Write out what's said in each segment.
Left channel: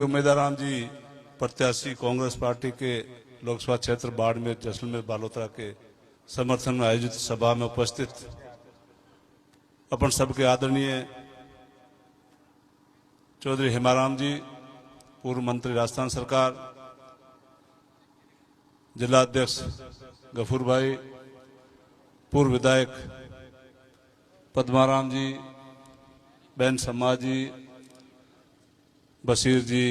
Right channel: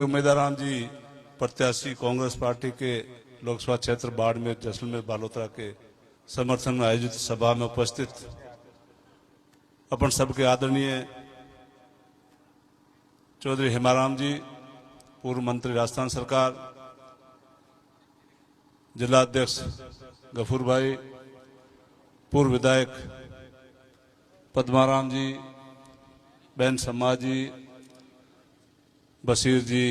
उम्मीदवार जी प्रत्याशी कांग्रेस पार्टी के लोकसभा क्षेत्र बाड़मेर जैसलमेर बालोतरा के समर्थन में आयोजित सभा में उपस्थित अपन सबके आदरणीय चौधरी हेमाराम जी, पूर्व मंत्री राजस्थान सरकार, जिला अध्यक्ष गफूर भाई, पूर्व विधायक पद्माराम जी, बहन सम्मा जी, बशीर जी,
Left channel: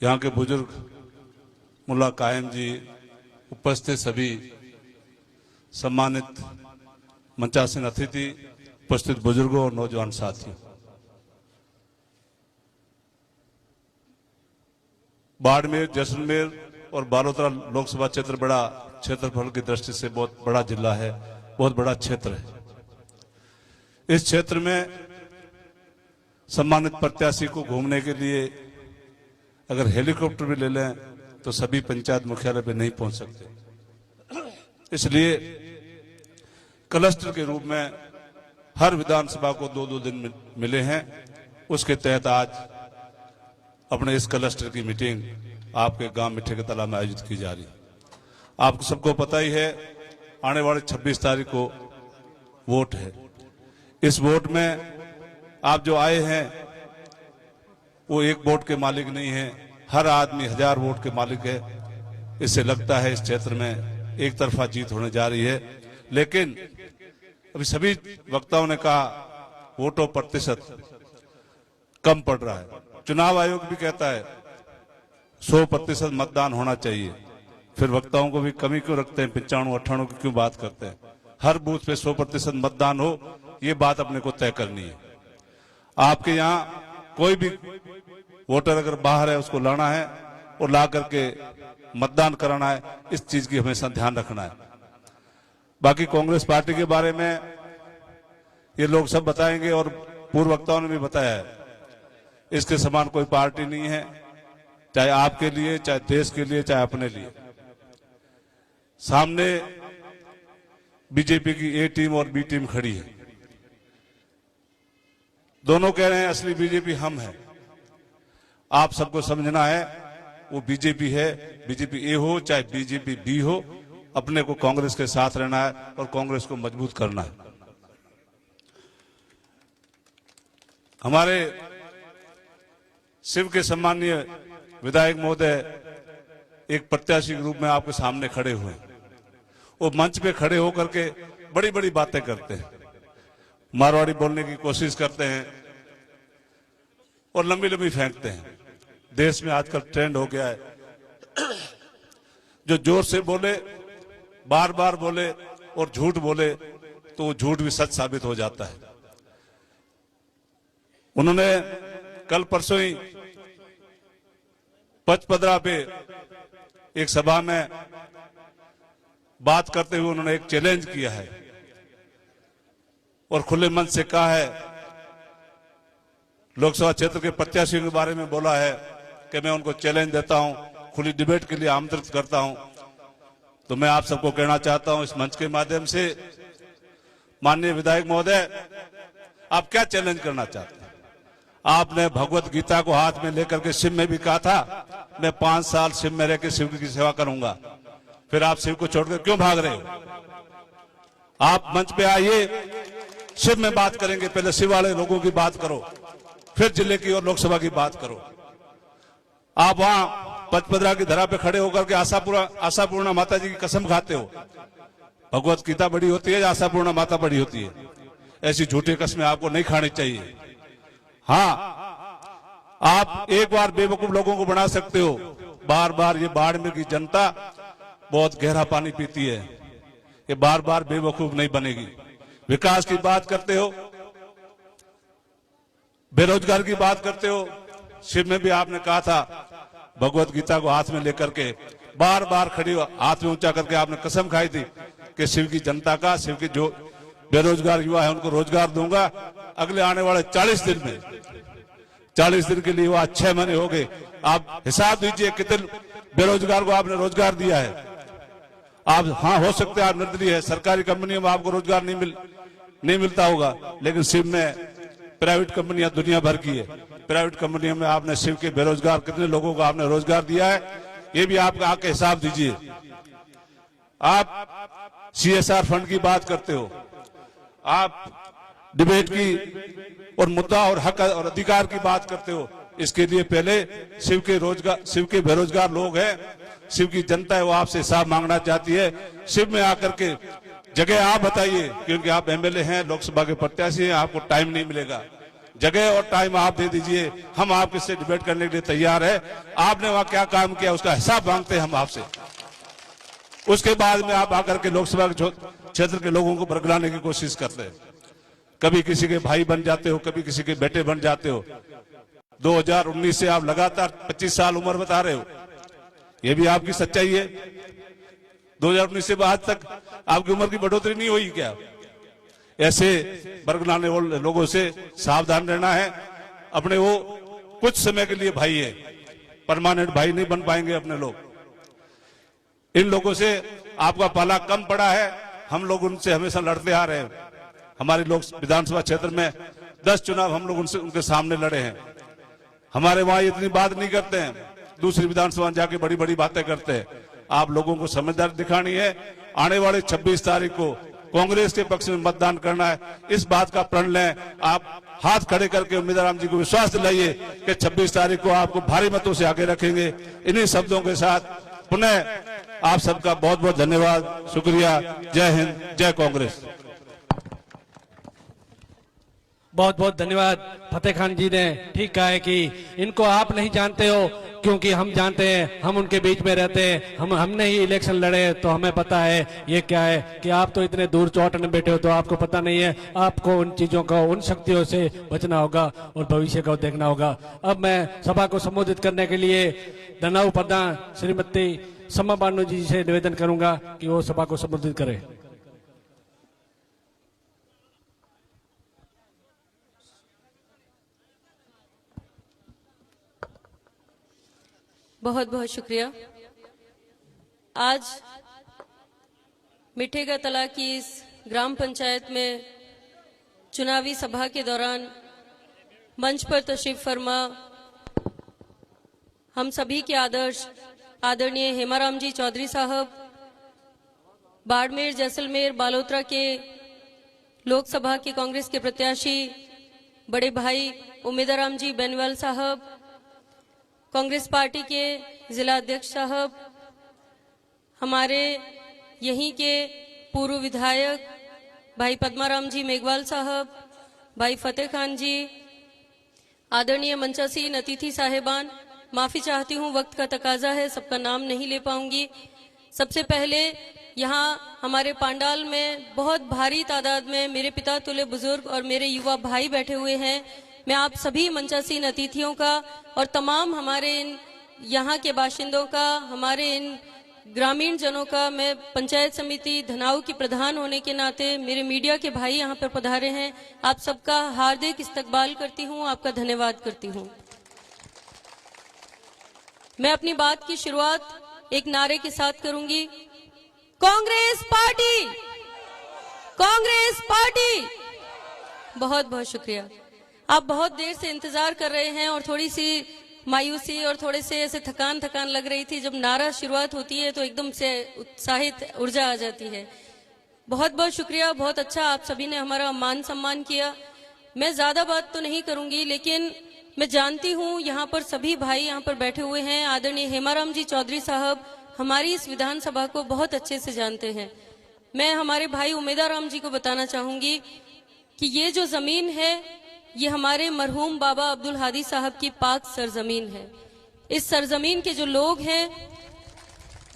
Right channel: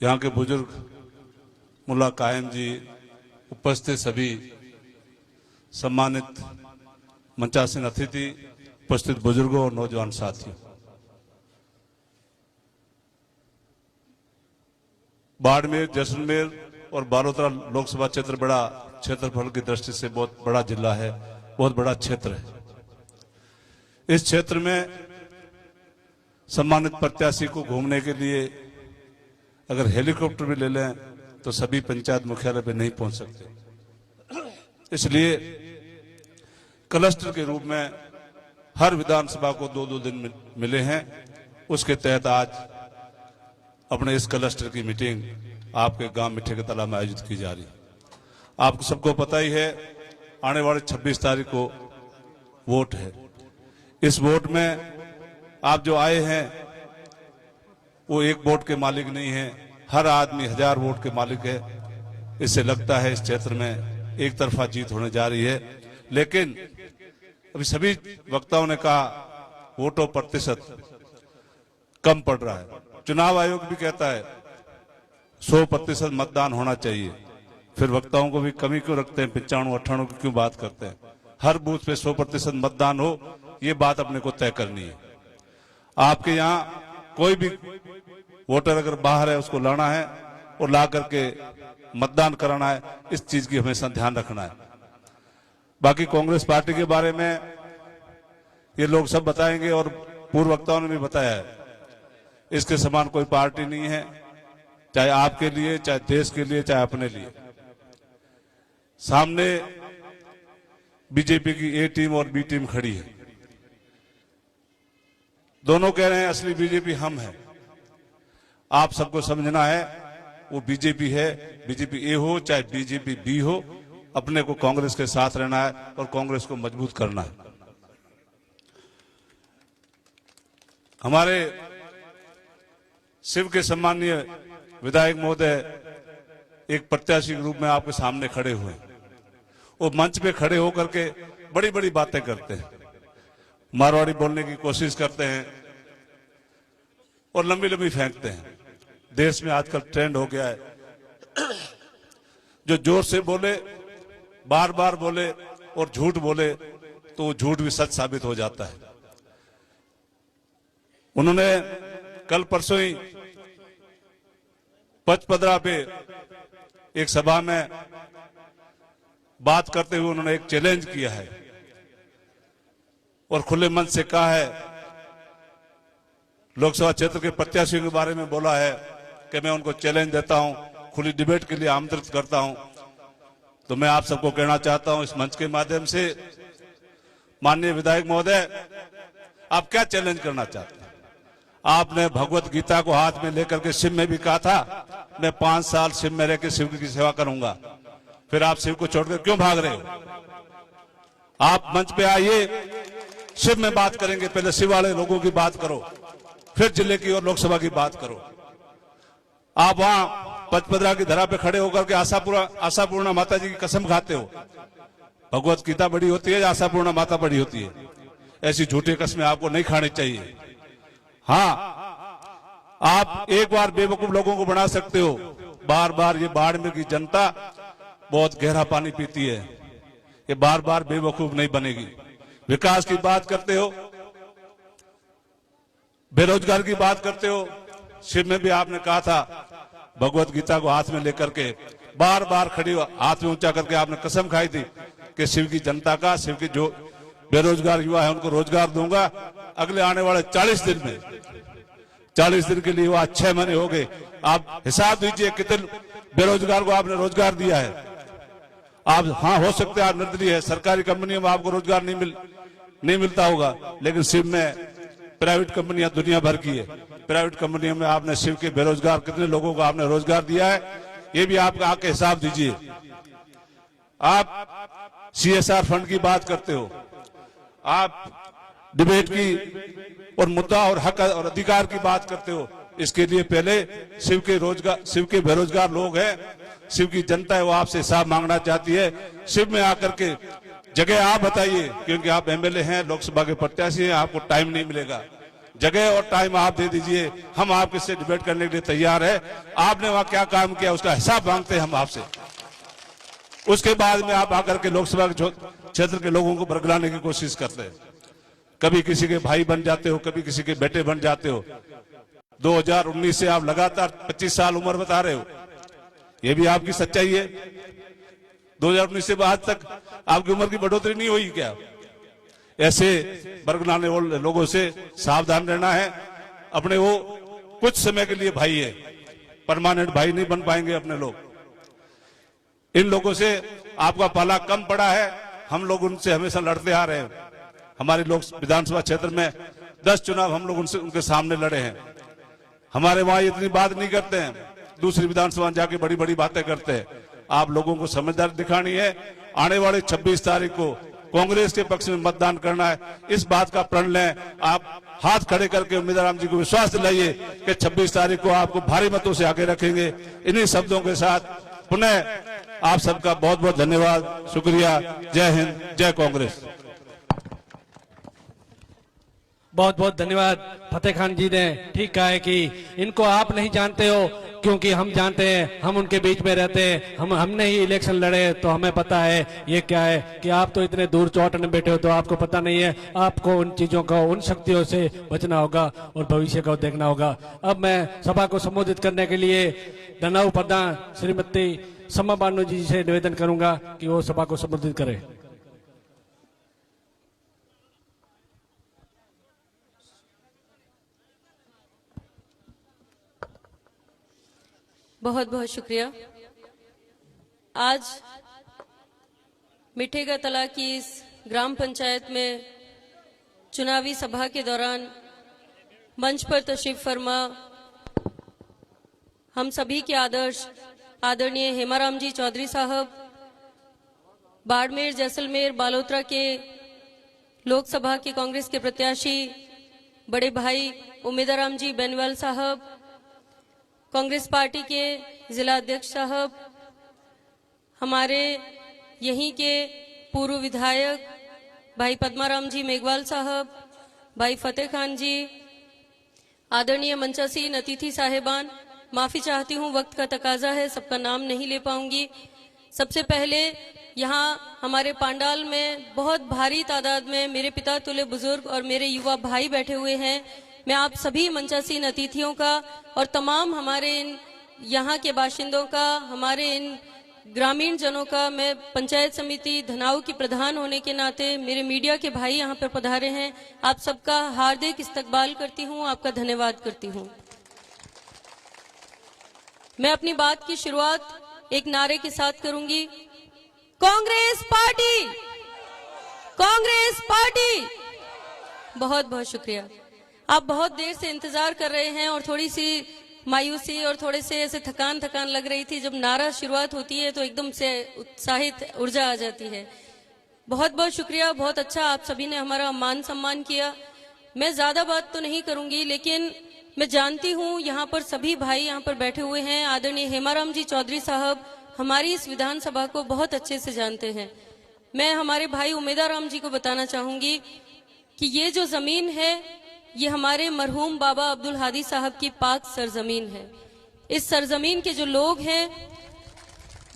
यहाँ के बुजुर्ग मुल्ला कायम जी, उपस्थित सभी सम्मानित मंचासीन अतिथि, उपस्थित बुजुर्गों और नौजवान साथियों, बाड़मेर, जैसलमेर और बालोतरा लोकसभा क्षेत्र बड़ा क्षेत्रफल की दृष्टि से बहुत बड़ा जिला है, बहुत बड़ा क्षेत्र है। इस क्षेत्र में सम्मानित प्रत्याशी को घूमने के लिए अगर हेलीकॉप्टर भी ले लें तो सभी पंचायत मुख्यालय पे नहीं पहुंच सकते। इसलिए क्लस्टर के रूप में हर विधानसभा को 2-2 दिन मिले हैं। उसके तहत आज अपने इस क्लस्टर की मीटिंग आपके गांव मिठे के तालाब में आयोजित की जा रही है। आपको सबको पता ही है, आने वाले 26 तारीख को वोट है। इस वोट में आप जो आए हैं वो एक वोट के मालिक नहीं है, हर आदमी 1000 वोट के मालिक है। इससे लगता है इस क्षेत्र में एक तरफा जीत होने जा रही है। लेकिन अभी सभी वक्ताओं ने कहा वोटों प्रतिशत कम पड़ रहा है। चुनाव आयोग भी कहता है 100% मतदान होना चाहिए। फिर वक्ताओं को भी कमी क्यों रखते हैं, 95-98 की क्यों बात करते हैं? हर बूथ पे 100% मतदान हो, ये बात अपने को तय करनी है। आपके यहाँ कोई भी वोटर अगर बाहर है उसको लाना है और ला करके मतदान कराना है। इस चीज की हमेशा ध्यान रखना है। बाकी कांग्रेस पार्टी के बारे में ये लोग सब बताएंगे और पूर्व वक्ताओं ने भी बताया है, इसके समान कोई पार्टी नहीं है, चाहे आपके लिए, चाहे देश के लिए, चाहे अपने लिए। सामने बीजेपी की ए टीम और बी टीम खड़ी है। दोनों कह रहे हैं असली बीजेपी हम है। आप सबको समझना है वो बीजेपी है, बीजेपी ए हो चाहे बीजेपी बी हो, अपने को कांग्रेस के साथ रहना है और कांग्रेस को मजबूत करना है। हमारे शिव के सम्मानीय विधायक महोदय एक प्रत्याशी के रूप में आपके सामने खड़े हुए हैं। वो मंच पे खड़े होकर के बड़ी बड़ी बातें करते हैं, मारवाड़ी बोलने की कोशिश करते हैं और लंबी लंबी फेंकते हैं। देश में आजकल ट्रेंड हो गया है, जो जोर से बोले, बार बार बोले और झूठ बोले तो वो झूठ भी सच साबित हो जाता है। उन्होंने कल परसों ही पचपदरा पे एक सभा में बात करते हुए उन्होंने एक चैलेंज किया है और खुले मन से कहा है, लोकसभा क्षेत्र के प्रत्याशियों के बारे में बोला है कि मैं उनको चैलेंज देता हूं, खुली डिबेट के लिए आमंत्रित करता हूं। तो मैं आप सबको कहना चाहता हूं इस मंच के माध्यम से, माननीय विधायक महोदय, आप क्या चैलेंज करना चाहते हैं? आपने भगवत गीता को हाथ में लेकर के शिव में भी कहा था मैं 5 साल शिव में रह के शिव की सेवा करूंगा। फिर आप शिव को छोड़कर क्यों भाग रहे हो? आप मंच पे आइए, शिव में बात करेंगे। पहले शिव वाले लोगों की बात करो, फिर जिले की और लोकसभा की बात करो। आप वहां पचपदरा की धरा पे खड़े होकर के आशापूर्णा माता जी की कसम खाते हो। भगवत गीता बड़ी होती है, आशापूर्णा माता बड़ी होती है। ऐसी झूठी कस्में आपको नहीं खानी चाहिए। हाँ, आप एक बार बेवकूफ लोगों को बना सकते हो, बार बार ये बाड़मेर की जनता बहुत गहरा पानी पीती है, ये बार बार बेवकूफ नहीं बनेगी। विकास की बात करते हो, बेरोजगार की बात करते हो। शिव में भी आपने कहा था भगवत गीता को हाथ में लेकर के बार बार खड़ी हाथ में ऊंचा करके आपने कसम खाई थी कि शिव की जनता का, शिव के जो बेरोजगार युवा है उनको रोजगार दूंगा। अगले आने वाले 40 दिन में, 40 दिन के लिए वो 6 महीने हो गए। आप हिसाब दीजिए कितने बेरोजगार को आपने रोजगार दिया है। आप हाँ, हो सकता है आप निर्दलीय है, सरकारी कंपनियों में आपको रोजगार नहीं मिलता होगा, लेकिन शिव में प्राइवेट कंपनियां दुनिया भर की है। प्राइवेट कंपनियों में आपने शिव के बेरोजगार कितने लोगों को आपने रोजगार दिया है, ये भी आप आके हिसाब दीजिए। आप CSR फंड की बात करते हो, आप डिबेट की और मुद्दा और हक और अधिकार की बात करते हो। इसके लिए पहले शिव के बेरोजगार लोग हैं, शिव की जनता है, वो आपसे हिसाब मांगना चाहती है। शिव में आकर के जगह आप बताइए, क्योंकि आप MLA हैं, लोकसभा के प्रत्याशी हैं, आपको टाइम नहीं मिलेगा। जगह और टाइम आप दे दीजिए, हम आपके से डिबेट करने के लिए तैयार है। आपने वहां क्या काम किया उसका हिसाब मांगते हैं हम आपसे। उसके बाद में आप आकर के लोकसभा क्षेत्र के लोगों को भड़काने की कोशिश करते हैं। कभी किसी के भाई बन जाते हो, कभी किसी के बेटे बन जाते हो। 2019 से आप लगातार 25 साल उम्र बता रहे हो, ये भी आपकी सच्चाई है। 2019 से आज तक आपकी उम्र की बढ़ोतरी नहीं हुई क्या? ऐसे बरगलाने वाले लोगों से सावधान रहना है। अपने वो कुछ समय के लिए भाई है, परमानेंट भाई नहीं बन पाएंगे अपने लोग। इन लोगों से आपका पाला कम पड़ा है। हम लोग उनसे हमेशा लड़ते आ रहे हैं। हमारे लोग विधानसभा क्षेत्र में 10 चुनाव हम लोग उनके सामने लड़े हैं। हमारे वहां इतनी बात नहीं करते हैं, दूसरी विधानसभा जाके बड़ी बड़ी बातें करते हैं। आप लोगों को समझदारी दिखानी है। आने वाले 26 तारीख को कांग्रेस के पक्ष में मतदान करना है, इस बात का प्रण लें। आप हाथ खड़े करके उम्मीदवार राम जी को विश्वास दिलाइए कि 26 तारीख को आपको भारी मतों से आगे रखेंगे। इन्हीं शब्दों के साथ पुनः आप सबका बहुत बहुत धन्यवाद, शुक्रिया। जय हिंद, जय कांग्रेस। बहुत बहुत धन्यवाद। फतेह खान जी ने ठीक कहा है कि इनको आप नहीं जानते हो, क्योंकि हम जानते हैं, हम उनके बीच में रहते हैं। हमने ही इलेक्शन लड़े तो हमें पता है ये क्या है। कि आप तो इतने दूर चौट में बैठे हो तो आपको पता नहीं है। आपको उन चीजों का, उन शक्तियों से बचना होगा और भविष्य को देखना होगा। अब मैं सभा को संबोधित करने के लिए धनाऊ प्रधान श्रीमती समा बानो जी से निवेदन करूंगा कि वो सभा को संबोधित करें। बहुत बहुत शुक्रिया। आज मिठे का तला की इस ग्राम पंचायत में चुनावी सभा के दौरान मंच पर तशरीफ फरमा हम सभी के आदरणीय हेमाराम जी चौधरी साहब, बाड़मेर, जैसलमेर, बालोतरा के लोकसभा के कांग्रेस के प्रत्याशी बड़े भाई उम्मीदवार जी बेनवाल साहब, कांग्रेस पार्टी के जिला अध्यक्ष साहब, हमारे यहीं के पूर्व विधायक भाई पद्माराम जी मेघवाल साहब, भाई फतेह खान जी, आदरणीय मंचासीन अतिथि साहेबान, माफी चाहती हूँ, वक्त का तकाजा है, सबका नाम नहीं ले पाऊंगी। सबसे पहले यहाँ हमारे पांडाल में बहुत भारी तादाद में मेरे पिता तुल्य बुजुर्ग और मेरे युवा भाई बैठे हुए हैं। मैं आप सभी मंचासीन अतिथियों का और तमाम हमारे इन यहाँ के बाशिंदों का, हमारे इन ग्रामीण जनों का, मैं पंचायत समिति धनाऊ की प्रधान होने के नाते मेरे मीडिया के भाई यहाँ पे पधारे हैं, आप सबका हार्दिक इस्तकबाल करती हूँ, आपका धन्यवाद करती हूँ। मैं अपनी बात की शुरुआत एक नारे के साथ करूंगी, कांग्रेस पार्टी, कांग्रेस पार्टी। बहुत बहुत शुक्रिया। आप बहुत देर से इंतजार कर रहे हैं और थोड़ी सी मायूसी और थोड़े से ऐसे थकान लग रही थी। जब नारा शुरुआत होती है तो एकदम से उत्साहित ऊर्जा आ जाती है। बहुत बहुत शुक्रिया, बहुत अच्छा आप सभी ने हमारा मान सम्मान किया। मैं ज्यादा बात तो नहीं करूंगी, लेकिन मैं जानती हूँ यहाँ पर सभी भाई यहाँ पर बैठे हुए हैं। आदरणीय हेमाराम जी चौधरी साहब हमारी इस विधानसभा को बहुत अच्छे से जानते हैं। मैं हमारे भाई उम्मीदवार राम जी को बताना चाहूंगी कि ये जो जमीन है ये हमारे मरहूम बाबा अब्दुल हादी साहब की पाक सरजमीन है। इस सरजमीन के जो लोग हैं,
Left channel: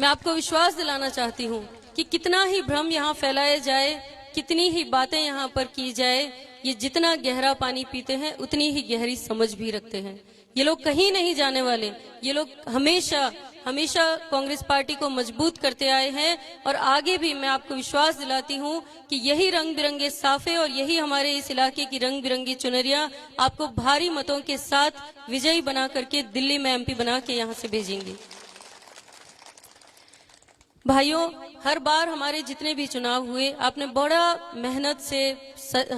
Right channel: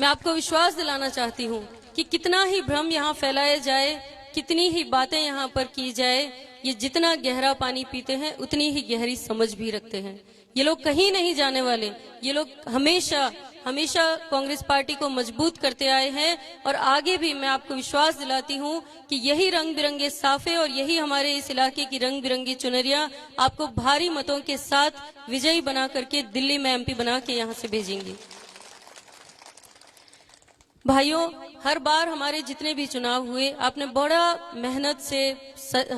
मैं आपको विश्वास दिलाना चाहती हूँ कि कितना ही भ्रम यहाँ फैलाया जाए, कितनी ही बातें यहाँ पर की जाए, ये जितना गहरा पानी पीते हैं उतनी ही गहरी समझ भी रखते हैं। ये लोग कहीं नहीं जाने वाले। ये लोग हमेशा हमेशा कांग्रेस पार्टी को मजबूत करते आए हैं और आगे भी मैं आपको विश्वास दिलाती हूं कि यही रंग बिरंगे साफे और यही हमारे इस इलाके की रंग बिरंगी चुनरियां आपको भारी मतों के साथ विजयी बना करके दिल्ली में MP बना के यहां से भेजेंगी। भाइयों, हर बार हमारे जितने भी चुनाव हुए आपने बड़ा मेहनत से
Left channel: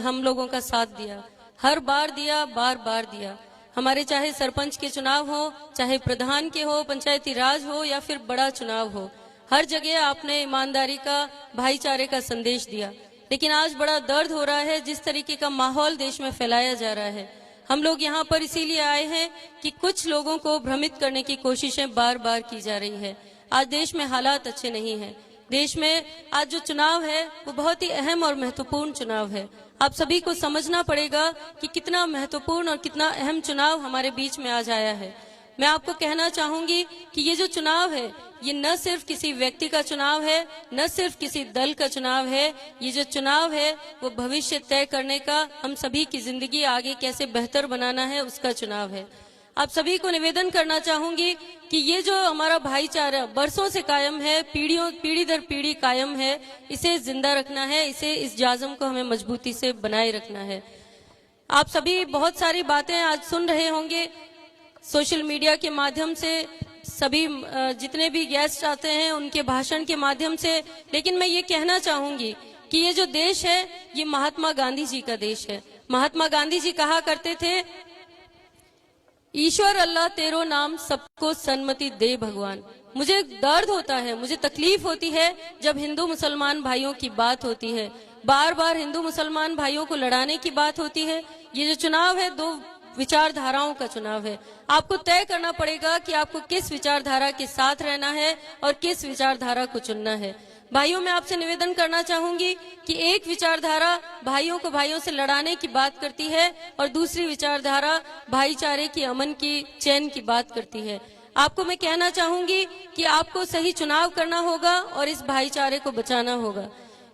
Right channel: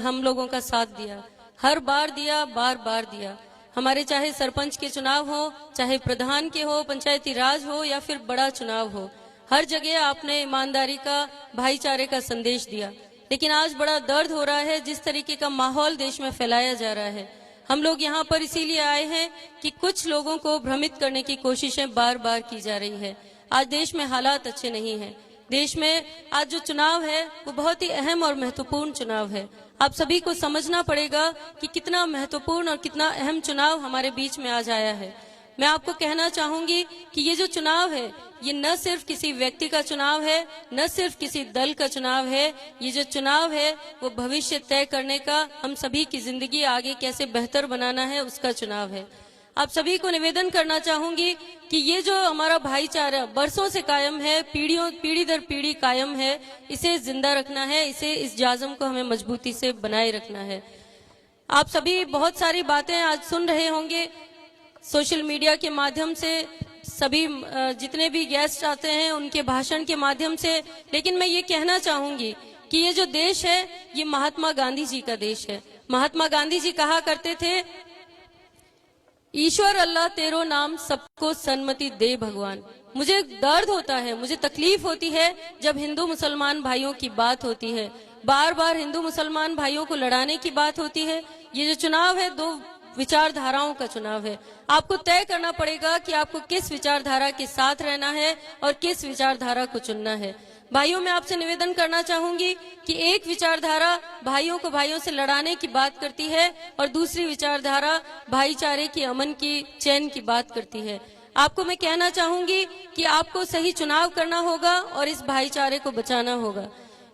हम लोगों का साथ दिया। हर बार दिया, बार बार दिया। हमारे चाहे सरपंच के चुनाव हो, चाहे प्रधान के हो, पंचायती राज हो या फिर बड़ा चुनाव हो, हर जगह आपने ईमानदारी का, भाईचारे का संदेश दिया। लेकिन आज बड़ा दर्द हो रहा है जिस तरीके का माहौल देश में फैलाया जा रहा है। हम लोग यहाँ पर इसीलिए आए हैं कि कुछ लोगों को भ्रमित करने की कोशिशें बार बार की जा रही है। आज देश में हालात अच्छे नहीं हैं। देश में आज जो चुनाव है वो बहुत ही अहम और महत्वपूर्ण चुनाव है। आप सभी को समझना पड़ेगा कि कितना महत्वपूर्ण और कितना अहम चुनाव हमारे बीच में आज आया है। मैं आपको कहना चाहूंगी कि ये जो चुनाव है ये न सिर्फ किसी व्यक्ति का चुनाव है, न सिर्फ किसी दल का चुनाव है। ये जो चुनाव है वो भविष्य तय करने का, हम सभी की जिंदगी आगे कैसे बेहतर बनाना है उसका चुनाव है। आप सभी को निवेदन करना चाहूंगी कि ये जो हमारा भाईचारा बरसों से कायम है, पीढ़ी दर पीढ़ी कायम है, इसे जिंदा रखना है, इस जाज़म को हमें मजबूती से बनाए रखना है। आप सभी बहुत सारी बातें आज सुन रहे होंगे सोशल मीडिया के माध्यम से, सभी जितने भी गेस्ट आते हैं उनके भाषण के माध्यम से। लेकिन मैं ये कहना चाहूंगी कि ये जो देश है ये महात्मा गांधी जी का देश है। महात्मा गांधी जी कहा करते थे, ईश्वर अल्लाह तेरो नाम सबको सन्मति दे भगवान। मुझे दर्द होता है, मुझे तकलीफ होती है जब हिंदू मुसलमान भाइयों की बात होती है, बार बार हिंदू मुसलमान भाइयों को लड़ाने की बात होती है। ये जो चुनाव है दो विचारधाराओं का चुनाव है। आपको तय करना पड़ेगा कि आपको किस विचारधारा के साथ रहना है और किस विचारधारा को चुनना है। भाइयों, मैं आपसे निवेदन करना चाहूंगी कि एक विचारधारा भाइयों को भाइयों से लड़ाने की बात करती है और दूसरी विचारधारा भाईचारे की, अमन की, चैन की बात करती है। आपको मैं कहना चाहूंगी कि आपको सही चुनाव करना होगा और इस भाईचारे को बचाना होगा।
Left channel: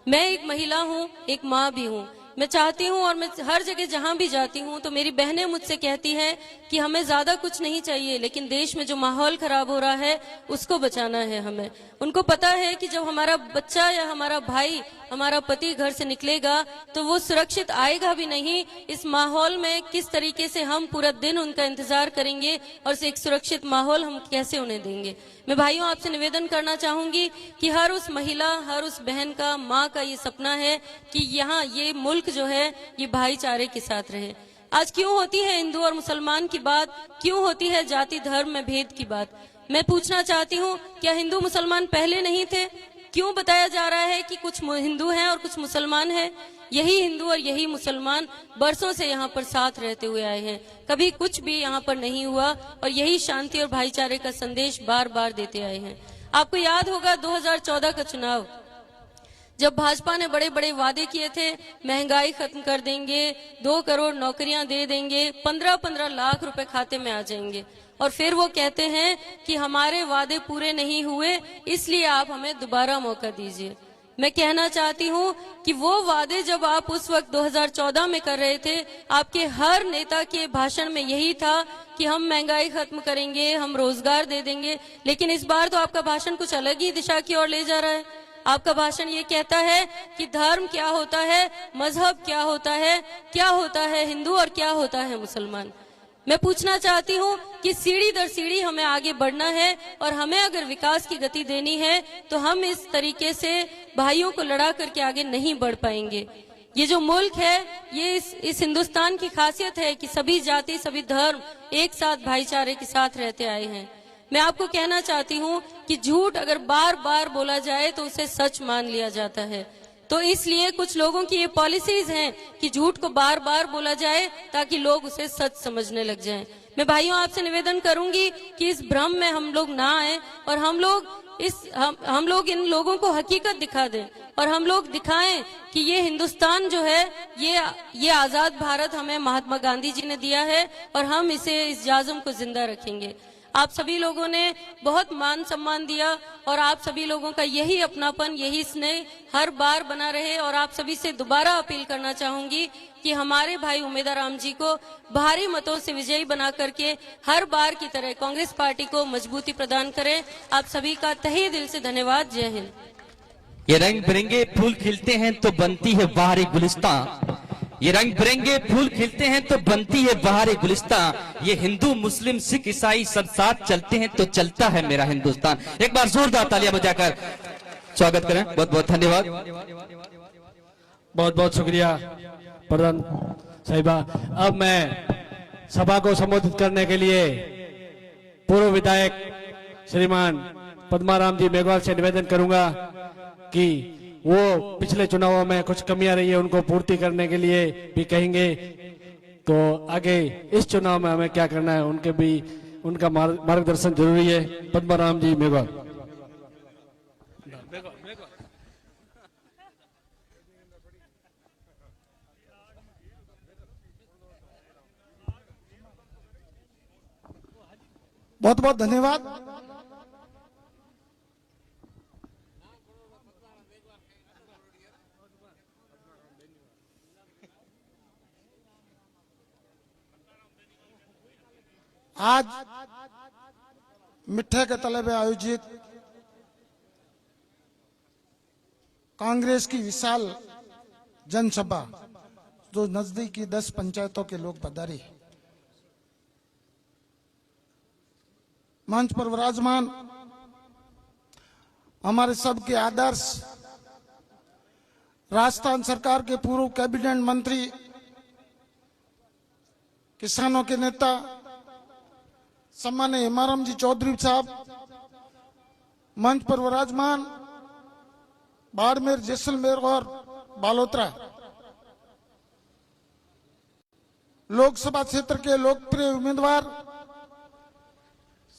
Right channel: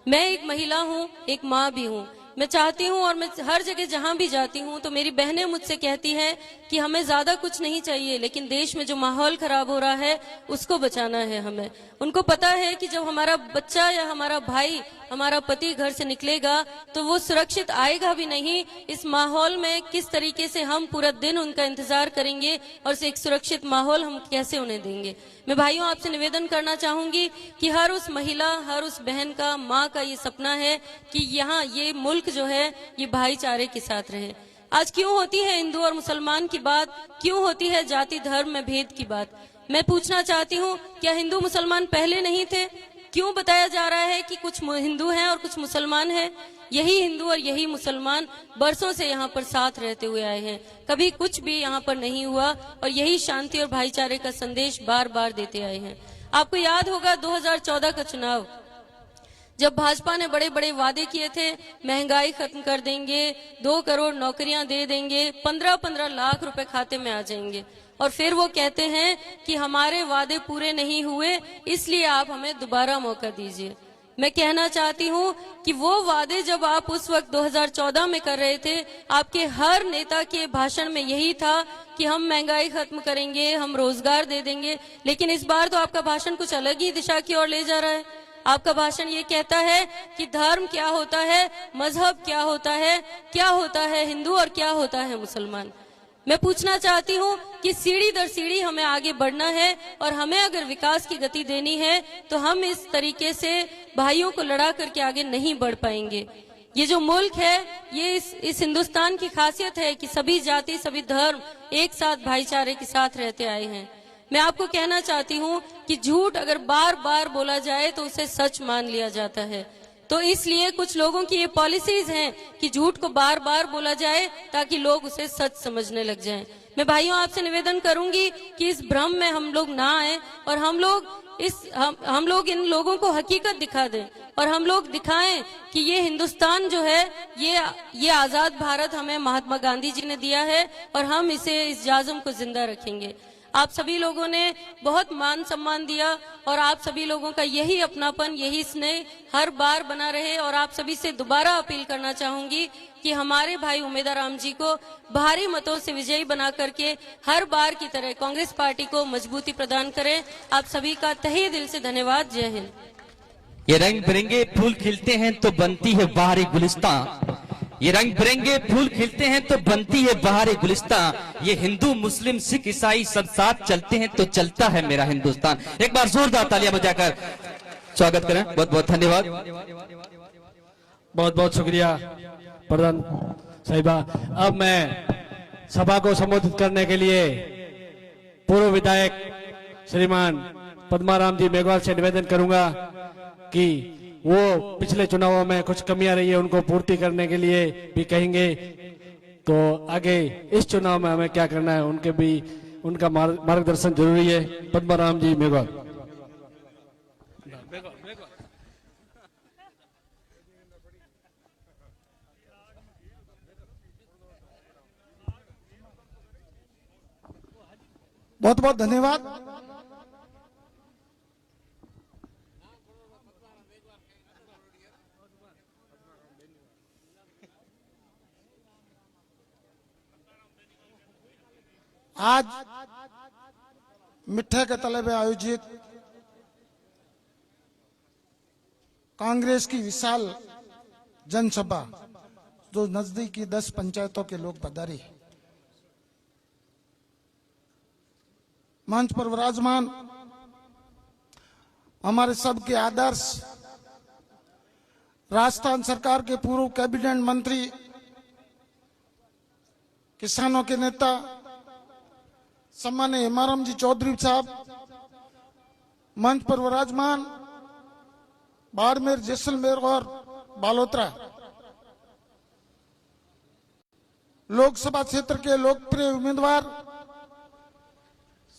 मैं एक महिला हूँ, एक माँ भी हूँ। मैं चाहती हूँ और मैं हर जगह जहाँ भी जाती हूँ तो मेरी बहनें मुझसे कहती हैं कि हमें ज्यादा कुछ नहीं चाहिए, लेकिन देश में जो माहौल खराब हो रहा है उसको बचाना है हमें। उनको पता है कि जब हमारा बच्चा या हमारा भाई, हमारा पति घर से निकलेगा तो वो सुरक्षित आएगा भी नहीं। इस माहौल में किस तरीके से हम पूरा दिन उनका इंतजार करेंगे और एक सुरक्षित माहौल हम कैसे उन्हें देंगे। मैं भाइयों आपसे निवेदन करना चाहूंगी कि हर उस महिला, हर उस बहन का, माँ का ये सपना है कि यहाँ ये मुल्क जो है ये भाईचारे के साथ रहे। आज क्यों होती है हिंदू और मुसलमान की बात, क्यों होती है जाति धर्म में भेद की बात? मैं पूछना चाहती हूँ, क्या हिंदू मुसलमान पहले नहीं थे? क्यों बताया जा रहा है कि कुछ हिंदू हैं और कुछ मुसलमान हैं? यही हिंदू और यही मुसलमान बरसों से यहाँ पर साथ रहते हुए आए हैं, कभी कुछ भी यहाँ पर नहीं हुआ और यही शांति और भाईचारे का संदेश बार बार देते आए हैं। आपको याद होगा 2014 का चुनाव, जब भाजपा ने बड़े बड़े वादे किए थे, महंगाई खत्म कर देंगे, 2 करोड़ नौकरियां दे देंगे, 15-15 लाख रुपए खाते में आ जाएंगे, और फिर वो कहते हैं कि हमारे वादे पूरे नहीं हुए इसलिए आप हमें दोबारा मौका दीजिए। मैं कहना चाहती हूँ कि वो वादे जब आप उस वक्त 2014 में कर रहे थे, आपके हर नेता के भाषण में यही था कि हम महंगाई खत्म करेंगे, हम रोजगार दे देंगे। लेकिन इस बार तो आपका भाषण कुछ अलग ही दिशा की ओर ले जा रहा है। आपका भाषण ये कहता है कि धर्म क्या होता है, मजहब क्या होता है हिंदू और क्या होता है मुसलमान। मैं पूछना चाहती हूँ कि सीढ़ी दर सीढ़ी हमें आगे बढ़ना है और हमें अगर विकास की गति देनी है तो हम इस तरीके से भाइयों को लड़ा करके आगे नहीं बढ़ पाएंगे। ये जो मुल्क है, ये इस हिंदुस्तान की खासियत है कि सभी जाति, सभी धर्म एक साथ भाईचारे के साथ रहते आए हैं। मैं आपको कहना चाहती हूँ कि झूठ अगर बार बार बोला जाए तो उसे सच मान लिया जाता है। तो इसलिए कुछ लोगों की ये पॉलिसीज हैं कि झूठ को बार बार बोला जाए ताकि लोग उसे सच समझने लग जाएं। मैं भाइयों आपसे निवेदन करूंगी कि इस भ्रम में हम लोग ना आए और हम लोग इन लोगों को हकीकत दिखा दें और हम लोग दिखाएं कि ये हिंदुस्तान जो है ये आजाद भारत हमें महात्मा गांधी जी ने दिया है और हम इस जाज़म को जिंदा रखेंगे। आप सभी लोगों ने बहुत मान सम्मान दिया और आप सभी लोगों का यही अपनापन, यही स्नेह हर बार बना रहे। और आप सभी से दोबारा अपील करना चाहूंगी कि हमारे भाई उमेदवार राम जी को भारी मतों से विजयी बना करके हर बार की तरह कांग्रेस पार्टी को मजबूती प्रदान करें। आप सभी का तहे दिल से धन्यवाद। जय हिंद। ये रंग बिरंगे फूल खिलते हैं तो बनती है बाहरी गुलिस्तान, ये रंग बिरंगे फूल खिलते हैं तो बनती है बाहरी गुलिस्तान, ये हिंदू मुस्लिम सिख ईसाई सब साथ चलते हैं तो चलता है मेरा हिंदुस्तान। एक बार जोरदार तालियां बजाकर स्वागत करें। बहुत बहुत धन्यवाद। बहुत बहुत शुक्रिया प्रधान साहिबा। अब मैं सभा को संबोधित करने के लिए पूर्व विधायक श्रीमान पद्माराम जी मेघवाल से निवेदन करूंगा कि वो पिछले चुनावों में कुछ कमियां रही है उनको पूर्ति करने के लिए भी कहेंगे। तो आगे इस चुनाव में हमें क्या करना है उनके भी उनका मार्गदर्शन जरूरी है। पद्माराम जी मेघवाल। बहुत बहुत धन्यवाद। आज मिठे के तले में आयोजित कांग्रेस की विशाल जनसभा जो नजदीकी 10 पंचायतों के लोग पधारे, मंच पर विराजमान हमारे सबके आदर्श राजस्थान सरकार के पूर्व कैबिनेट मंत्री, किसानों के नेता सम्माननीय हेमाराम जी चौधरी साहब, मंच पर विराजमान बाड़मेर, जैसलमेर और बालोतरा लोकसभा क्षेत्र के लोकप्रिय उम्मीदवार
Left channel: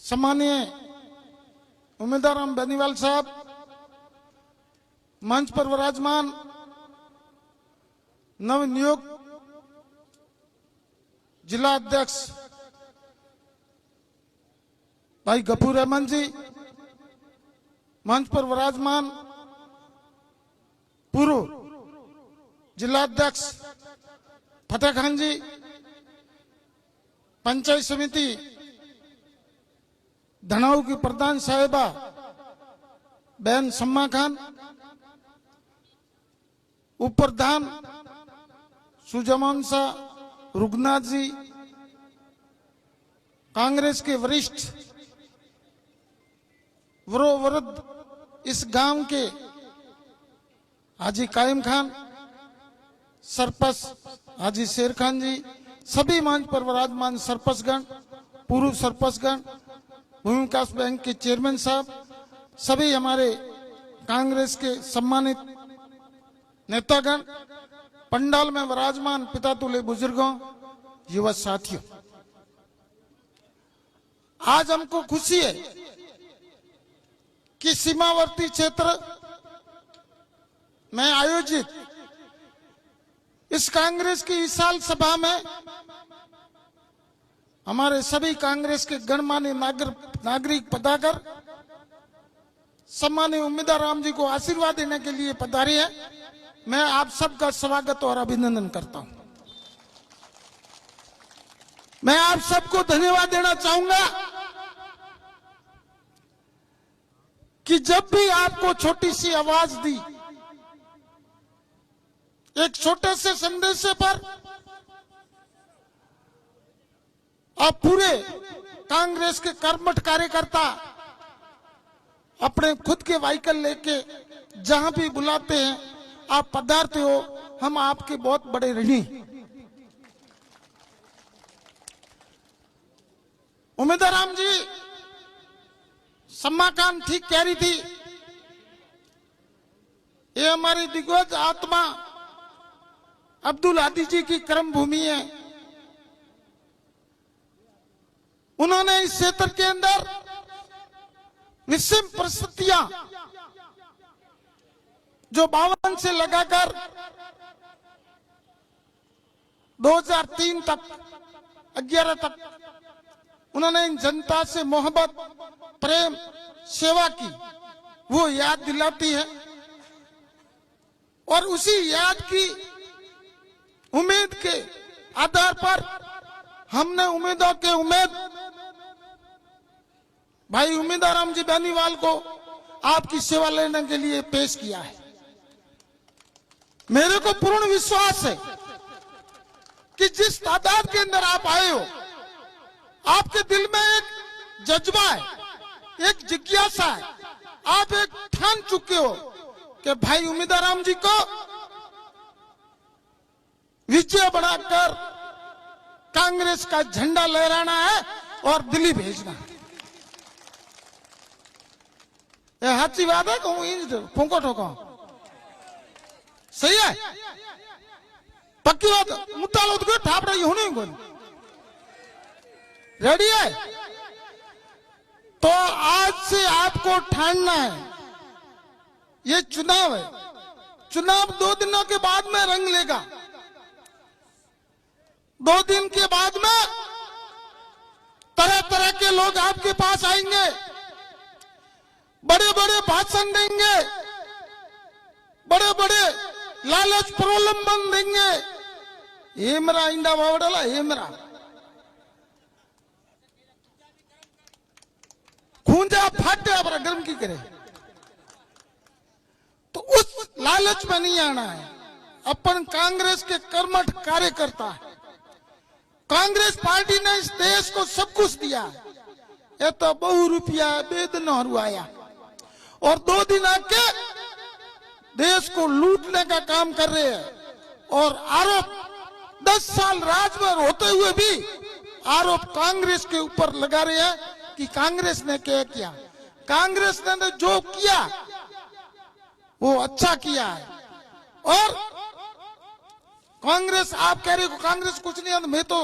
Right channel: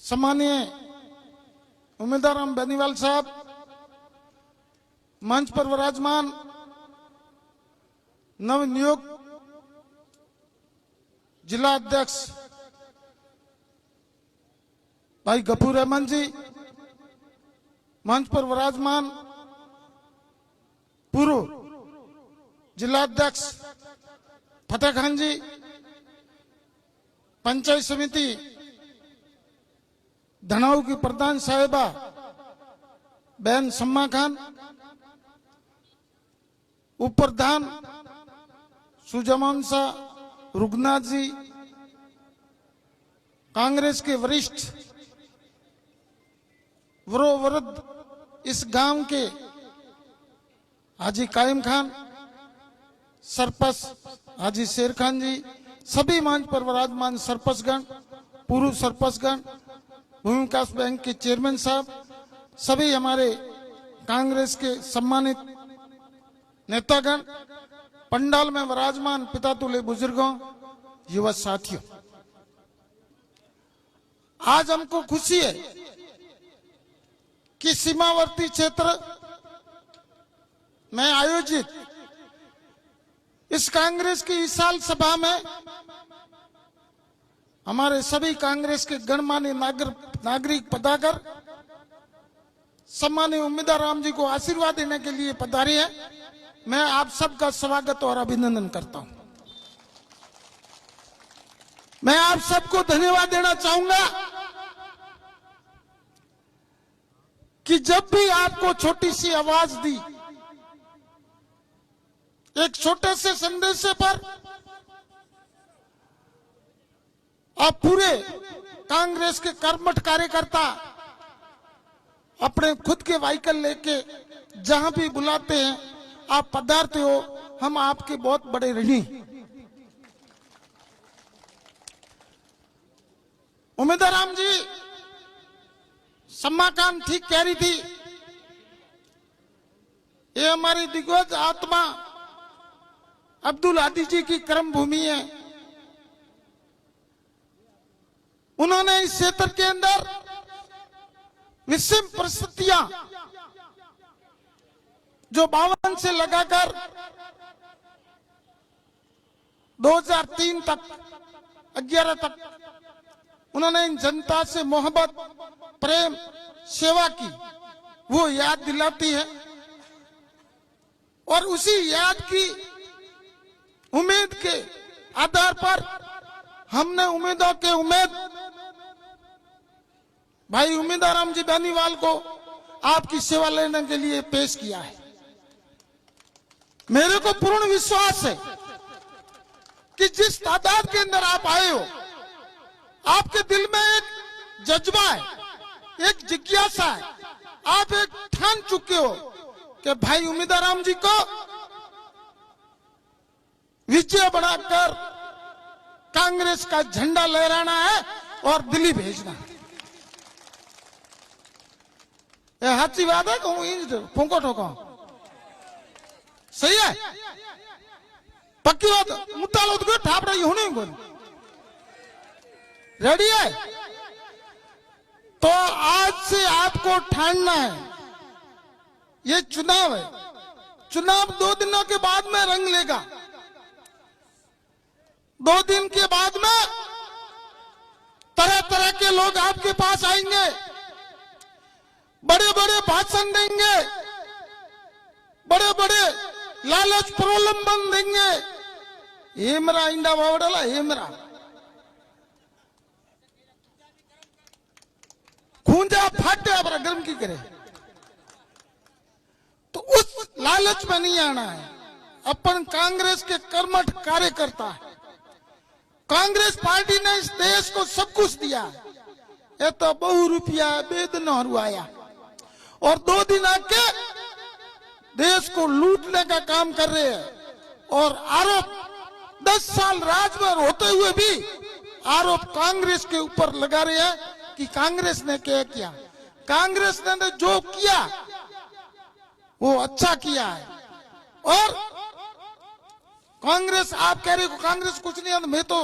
सम्माननीय उम्मीदवार राम बेनीवाल साहब, मंच पर विराजमान नवनियुक्त जिला अध्यक्ष भाई गफूर रहमान जी, मंच पर विराजमान पूर्व जिला अध्यक्ष फतेह खान जी, पंचायत समिति धनाऊ की प्रधान साहिबा बहन सम्मा खान, उप प्रधान सुजमान शाह रुगनाथ जी, कांग्रेस के वरिष्ठ वृद्ध इस गांव के हाजी कायम खान, सरपंच हाजी शेर खान जी, सभी मंच पर विराजमान सरपंचगण, पूर्व सरपंचगण, भूमि विकास बैंक के चेयरमैन साहब, सभी हमारे कांग्रेस के सम्मानित नेतागण, पंडाल में विराजमान पितातुल्य बुजुर्गों, युवा साथियों, आज हमको खुशी है कि सीमावर्ती क्षेत्र में आयोजित इस कांग्रेस की विशाल सभा में हमारे सभी कांग्रेस के गणमान्य नागरिक पधारकर सम्मानीय उम्मीदवार राम जी को आशीर्वाद देने के लिए पधारे हैं। मैं आप सबका स्वागत और अभिनंदन करता हूं। मैं आप सबको धन्यवाद देना चाहूंगा कि जब भी आपको छोटी सी आवाज दी, एक छोटे से संदेश पर आप पूरे कांग्रेस के कर्मठ कार्यकर्ता अपने खुद के व्हीकल लेके जहां भी बुलाते हैं आप पधारते हो, हम आपके बहुत बड़े ऋणी। उम्मीदवार राम जी, सम्मा खान ठीक कह रही थी, ये हमारी दिग्गज आत्मा अब्दुल आदि जी की कर्म भूमि है। उन्होंने इस क्षेत्र के अंदर विषम परिस्थितियां जो 52 से लगाकर 2003 तक 11 तक उन्होंने इन जनता से मोहब्बत, प्रेम, सेवा की, वो याद दिलाती है। और उसी याद की उम्मीद के आधार पर हमने उम्मीदों के उम्मीद भाई उम्मीदवार राम जी बेनीवाल को आपकी सेवा लेने के लिए पेश किया है। मेरे को पूर्ण विश्वास है कि जिस तादाद के अंदर आप आए हो, आपके दिल में एक जज्बा है, एक जिज्ञासा है, आप एक ठान चुके हो कि भाई उम्मीदवार राम जी को विजय बनाकर कांग्रेस का झंडा लहराना है और दिल्ली भेजना है। ये अच्छी बात है कहूँ पोंको ठोको सही है पक्की बात मुद्दा लो तो ठाप रही होनी को रेडी है। तो आज से आपको ठानना है ये चुनाव है। चुनाव 2 दिनों के बाद में रंग लेगा। 2 दिन के बाद में तरह तरह के लोग आपके पास आएंगे, बड़े बड़े भाषण देंगे, बड़े बड़े लालच प्रलोभन देंगे। हेमरा इंडा बावड़ला हेमरा खूंजा फाटे अपना गर्म की करे। तो उस लालच में नहीं आना है। अपन कांग्रेस के कर्मठ कार्यकर्ता है। कांग्रेस पार्टी ने इस देश को सब कुछ दिया। ये तो बहु रुपया बेदन और आया और 2 दिन आके देश को लूटने का काम कर रहे हैं। और आरोप 10 साल राज में होते हुए भी आरोप कांग्रेस के ऊपर लगा रहे हैं कि कांग्रेस ने क्या किया। कांग्रेस ने जो किया वो अच्छा किया है। और कांग्रेस आप कह रहे हो कांग्रेस कुछ नहीं है। मैं तो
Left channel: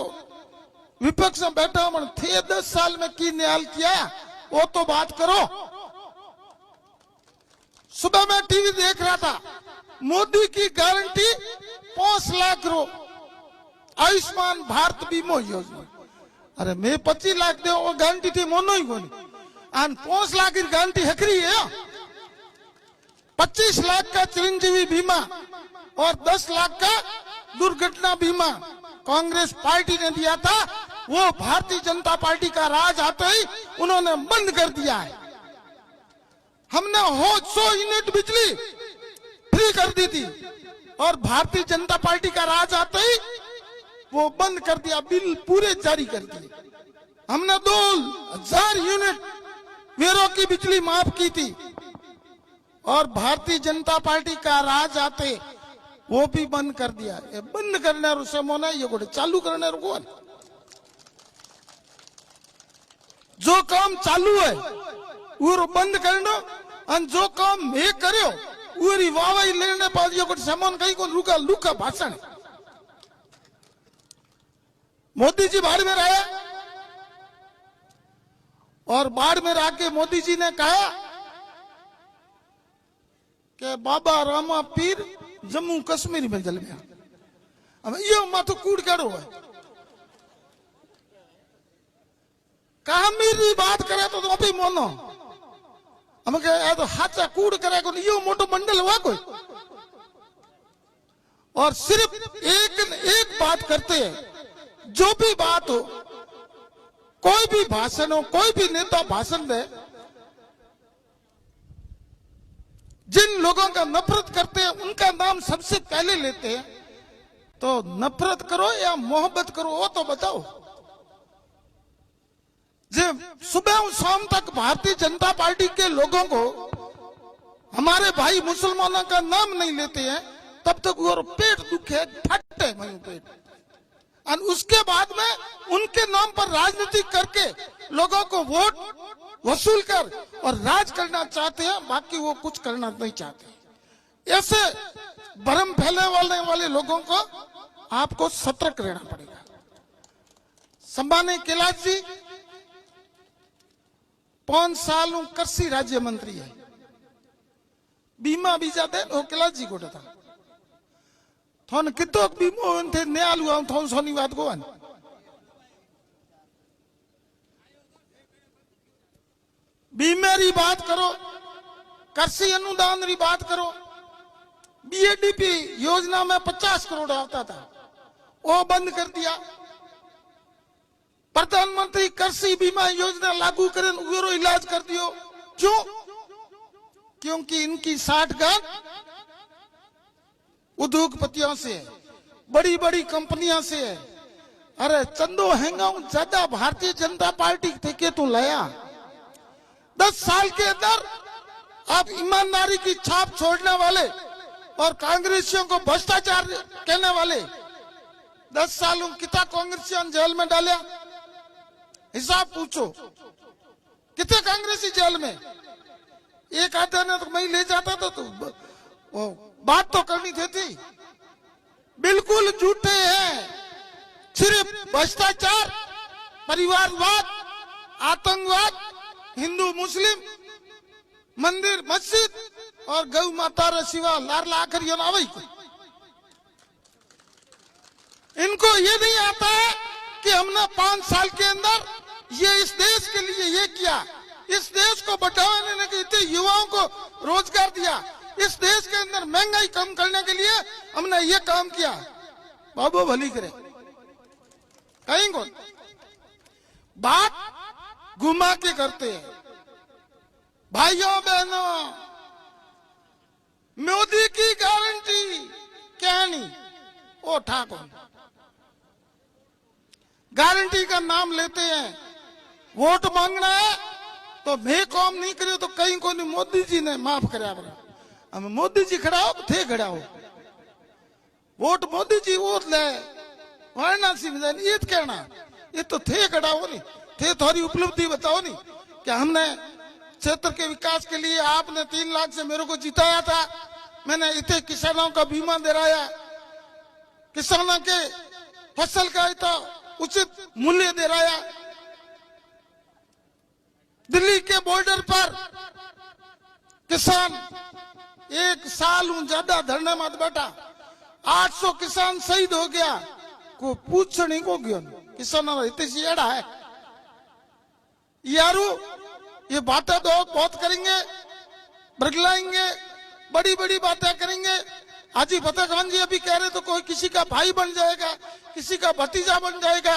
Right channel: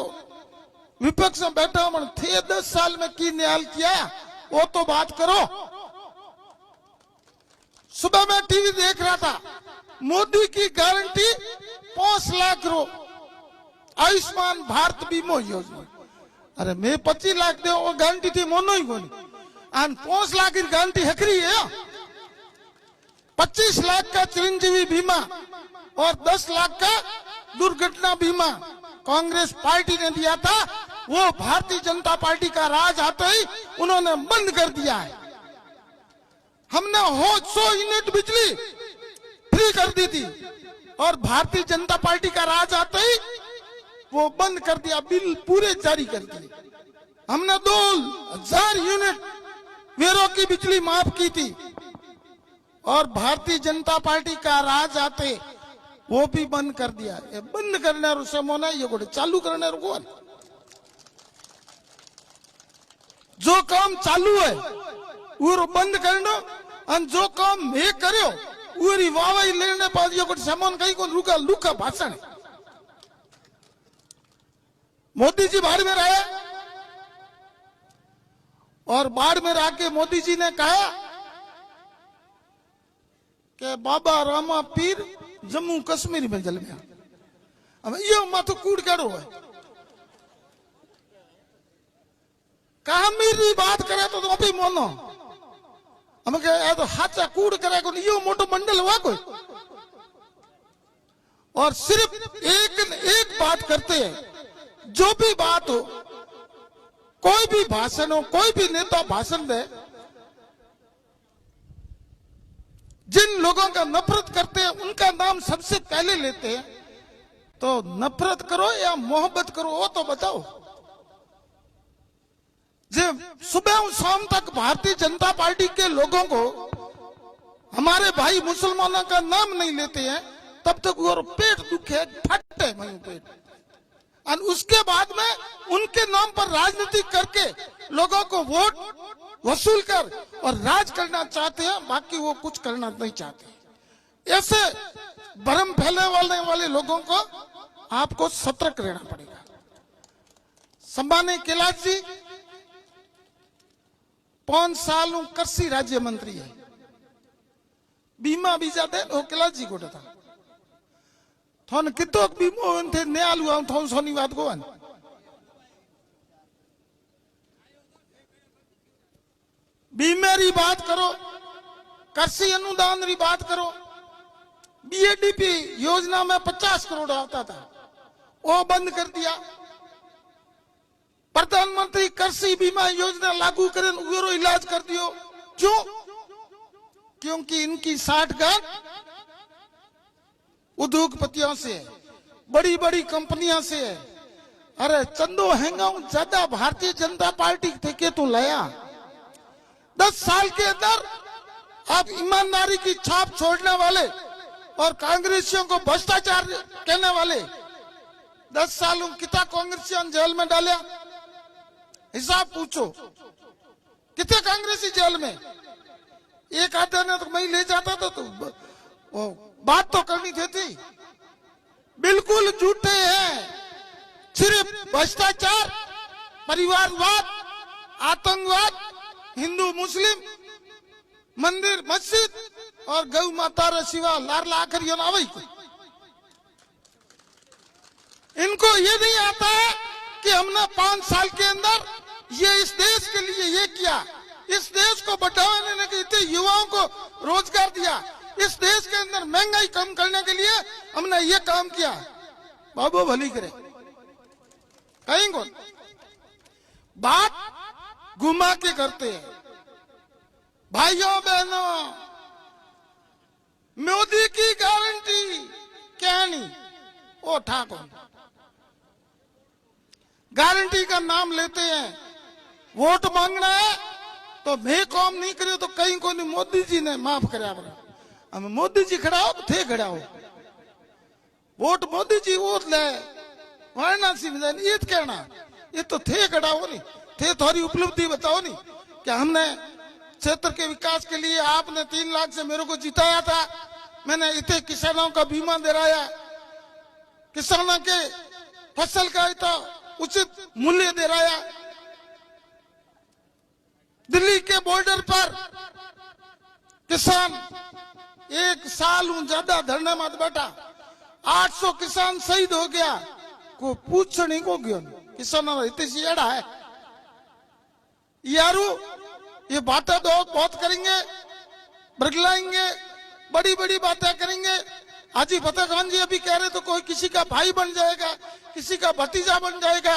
विपक्ष में बैठा हूं थे 10 साल में की न्याय किया वो तो बात करो। सुबह मैं टीवी देख रहा था मोदी की गारंटी 5 लाख रो आयुष्मान भारत बीमा योजना। अरे मैं 25 लाख दे वो गारंटी थी मोनो ही कोनी और 5 लाख की गारंटी हकरी है। 25 लाख का चिरंजीवी बीमा और 10 लाख का दुर्घटना बीमा कांग्रेस पार्टी ने दिया था। वो भारतीय जनता पार्टी का राज आता ही उन्होंने बंद कर दिया है। हमने 100 यूनिट बिजली फ्री कर दी थी और भारतीय जनता पार्टी का राज आते ही वो बंद कर दिया, बिल पूरे जारी कर दिए। हमने 2000 यूनिट वेरों की बिजली माफ की थी और भारतीय जनता पार्टी का राज आते वो भी बंद कर दिया। ये बंद करने समोना ये गोटे चालू करने को जो काम चालू है वो बंद करना और जो काम मैं करो वो वावाई लेने बाद ये गोटे सामान कहीं को रुका लुका भाषण। मोदी जी बाड़मेर आया और बाड़मेर आके मोदी जी ने कहा कि बाबा रामा पीर जम्मू कश्मीर में जल गया। अब ये मत कूड़ करो है कश्मीर की बात करे तो अभी मोनो हम तो हाथ कूड़ करे को ये मोटो मंडल हुआ कोई। और सिर्फ एक बात करते हैं जो भी बात हो कोई भी भाषण हो कोई भी नेता भाषण दे जिन लोगों का नफरत करते हैं उनका नाम सबसे पहले लेते हैं। तो नफरत करो या मोहब्बत करो वो तो बताओ। जब सुबह और शाम तक भारतीय जनता पार्टी के लोगों को हमारे भाई मुसलमानों का नाम नहीं लेते हैं तब तक वो पेट दुखे फटते वहीं पेट। और उसके बाद में उनके नाम पर राजनीति करके लोगों को वोट वसूल कर और राज करना चाहते हैं, बाकी वो कुछ करना नहीं चाहते। ऐसे भ्रम फैलाने वाले लोगों को आपको सतर्क रहना पड़ेगा। सम्मानित कैलाश जी 5 साल कृषि राज्य मंत्री है। बीमा बीजा थे वो कैलाश जी को था थोन कितो बीमो थे न्याल हुआ थोन सोनी बात को बीमे री बात करो, कृषि अनुदान री बात करो। बीएडीपी योजना में 50 करोड़ आता था वो बंद कर दिया। प्रधानमंत्री कृषि बीमा योजना लागू करें वो इलाज कर दियो। क्यों? क्योंकि इनकी साठगांठ उद्योगपतियों से बड़ी बड़ी कंपनियों से। अरे चंदो हैंगा ज्यादा भारतीय जनता पार्टी थे तो लया 10 साल के अंदर आप ईमानदारी की छाप छोड़ने वाले और कांग्रेसियों को भ्रष्टाचार कहने वाले 10 सालों कितना कांग्रेसियों जेल में डाला, हिसाब पूछो। कितने कांग्रेसी जेल में? एक आधा ने तो मैं ले जाता तो वो बात तो करनी थी। बिल्कुल झूठे हैं, सिर्फ भ्रष्टाचार, परिवारवाद, आतंकवाद, हिंदू मुस्लिम, मंदिर मस्जिद और गौ माता रे सिवा लार लाकर ये ना वही। इनको ये नहीं आता है कि हमने 5 साल के अंदर ये इस देश के लिए ये किया, इस देश को बढ़ावा देने के लिए युवाओं को रोजगार दिया, इस देश के अंदर महंगाई कम करने के लिए हमने ये काम किया। बाबू भली करे कहीं को बात घुमा के करते हैं। भाइयों बहनों, मोदी की गारंटी क्या नहीं, वो ठाकुर गारंटी का नाम लेते हैं। वोट मांगना है तो मैं काम नहीं करे तो कहीं को नहीं, मोदी जी ने माफ करा। हम मोदी जी खड़ा हो थे, खड़ा हो वोट मोदी जी वोट ले वाराणसी में ये कहना, ये तो थे खड़ा हो नहीं थे। थोड़ी उपलब्धि बताओ नहीं कि हमने क्षेत्र के विकास के लिए आपने 3 लाख से मेरे को जिताया था, मैंने इतने किसानों का बीमा दिलाया, किसानों के फसल का इतना उचित मूल्य दिलाया, दिल्ली के बॉर्डर पर किसान 1 साल ज्यादा धरना मत बैठा, 800 किसान शहीद हो गया, को पूछ नहीं को गया किसानों इतनी एड़ा है यारू। ये बातें तो बहुत करेंगे, बरगलाएंगे, बड़ी बड़ी बातें करेंगे। हाजी फतेह खान जी अभी कह रहे तो कोई किसी का भाई बन जाएगा, किसी का भतीजा बन जाएगा,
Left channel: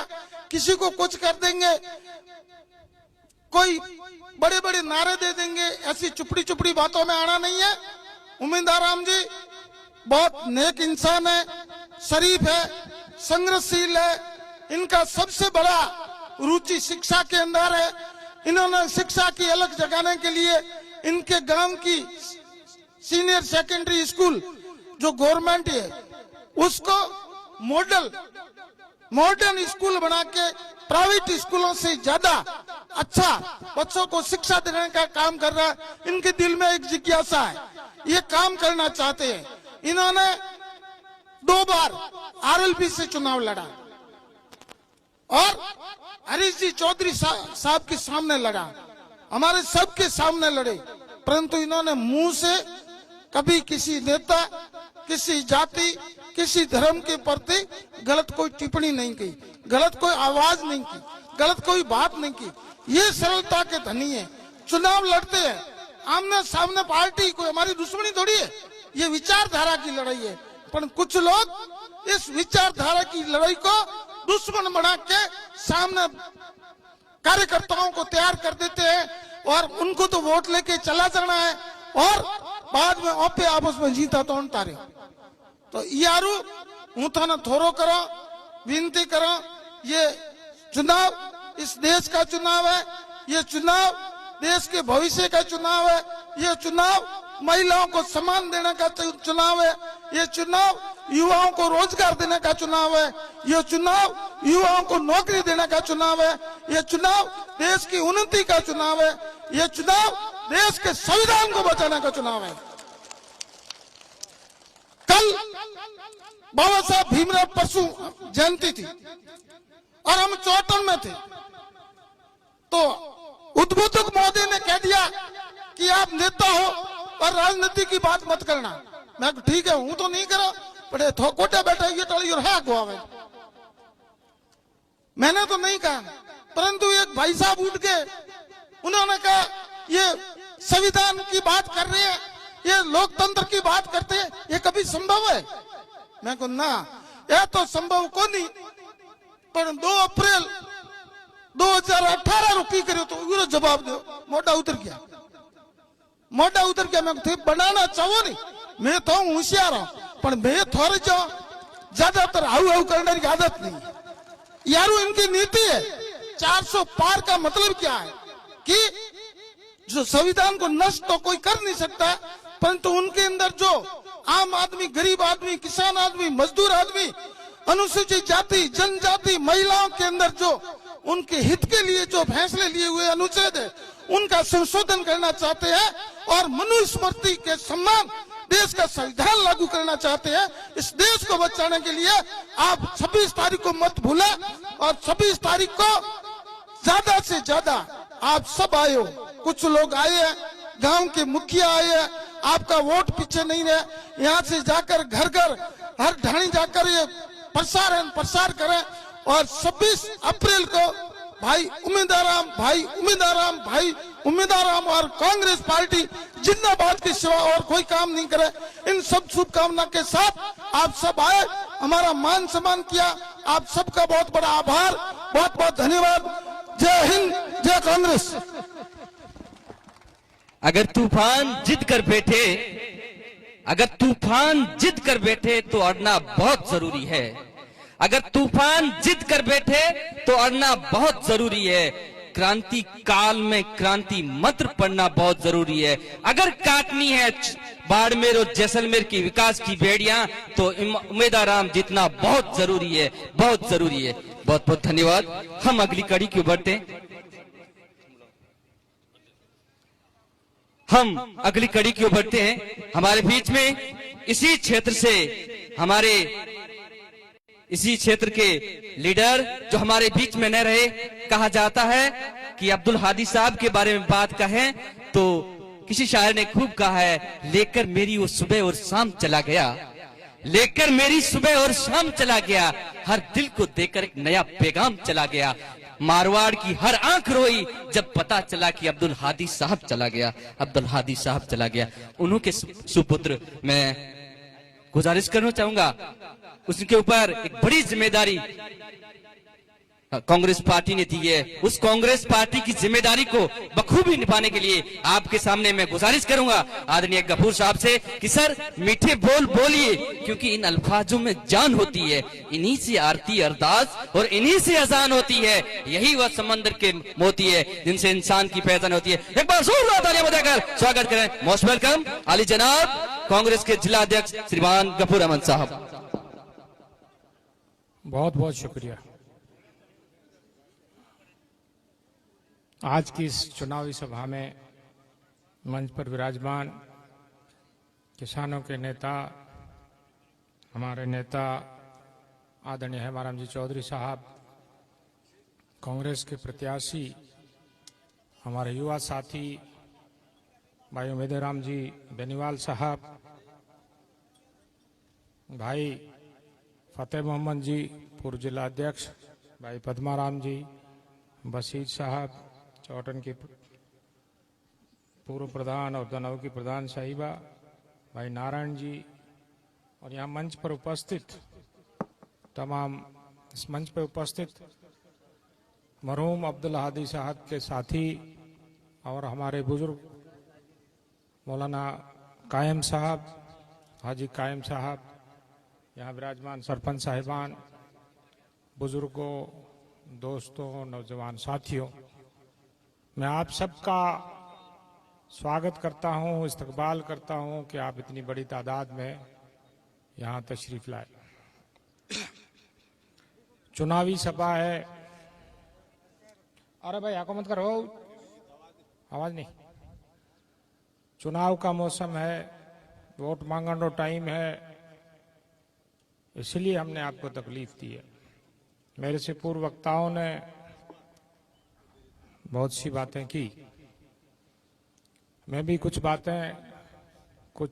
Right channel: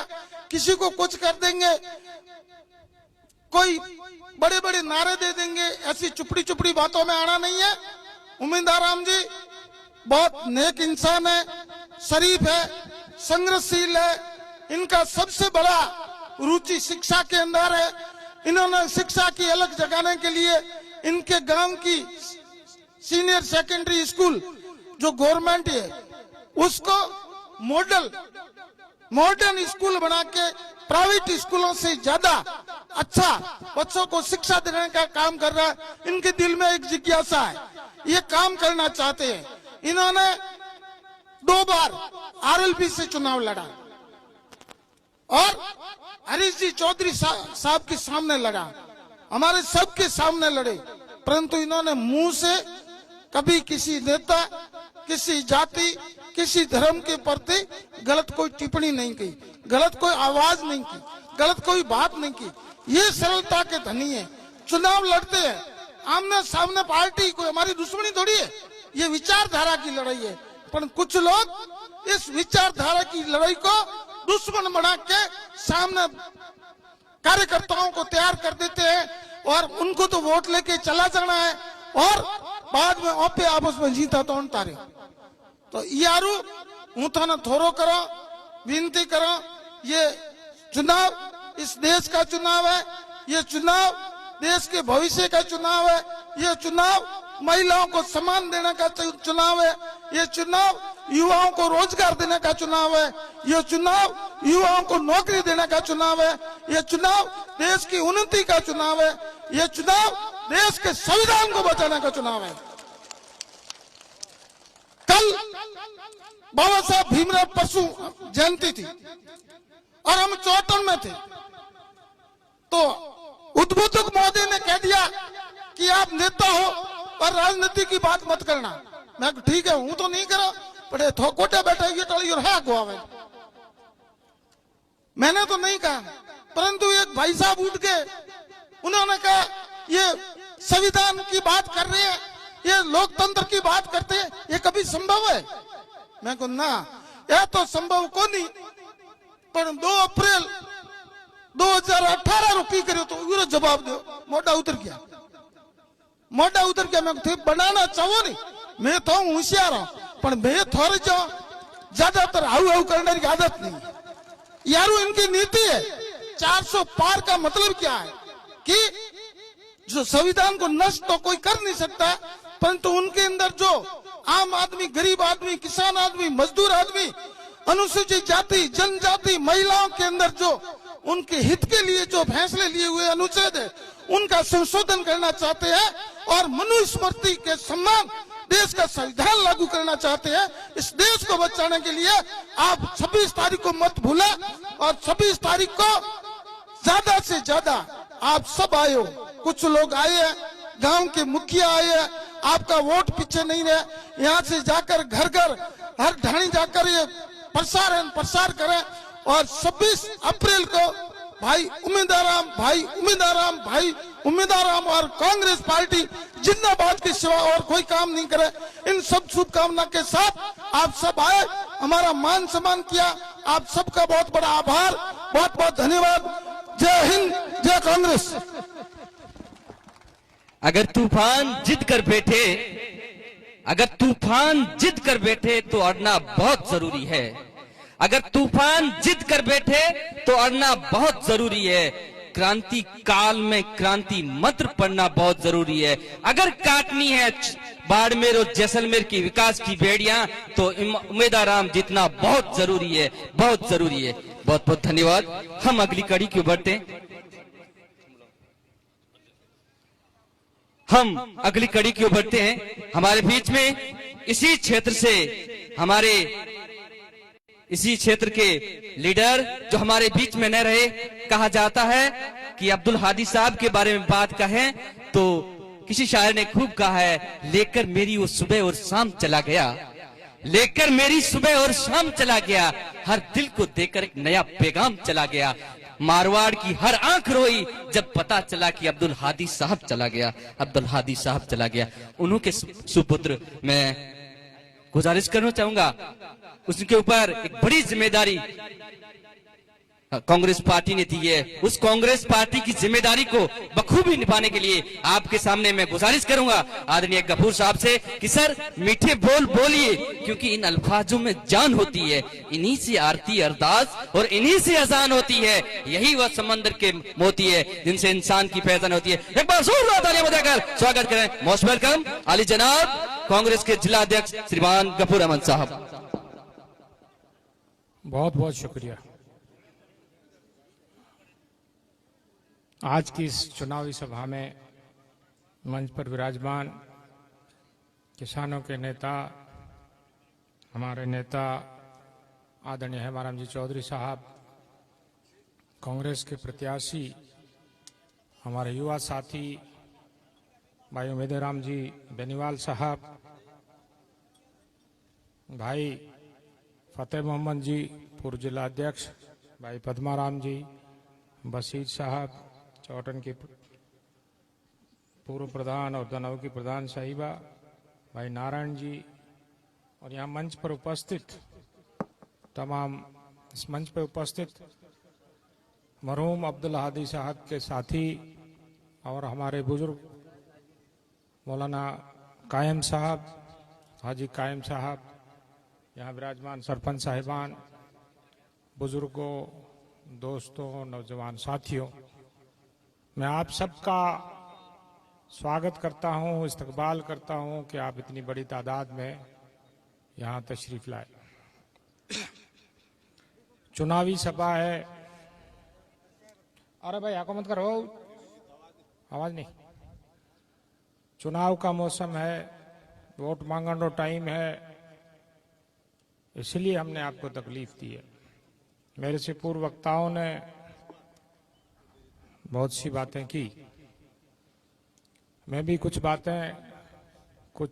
किसी को कुछ कर देंगे, कोई बड़े बड़े नारे दे देंगे। ऐसी चुपड़ी चुपड़ी बातों में आना नहीं है। उम्मीदवार राम जी बहुत नेक इंसान है, शरीफ है, संघर्षशील है। इनका सबसे बड़ा रुचि शिक्षा के अंदर है। इन्होंने शिक्षा की अलग जगाने के लिए इनके गांव की सीनियर सेकेंडरी स्कूल जो गवर्नमेंट है उसको मॉडर्न स्कूल बना के प्राइवेट स्कूलों से ज्यादा अच्छा बच्चों को शिक्षा देने का काम कर रहा है। इनके दिल में एक जिज्ञासा है, ये काम करना चाहते हैं। इन्होंने 2 बार आरएलपी से चुनाव लड़ा और हरीश जी चौधरी साहब के सामने लड़ा, हमारे सबके सामने लड़े, परंतु इन्होंने मुंह से कभी किसी नेता, किसी जाति, किसी धर्म के प्रति गलत कोई टिप्पणी नहीं की, गलत कोई आवाज नहीं की, गलत कोई बात नहीं की। ये सरलता के धनी है। चुनाव लड़ते हैं आमने सामने, पार्टी कोई हमारी दुश्मनी थोड़ी है, ये विचारधारा की लड़ाई है। पर कुछ लोग इस विचारधारा की लड़ाई को दुश्मन बना के सामने कार्यकर्ताओं को तैयार कर देते हैं और उनको तो वोट लेके चला जाना है और बाद में ओपे आपस में जीता तो तारे। तो यारू हूं थाने थोरो करो, विनती करो, ये चुनाव इस देश का चुनाव है, ये चुनाव देश के भविष्य का चुनाव है, ये चुनाव महिलाओं को सम्मान देने का चुनाव है, ये चुनाव युवाओं को रोजगार देने का चुनाव है, ये चुनाव युवाओं को नौकरी देने का चुनाव है, ये चुनाव देश की उन्नति का चुनाव है, ये चुनाव देश के संविधान को बचाने का चुनाव है। कल बाबा साहब भीमराव परसू जयंती थी और हम चौटन में थे, तो उद्बोधक महोदय ने कह दिया कि आप नेता हो और राजनीति की बात मत करना। मैं ठीक है, हूं तो नहीं करा, बड़े थोकोटे बैठा ये टड़ी और हाँ को मैंने तो नहीं कहा, परंतु एक भाई साहब उठ के उन्होंने कहा ये संविधान की बात कर रहे हैं, ये लोकतंत्र की बात करते हैं, ये कभी संभव है? मैं को ना, यह तो संभव को नहीं। पर 2 अप्रैल 2018 रुपी करे तो उन्हें जवाब दो, मोटा उतर गया। मैं थे बनाना चाहो नहीं, मैं तो होशियार हूं, पर मैं थोड़े जो ज्यादातर हाउ करने की आदत नहीं। यारू इनकी नीति है 400 पार का मतलब क्या है कि जो संविधान को नष्ट तो कोई कर नहीं सकता, परंतु उनके अंदर जो आम आदमी, गरीब आदमी, किसान आदमी, मजदूर आदमी अनुसूचित जाति, जनजाति, महिलाओं के अंदर जो उनके हित के लिए जो फैसले लिए हुए अनुच्छेद है उनका संशोधन करना चाहते हैं और मनुस्मृति के सम्मान देश का संविधान लागू करना चाहते हैं। इस देश को बचाने के लिए आप 26 तारीख को मत भूलें और 26 तारीख को ज्यादा से ज्यादा आप सब आए हो। कुछ लोग आए हैं, गांव के मुखिया आए हैं, आपका वोट पीछे नहीं रहे। यहाँ से जाकर घर घर हर ढाणी जाकर ये प्रसार करें और 26 अप्रैल को भाई उम्मीदवाराम और कांग्रेस पार्टी जिंदाबाद के सिवा और कोई काम नहीं करे। इन सब शुभकामना के साथ आप सब आए, हमारा मान सम्मान किया। आप सबका बहुत बड़ा आभार, बहुत बहुत धन्यवाद। जय हिंद, जय कांग्रेस। अगर तूफान जिद कर बैठे तो अड़ना बहुत जरूरी है। अगर तूफान जिद कर बैठे तो अड़ना बहुत जरूरी है। क्रांति काल में क्रांति मंत्र पढ़ना बहुत जरूरी है। अगर काटनी है बाड़मेर और जैसलमेर की विकास की बेड़ियां तो उम्मीदवाराम जीतना बहुत जरूरी है, बहुत जरूरी है। बहुत बहुत धन्यवाद। हम अगली कड़ी की ओर बढ़ते हैं। हमारे बीच में इसी क्षेत्र के लीडर जो हमारे बीच में न रहे, कहा जाता है कि अब्दुल हादी साहब के बारे में बात कहें तो किसी शायर ने खूब कहा है, लेकर मेरी वो सुबह और शाम चला गया, हर दिल को देकर एक नया पैगाम चला गया। मारवाड़ की हर आंख रोई जब पता चला कि अब्दुल हादी साहब चला गया। उन्हों के सुपुत्र मैं गुजारिश करना चाहूंगा, उसके ऊपर एक बड़ी जिम्मेदारी कांग्रेस पार्टी ने दी है। उस कांग्रेस पार्टी की जिम्मेदारी को बखूबी निभाने के लिए आपके सामने मैं गुजारिश करूंगा आदरणीय गफूर साहब से कि सर मीठे बोल बोलिए, क्योंकि इन अल्फाजों में जान होती है। इन्हीं से आरती अरदास और इन्हीं से अजान होती है। यही वह समंदर के मोती है जिनसे इंसान की पहचान होती है। एक बार जोरदार तालियां बजाकर स्वागत करें। मोस्ट वेलकम आली जनाब कांग्रेस के जिला अध्यक्ष श्रीमान गफूर अहमद साहब। बहुत बहुत शुक्रिया। आज की इस चुनावी सभा में मंच पर विराजमान किसानों के नेता, हमारे नेता आदरणीय हेमाराम जी चौधरी साहब, कांग्रेस के प्रत्याशी हमारे युवा साथी भाई उम्मीदवाराम जी बेनीवाल साहब, भाई फतेह मोहम्मद जी पूर्व जिला अध्यक्ष, भाई पद्माराम जी, बशीर साहब चौटन की पूर्व प्रधान और दनव की प्रधान साहिबा, भाई नारायण जी, और यहाँ मंच पर उपस्थित तमाम इस मंच पर उपस्थित मरहूम अब्दुल हादी साहब के साथी और हमारे बुजुर्ग मौलाना कायम साहब, हाजी कायम साहब, यहाँ विराजमान सरपंच साहिबान, बुजुर्गों, दोस्तों, नौजवान साथियों, मैं आप सबका स्वागत करता हूं, इस्तकबाल करता हूं कि आप इतनी बड़ी तादाद में यहां तशरीफ लाए। चुनावी सभा है। अरे भाई आको मत करो, आवाज नहीं। चुनाव का मौसम है, वोट मांगने टाइम है, इसलिए हमने आपको तकलीफ दी है। मेरे से पूर्व वक्ताओं ने बहुत सी बातें की, मैं भी कुछ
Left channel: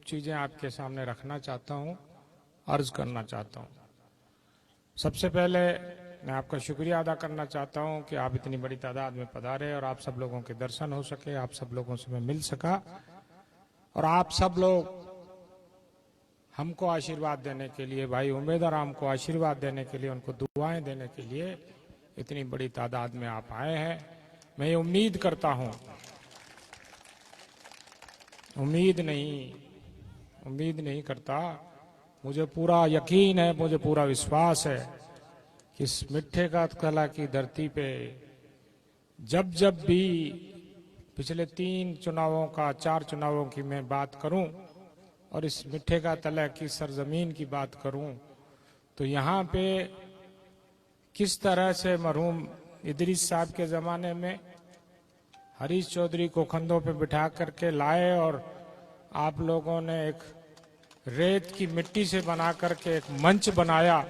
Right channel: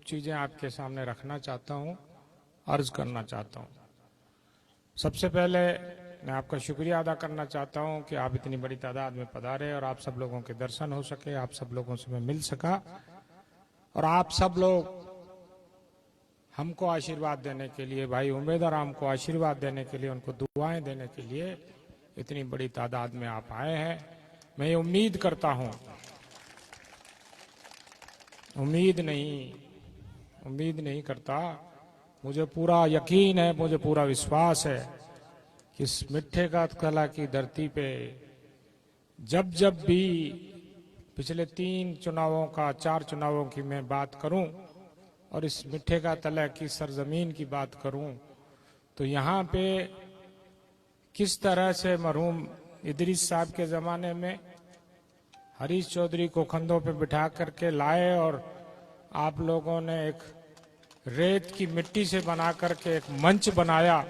चीजें आपके सामने रखना चाहता हूं, अर्ज करना चाहता हूं। सबसे पहले मैं आपका शुक्रिया अदा करना चाहता हूं कि आप इतनी बड़ी तादाद में पधारे और आप सब लोगों के दर्शन हो सके, आप सब लोगों से मैं मिल सका और आप सब लोग हमको आशीर्वाद देने के लिए, भाई उम्मीदवाराम को आशीर्वाद देने के लिए, उनको दुआएं देने के लिए इतनी बड़ी तादाद में आप आए हैं। मैं ये उम्मीद नहीं करता, मुझे पूरा यकीन है, मुझे पूरा विश्वास है कि इस मिठे का कला की धरती पे जब भी पिछले 4 चुनावों की मैं बात करूं और इस मिठे का तला की सरजमीन की बात करूं तो यहाँ पे किस तरह से मरहूम इदरीस साहब के जमाने में हरीश चौधरी को कंधों पे बिठा करके लाए और आप लोगों ने एक रेत की मिट्टी से बना करके एक मंच बनाया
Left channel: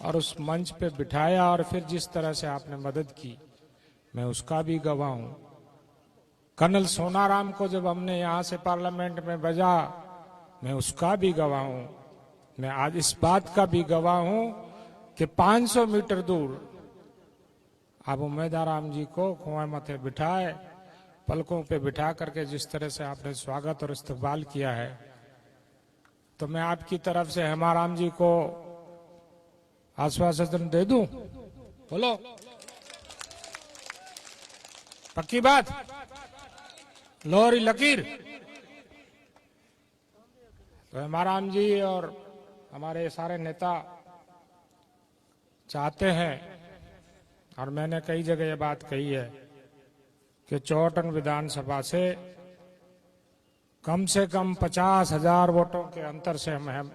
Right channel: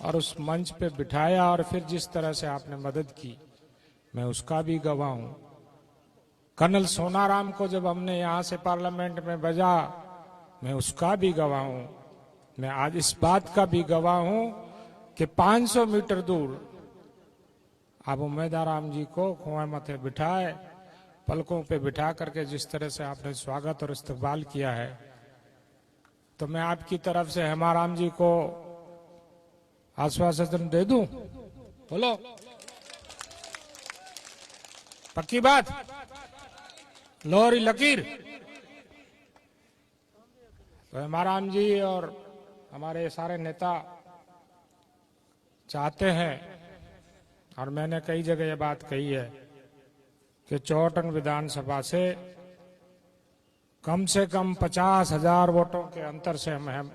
और उस मंच पे बिठाया और फिर जिस तरह से आपने मदद की, मैं उसका भी गवाह हूं। कर्नल सोनाराम को जब हमने यहाँ से पार्लियामेंट में भेजा, मैं उसका भी गवाह हूं। मैं आज इस बात का भी गवाह हूं कि 500 मीटर दूर आप उम्मेदाराम जी को कुएं मथे बिठाए, पलकों पे बिठा करके जिस तरह से आपने स्वागत और इस्तकबाल किया है, तो मैं आपकी तरफ से हेमाराम जी को आश्वासन दे दूं? बोलो, पक्की बात, लोहरी लकीर। तो हेमाराम जी और हमारे सारे नेता चाहते हैं, और मैंने कई जगह ये बात कही है, कि चौटन विधानसभा से कम 50,000 वोटों के अंतर से हम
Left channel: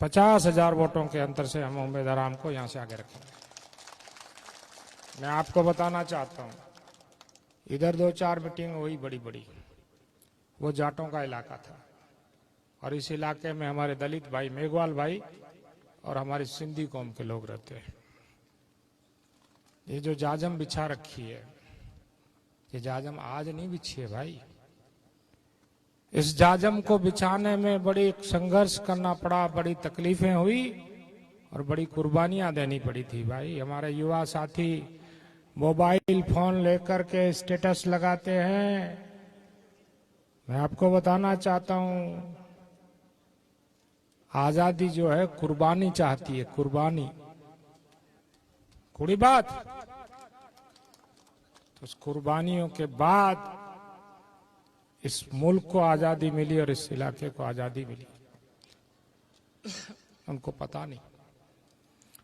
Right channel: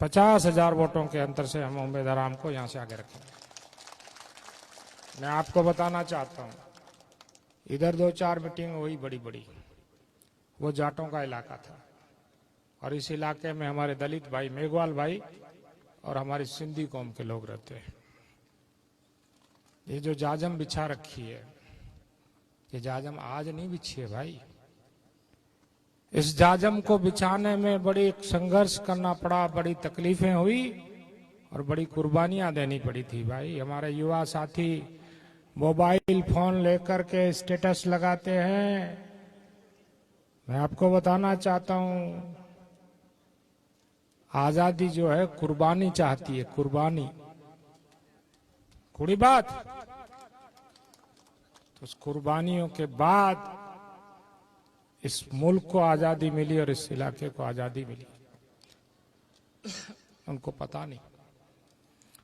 50,000 वोटों के अंतर से हम उम्मीदवार को यहां से आगे रखेंगे। मैं आपको बताना चाहता हूं, इधर 2-4 मीटिंग हुई बड़ी बड़ी, वो जाटों का इलाका था, और इस इलाके में हमारे दलित भाई, मेघवाल भाई और हमारी सिंधी कौम के लोग रहते हैं। ये जो जाजम बिछा रखी है, ये जाजम आज नहीं बिछी है भाई। इस जाजम को बिछाने में बड़ी संघर्ष करना पड़ा, बड़ी तकलीफें हुई और बड़ी कुर्बानियां देनी पड़ी थी भाई। हमारे युवा साथी मोबाइल फोन लेकर के स्टेटस लगाते हैं। मैं आपको बताना चाहता हूं, आजादी जो है कुर्बानी चाहती है, कुर्बानी, कुड़ी बात। तो उस कुर्बानियों के बाद इस मुल्क को आजादी मिली और इस इलाके को आजादी मिली। उनको पता नहीं।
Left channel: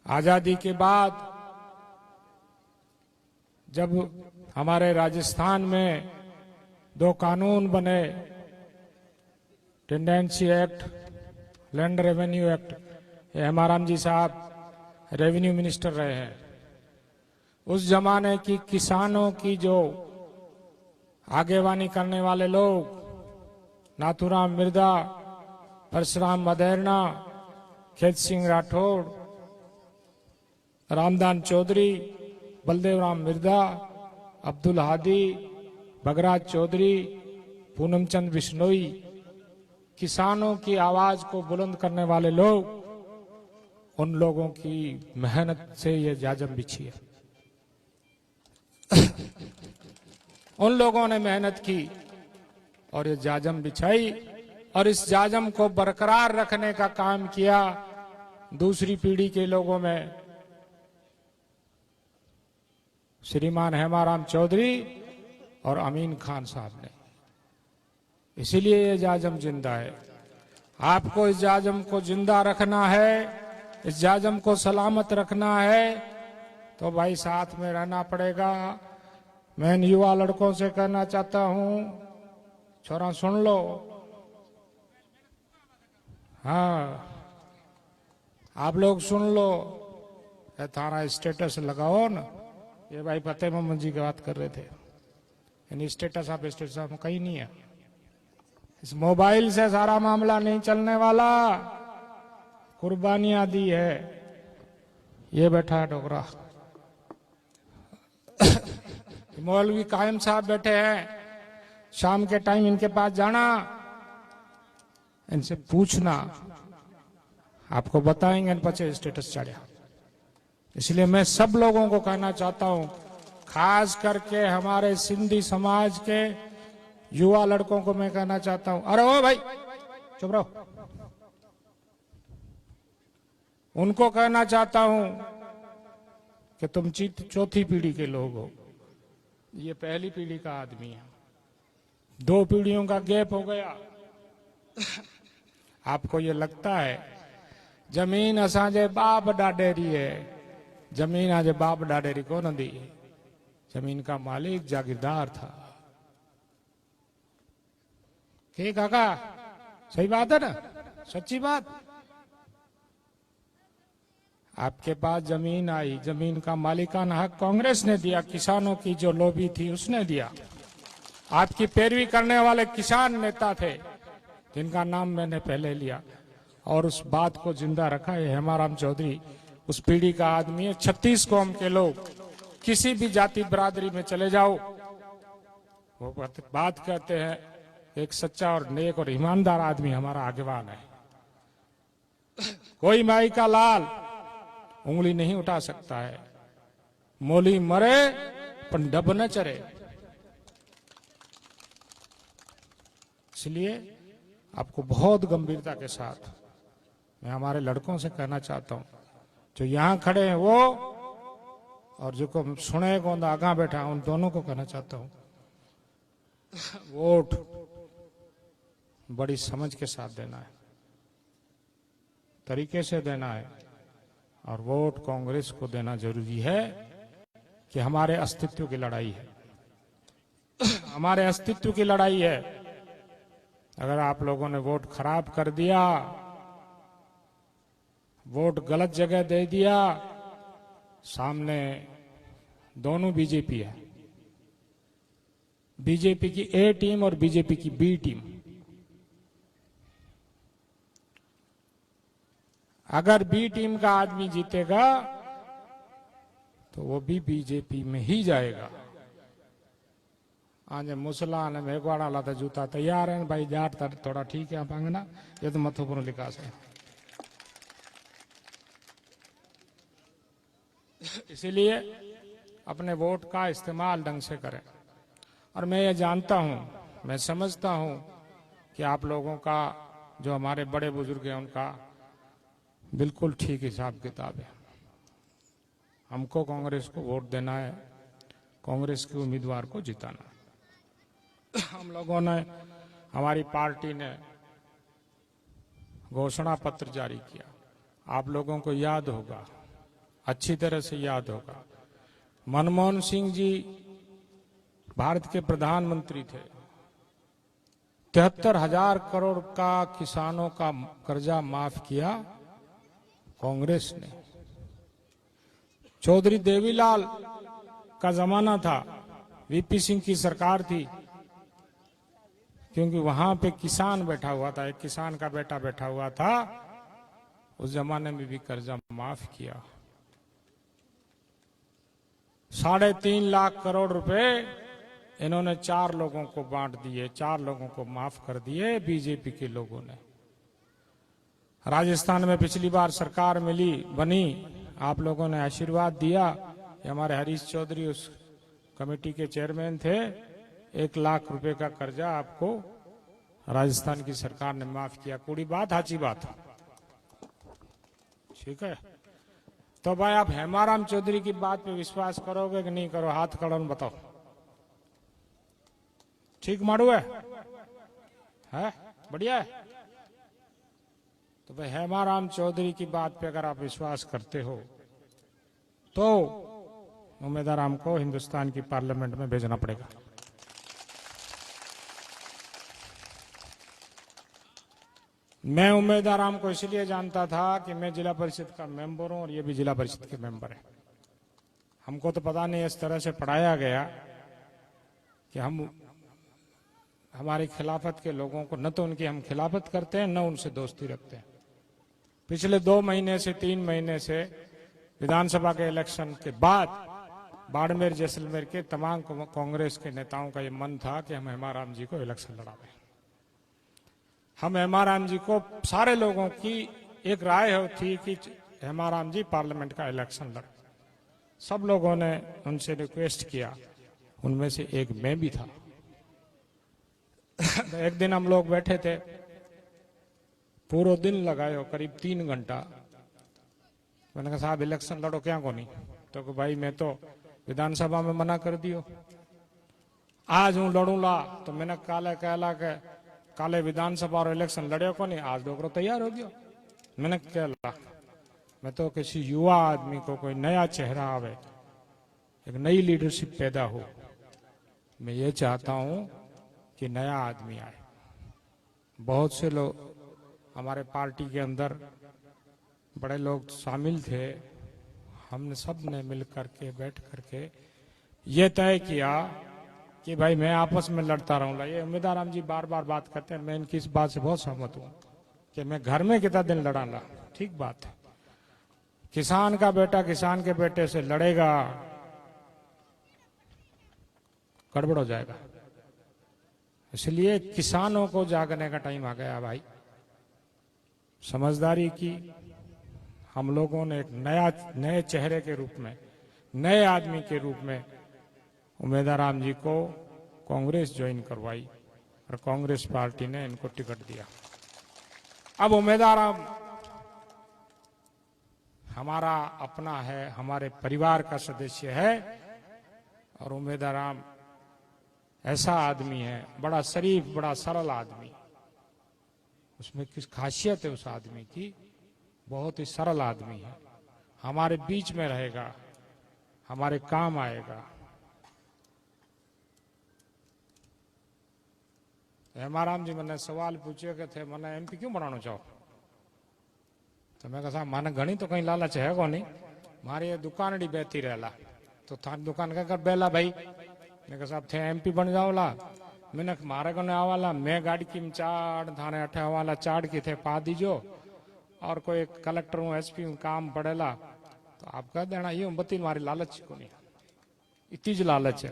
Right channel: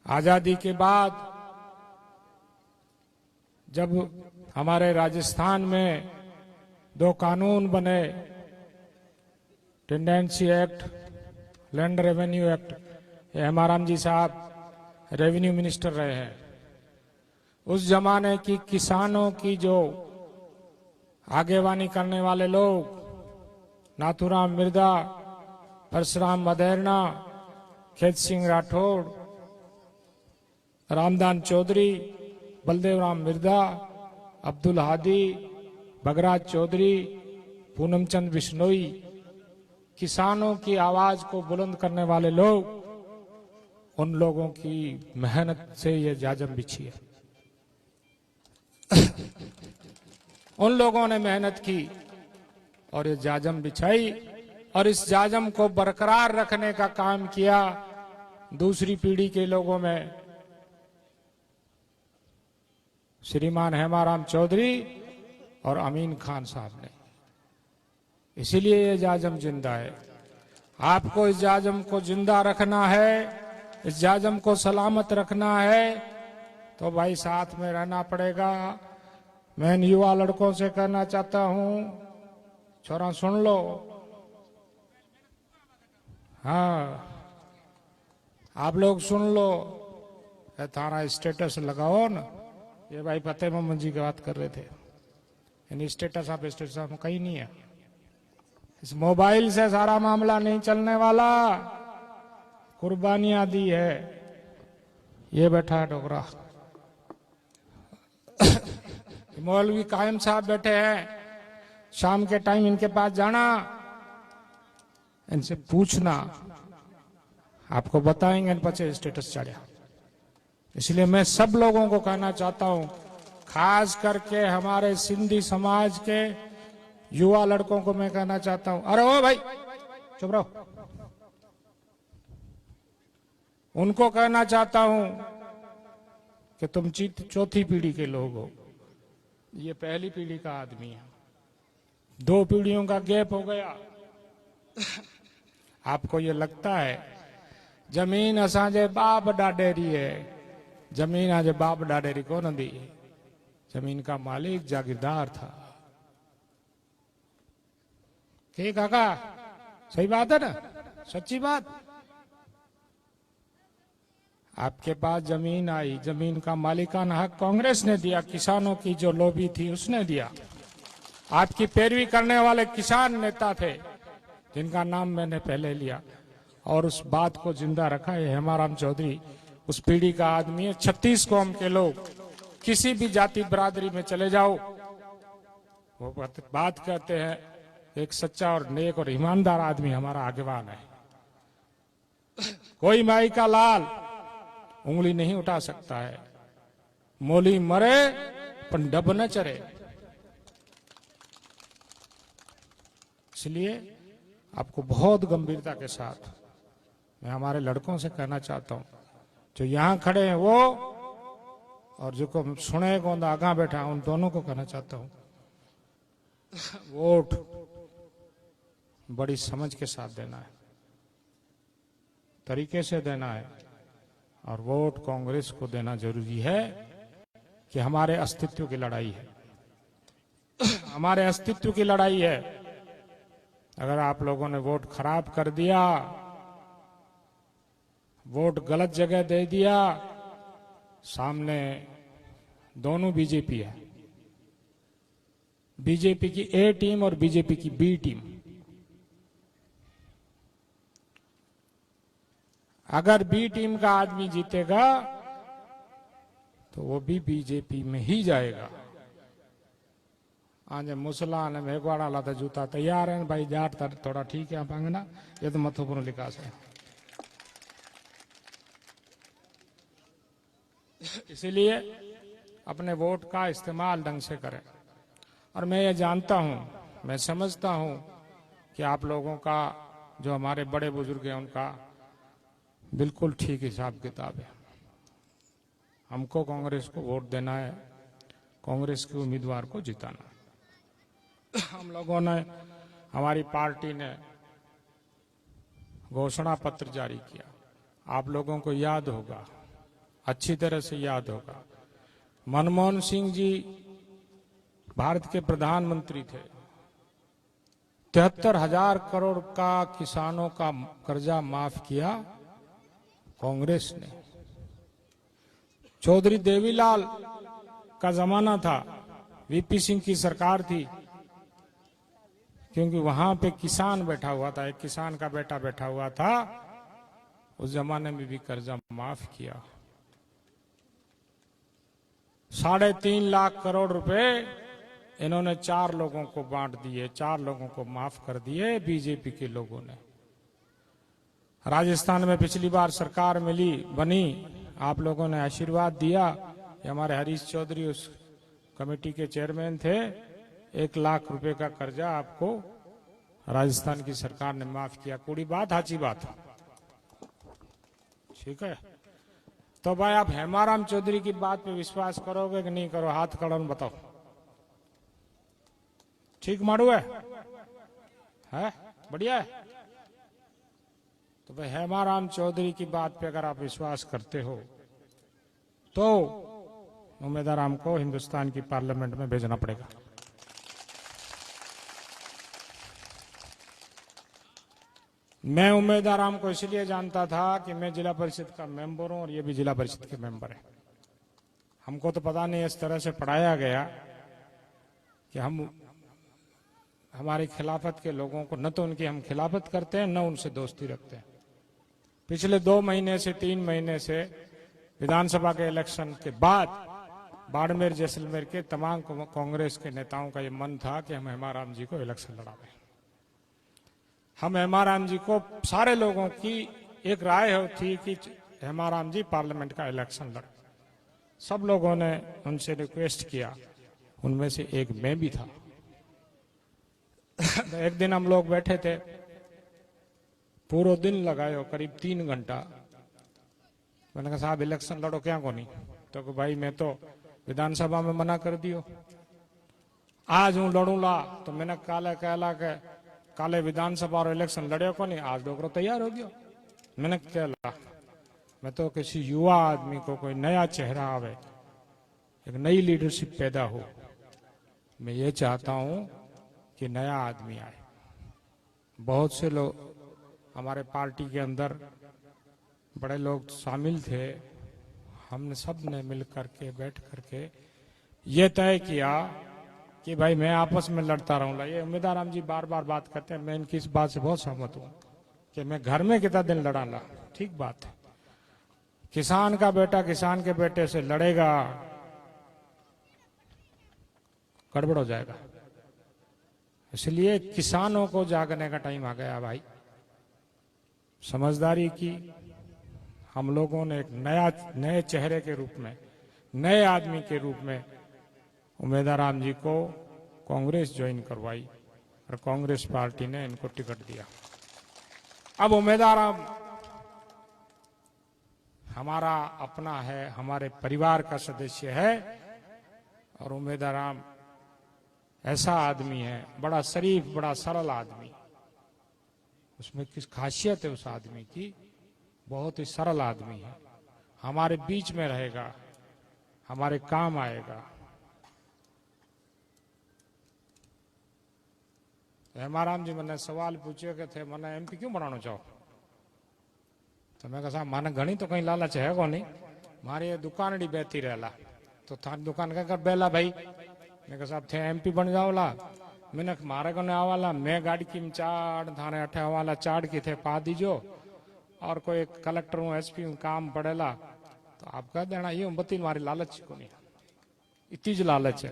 आजादी के बाद जब हमारे राजस्थान में 2 कानून बने, tenancy act, land revenue act, Hemaram ji साहब रेवेन्यू मिनिस्टर रहे हैं। उस जमाने की किसानों की जो आगेवानी करने वाले लोग, नाथूराम मिर्दा, परशुराम मदेरना, खेत सिंह राठौड़, रामदान चौधरी, बलदेव राम मिर्दा, अब्दुल हादी, भगराज चौधरी, पूनमचंद बिश्नोई, किसानों की आवाज को बुलंद करने वाले लोग, उन लोगों की मेहनत से ये जाजम बिछी है। उन लोगों ने मेहनत की और ये जाजम बिछाई, और इस जाजम को बरकरार रखने का काम किया दूसरी पीढ़ी के लोगों में श्रीमान हेमाराम चौधरी और अमीन खान साहब ने। इसीलिए ये जाजम जिंदा है। आपको इस जाजम को जिंदा रखना है, इस जाजम को सलामत रखना है, तो भाई साथ में रहना पड़ेगा। मैं इन युवा लड़कों से कहना चाहता हूं, छोरा सुन लो, हाँ आप लोग सुन लो, थाना स्टेटस लगाओ ना। ये भाई फतेह मोहम्मद जी की बात कर रहे थे, यानी स्टेटस आप कहीं नहीं है। इस मोबाइल से सारा मामला नहीं चलने वाला। कुर्बानियां दी है। ये बैठा है डोगरा, मौलवी कायम साहब बैठे हैं। शाम के टाइम इनके पास जाना, इनसे पूछना, आपको बताएंगे पचे स्टेटस चढ़ा। इसलिए मैं सब लोगों को कहना चाहता हूं, खास करके हमारे सिंधी समाज के युवा लड़कों को मैं कहना चाहता हूं, अरे ओ भाई चुप रहो। उनको कहना चाहता हूं कि तुम चौथी पीढ़ी के लोग हो, ये पहली पीढ़ी का आदमी है। 2 पीढ़ियों का गैप हो गया। आपको ये लगता है जमीन असांजे बाप डाडेरी है, जमीन आज बाप डाडेरी को न दी। जमीन का मालिक जागीरदार था। ठीक काका, सही बात है ना, सच्ची बात। आपके पास जमीन आई, जमीन का मालिकाना हक कांग्रेस ने दिया, किसानों की जो लॉबी थी उसने दिया। आपकी पैरवी करने वाले किसान नेता थे जिनका नाम मैंने पहले लिया, और उस बात को जिंदा रखा है हेमाराम चौधरी। उस पीढ़ी का आदमी है। 36 कौम के लोग किसी भी जाति बरादरी में चले जाओ, वो बात कहते हैं एक सच्चा और नेक और ईमानदार आदमी हमारा आगेवान है। कोई माई का लाल उंगली नहीं उठा सकता है। मोली मरे पर डब न चरे। इसलिए आपको बहुत गंभीरता के साथ मैं हमारे लड़कों से कहना चाहता हूं, जो यहां खड़े हैं वो और जो को सुने को आगा बैठा, उन दोनों को कहना चाहता हूं, वोट बड़ी समझ के साथ देना है, तरीके से देना है, और वोट कांग्रेस को देना जरूरी है कि हमारे अस्तित्व की लड़ाई है। हमारे अस्तित्व की लड़ाई है। अगर आप लोगों ने वोट खराब कर दिया, वोट गलत जगह दे दिया, सामने दोनों बीजेपी है, बीजेपी की ए टीम और बीजेपी की बी टीम। अगर बी टीम का आदमी जीतेगा तो वो भी बीजेपी में ही जाएगा। आज मुसला ने मेघवाड़ा लाता जूता तैयार है भाई, जाट थोड़ा ठीक है पांगना, ये तो महत्वपूर्ण विकास है। इसीलिए अपने वोट का इस्तेमाल ढंग से करें। और मैं ये जानता हूं, मैं समझता हूं कि आप लोगों का, जो हमारे बड़े बुजुर्ग हैं, उनका बिल्कुल ठीक हिसाब किताब है। हमको कांग्रेस को वोट देना है, कांग्रेस के उम्मीदवार को जिताना। हम लोगों ने, हमारी पार्टी ने घोषणा पत्र जारी किया, आप लोगों को याद होगा, अच्छी तरह से याद होगा। मनमोहन सिंह जी भारत के प्रधानमंत्री थे, 73,000 करोड़ का किसानों का कर्जा माफ किया कांग्रेस ने। चौधरी देवीलाल का जमाना था, वीपी सिंह की सरकार थी, क्योंकि वहां पे किसान बैठा हुआ था, एक किसान का बेटा बैठा हुआ था, उस जमाने में भी कर्जा माफ किया। 3.5 लाख करोड़ रुपए इन्होंने 4 लोगों को बांट दिए, 4 लोगों को माफ कर दिए बीजेपी के लोगों ने। राजस्थान में पिछली बार सरकार बनी, आप लोगों ने आशीर्वाद दिया। हमारे हरीश चौधरी उस कमेटी के चेयरमैन थे। 1 लाख रुपए का कर्जा आपको राजस्थान की सरकार ने माफ किया। पूरी बात, हाची बात, ठीक है। तो भाई आप हेमाराम चौधरी की बात पे विश्वास करोगे कि नहीं करो? हाथ खड़ा बताओ। ठीक मारू है? बढ़िया है। तो भाई हेमाराम चौधरी की बात पे अगर आप विश्वास करते हो तो उम्मीदवार को हिंदुस्तान की पार्लियामेंट में भेजना पड़ेगा। मैं उम्मीदवार को इसलिए जानता था कि मैं जिला परिषद का मेंबर हूं और ये भी जिला परिषद के मेंबर है। हमको तो पता नहीं, इस तरह से पढ़ाया गया कि हम हमारी खिलाफत के लोगों को, न तो उनकी हम खिलाफत करते हैं, न उनसे दोस्ती रखते हैं। पिछले 2 महीने से 3 महीने से विधानसभा के इलेक्शन के बाद बाड़मेर जैसलमेर के तमाम कांग्रेस के नेताओं का ये मन था कि हम हेमाराम जी को इलेक्शन लड़ाएं। हम हेमाराम जी को, सारे लोगों की एक राय थी कि हेमाराम जी पार्लियामेंट का इलेक्शन लड़े। सब लोगों ने उनसे रिक्वेस्ट किया, उनमें से एक मैं भी था। एक दिन हम लोग बैठे थे, पूरा दिन लगाए, करीब 3 घंटा। मैंने कहा साहब इलेक्शन लड़ो क्या को नहीं? तो भाई मैं तो विधानसभा में मना कर दियो, आज हूं लड़ूंगा। तो मैंने काले विधानसभा और इलेक्शन लड़े को नहीं, आज डोकरो तैयार हो गया। मैंने क्या ला, मैं तो किसी युवा आदमी को, कोई नया चेहरा आवे, एक नई लीडरशिप पैदा हो। मैं ये चाहता हूं कि नया आदमी आए। बहुत से लोग हमारे पार्टी के अंदर बड़े लोग शामिल थे, हमने सब ने मिल करके बैठ करके ये तय किया कि भाई मैं आपस में लड़ता रहूंगा। ये उम्मीदवार राम जी बार बार बात करते हैं, मैं इनकी इस बात से बहुत सहमत हूं कि मैं घर में कितना दिन लड़ाना, ठीक बात है। किसान का बेटा किसान के बेटे से लड़ेगा, गड़बड़ हो जाएगा। इसलिए किसानों को जागने का टाइम आ गया भाई। समझदारी की हम लोगों ने एक नए चेहरे के रूप में, नए आदमी के रूप में उम्मीदवार राम जी को कांग्रेस ज्वाइन करवाई और कांग्रेस पार्टी ने इनको टिकट दिया। अब उम्मीदवार राम हमारा अपना है, हमारे परिवार का सदस्य है और उम्मीदवार राम ऐसा आदमी है, बड़ा शरीफ, बड़ा सरल आदमी। उसमें किस खासियत है उस आदमी की, बहुत ही सरल आदमी है, हमारे बीच में रहेगा, हमारे काम आएगा। हेमाराम जी मैंने सवाल पूछे कि थे मैंने एमपी क्यों बनाना चाहो, तो मैं कहा मैंने घनी तो कहीं लालच है को नहीं, मारी ये दुकान डी बेहती रहला, तो थारी दुकान क्या कर बेला भाई। मैं कहा साहब थे एमपी बन जाओला, मैंने मारे को नहीं आवाला, मैं गाड़ी की चाड़ थाने अठे आवाला चाड़ की थे पा दीजो, और कोई कलेक्टर हूँ एसपी हूँ काम पड़ेला तो आप कह देना ये बत्ती मारी लालच को नहीं, इतनी ज लालच है।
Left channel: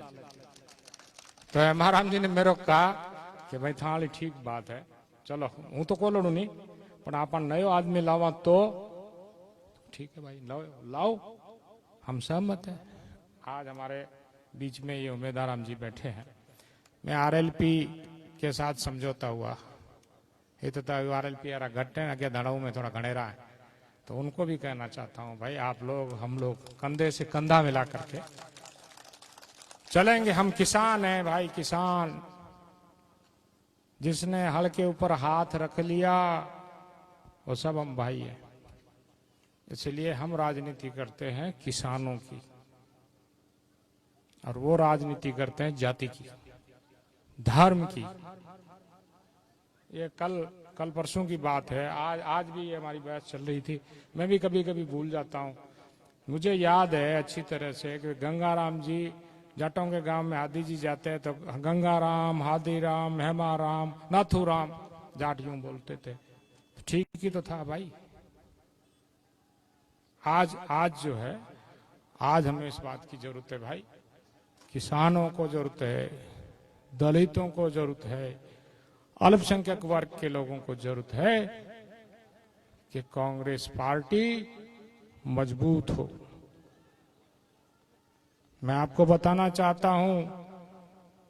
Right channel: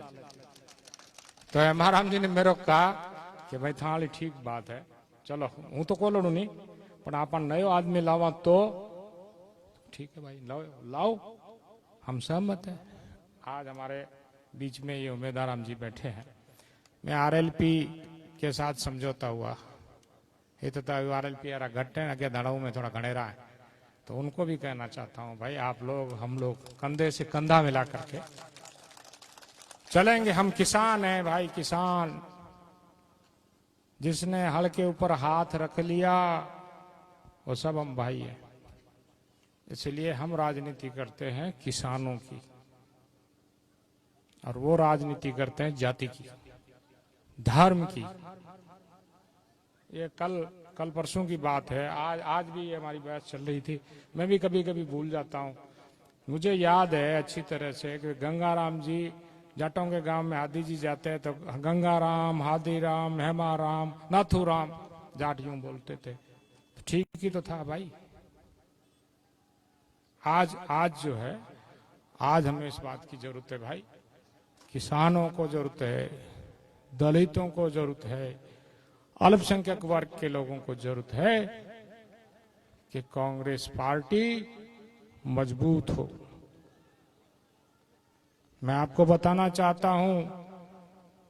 तो हेमाराम जी ने मेरे को कहा कि भाई थाली ठीक बात है, चलो हूँ तो को लड़ू नहीं पर आप नयो आदमी लावा तो ठीक है भाई, लाओ हम सहमत है। आज हमारे बीच में ये उम्मीदवार राम जी बैठे हैं। मैं आरएलपी के साथ समझौता हुआ, ये तो आरएलपी यार घट है, आगे धड़ाऊ में थोड़ा घनेरा है, तो उनको भी कहना चाहता हूँ भाई आप लोग हम लोग कंधे से कंधा मिला करके चलेंगे। हम किसान हैं भाई, किसान। जिसने हल के ऊपर हाथ रख लिया वो सब हम भाई हैं। इसलिए हम राजनीति करते हैं किसानों की और वो राजनीति करते हैं जाति की, धर्म की। ये कल परसों की बात है, आज भी ये हमारी बहस चल रही थी। मैं भी कभी कभी भूल जाता हूँ। मुझे याद है अच्छी तरह से कि गंगाराम जी जाटों के गांव में आदि जी जाते हैं तो गंगाराम, हादीराम, हेमाराम, नाथूराम जाट यूं बोलते थे। ठीक ही तो था भाई। आज जो है, आज हमें इस बात की जरूरत है भाई, किसानों को जरूरत है, दलितों को जरूरत है, अल्पसंख्यक वर्ग के लोगों को जरूरत है कि कांग्रेस पार्टी मजबूत हो। मैं आपको बताना चाहता हूं,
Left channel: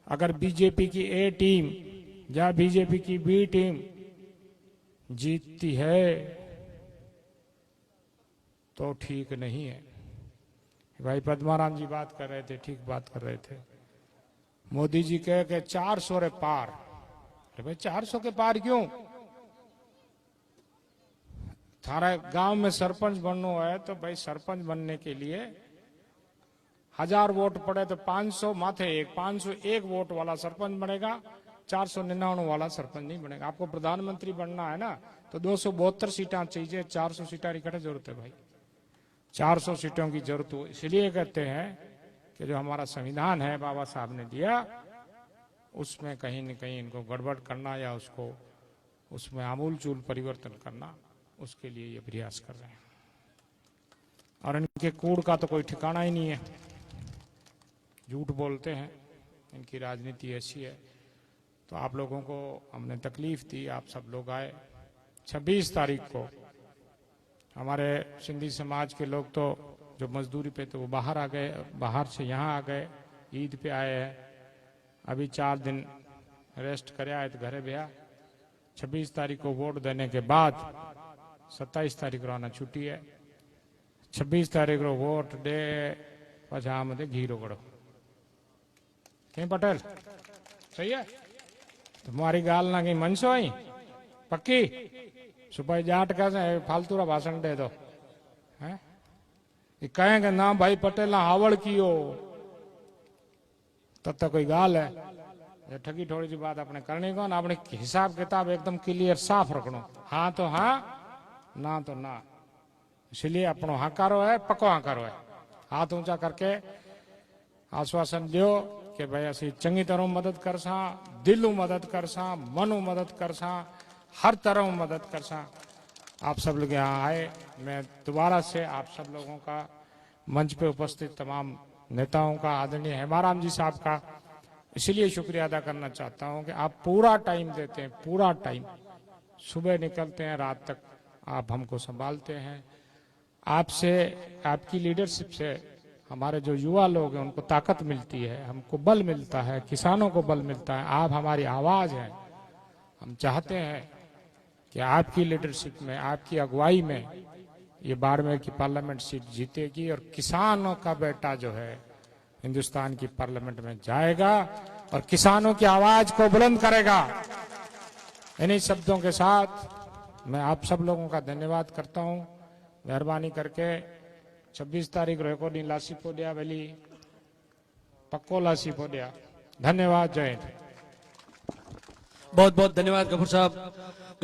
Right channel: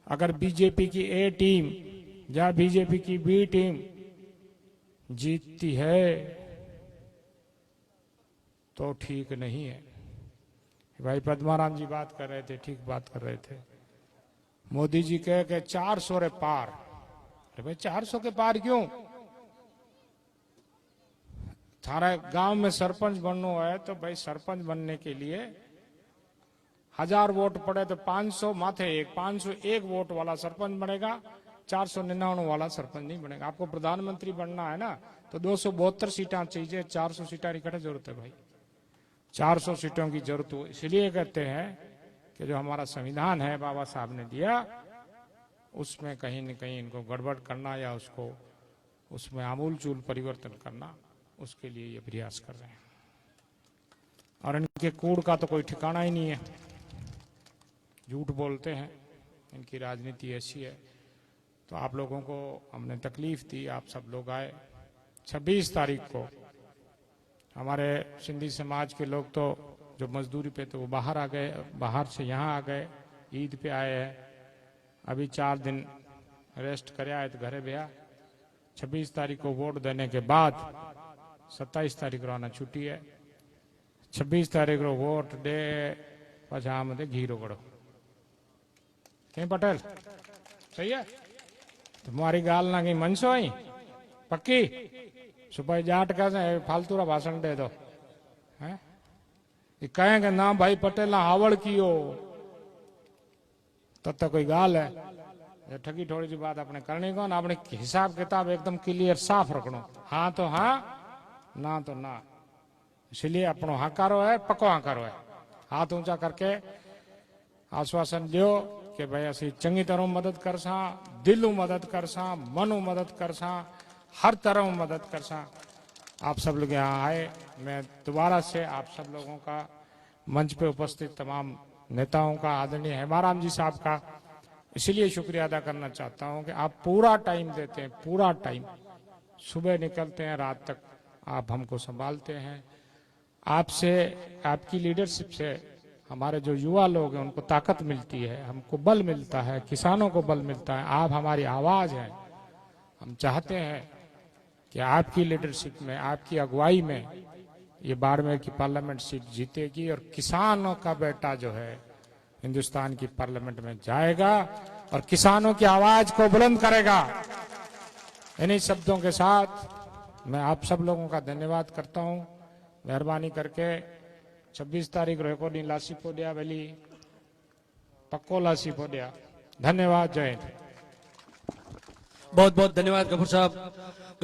अगर बीजेपी की ए टीम या बीजेपी की बी टीम जीतती है तो ठीक नहीं है। भाई पद्माराम जी बात कर रहे थे, ठीक बात कर रहे थे। मोदी जी कहे कि 400 रे पार। अरे भाई 400 के पार क्यों? थारे गांव में सरपंच बनना है तो भाई सरपंच बनने के लिए 1000 वोट पड़े तो 500 माथे एक 501 वोट वाला सरपंच बनेगा, 499 वाला सरपंच नहीं बनेगा। आपको प्रधानमंत्री बनना है ना तो 272 सीटें चाहिए, 400 सीटें की जरूरत है भाई, 400 सीटों की जरूरत हो। इसलिए कहते हैं कि जो हमारा संविधान है बाबा साहब ने दिया, उसमें कहीं न कहीं इनको गड़बड़ करना या उसको उसमें आमूल चूल परिवर्तन करना, उसके लिए ये प्रयास कर रहे हैं। और इनके कूड़ का तो कोई ठिकाना ही नहीं है, झूठ बोलते हैं, इनकी राजनीति ऐसी है। तो आप लोगों को हमने तकलीफ दी, आप सब लोग आए। 26 तारीख को हमारे सिंधी समाज के लोग तो जो मजदूरी पे तो वो बाहर आ गए, बाहर से यहाँ आ गए, ईद पे आए हैं। अभी 4 दिन रेस्ट करे आए तो घरे गया। 26 तारीख को वोट देने के बाद 27 तारीख रोना छुट्टी है। 26 तारीख को वोट दे पछा मत घी रोकड़ो कहीं पटेल सही है। तुम्हारी गाल ना कहीं मनसो आई पक्की सुपाई जाट का फालतू रा भाषण दे दो है। कहेंगे ना भाई पटेल हावड़ कियो तब तक कोई गाल है। ये ठगी थोड़ी सी बात अपने करनी को ना, अपने हिसाब किताब एकदम क्लियर साफ रखना। हाँ तो हाँ, ना तो ना। इसलिए अपनो हकारो है, पक्को हकारो है। हाथ ऊंचा करके आश्वासन दियो कि भाई असी चंगी तरह मदद कर सा, दिलों मदद कर सा, मनो मदद कर सा, हर तरह मदद कर सा। आप सब लोग यहाँ आए, मैं दोबारा से आप सब लोगों का, मंच पे उपस्थित तमाम नेताओं का, आदरणीय हेमाराम जी साहब का इसलिए शुक्रिया अदा करना चाहता हूँ कि आप पूरा टाइम देते हैं, पूरा टाइम, सुबह निकलते हैं, रात तक आप हमको संभालते हैं। आपसे, आपकी लीडरशिप से हमारे जो युवा लोग हैं उनको ताकत मिलती है, हमको बल मिलता है, किसानों को बल मिलता है। आप हमारी आवाज हैं। हम चाहते हैं कि आपकी लीडरशिप में, आपकी अगुवाई में ये बाड़मेर की पार्लियामेंट सीट जीतेगी और किसानों का बेटा जो है हिंदुस्तान की पार्लियामेंट में जाएगा और किसानों की आवाज को बुलंद करेगा। इन्हीं शब्दों के साथ मैं आप सब लोगों का धन्यवाद करता हूं। मेहरबानी करके 26 तारीख रेकॉर्डिंग लासी पोडिया वेली पक्को लासी पोडिया। धन्यवाद। जय हिंद। बहुत बहुत धन्यवाद गफूर साहब।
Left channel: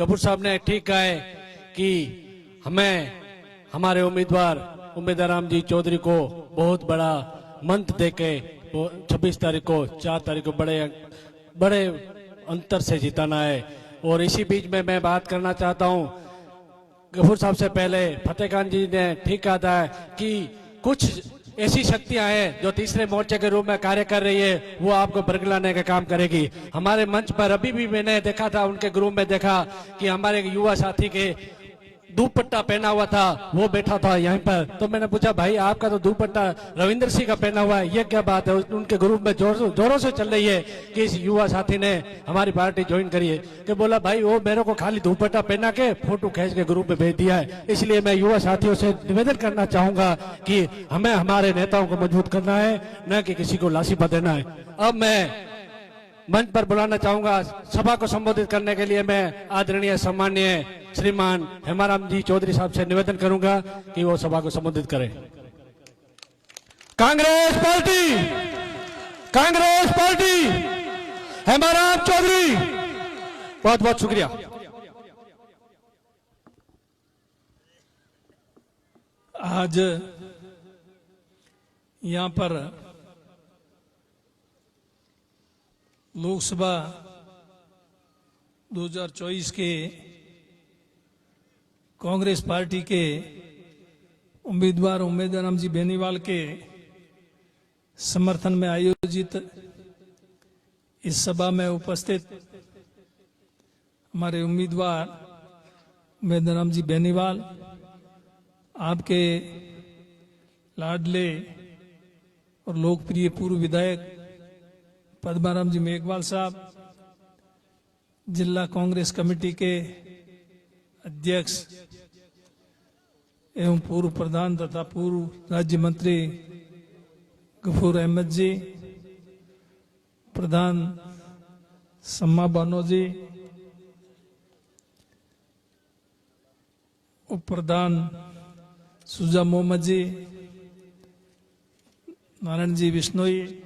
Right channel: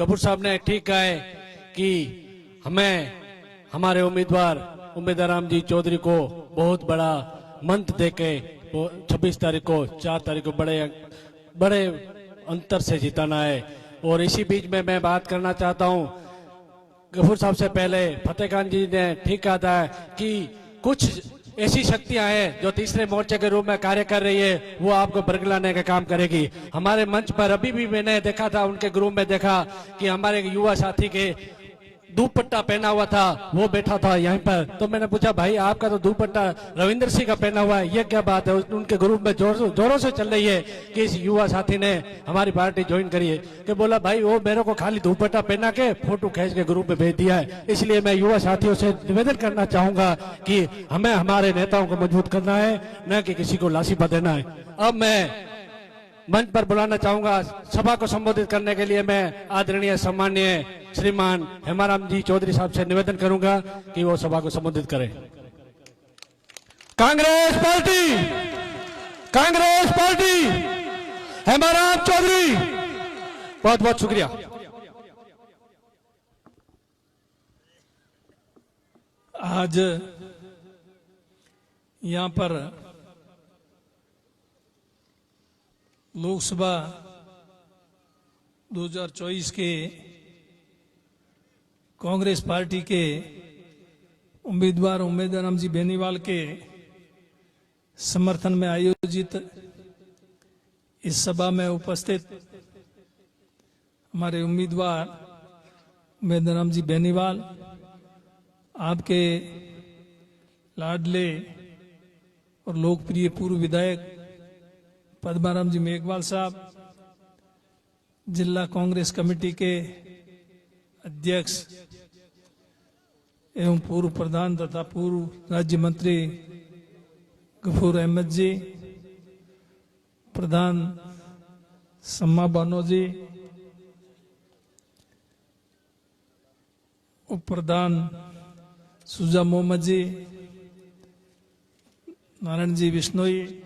गफूर साहब ने ठीक कहा है कि हमें हमारे उम्मीदवार राम जी चौधरी को बहुत बड़ा मंत्र देके 26 तारीख को, 4 तारीख को बड़े अंतर से जिताना है। और इसी बीच में मैं बात करना चाहता हूं, गफूर साहब से पहले फतेह खान जी ने ठीक कहा था कि कुछ ऐसी शक्तियां हैं जो तीसरे मोर्चे के रूप में कार्य कर रही है, वो आपको बरगलाने का काम करेगी। हमारे मंच पर अभी भी मैंने देखा था, उनके ग्रुप में देखा कि हमारे युवा साथी के दुपट्टा पहना हुआ था, वो बैठा था यहाँ पर। तो मैंने पूछा, भाई आपका तो दुपट्टा रविंद्र सिंह का पहना हुआ है, ये क्या बात है? उनके ग्रुप में जोरों से चल रही है कि इस युवा साथी ने हमारी पार्टी ज्वाइन करी है। कि बोला भाई वो मेरे को खाली दुपट्टा पहना के फोटो खींच के ग्रुप में भेज दिया है। इसलिए मैं युवा साथियों से निवेदन करना चाहूंगा कि हमें हमारे नेताओं को मजबूत करना है, न कि किसी को लासीपा देना है। अब मैं मंच पर बुलाना चाहूंगा सभा को संबोधित करने के लिए। मैं आदरणीय सम्माननीय श्रीमान हेमाराम जी चौधरी साहब से निवेदन करूंगा कि वो सभा को संबोधित करें। Congress party, Congress party, Hemaram Chaudhary. बहुत बहुत शुक्रिया। आज यहाँ पर लोकसभा 2024 के कांग्रेस पार्टी के उम्मीदवार राम जी बेनीवाल के समर्थन में आयोजित इस सभा में उपस्थित हमारे उम्मीदवार राम जी बेनीवाल, आपके लाडले और लोकप्रिय पूर्व विधायक पद्माराम जी मेघवाल साहब, जिला कांग्रेस कमेटी के अध्यक्ष एवं पूर्व प्रधान तथा पूर्व राज्य मंत्री गफूर अहमद जी, प्रधान सम्मा बानो जी, उप प्रधान सुजा मोहम्मद जी, नारायण जी बिश्नोई,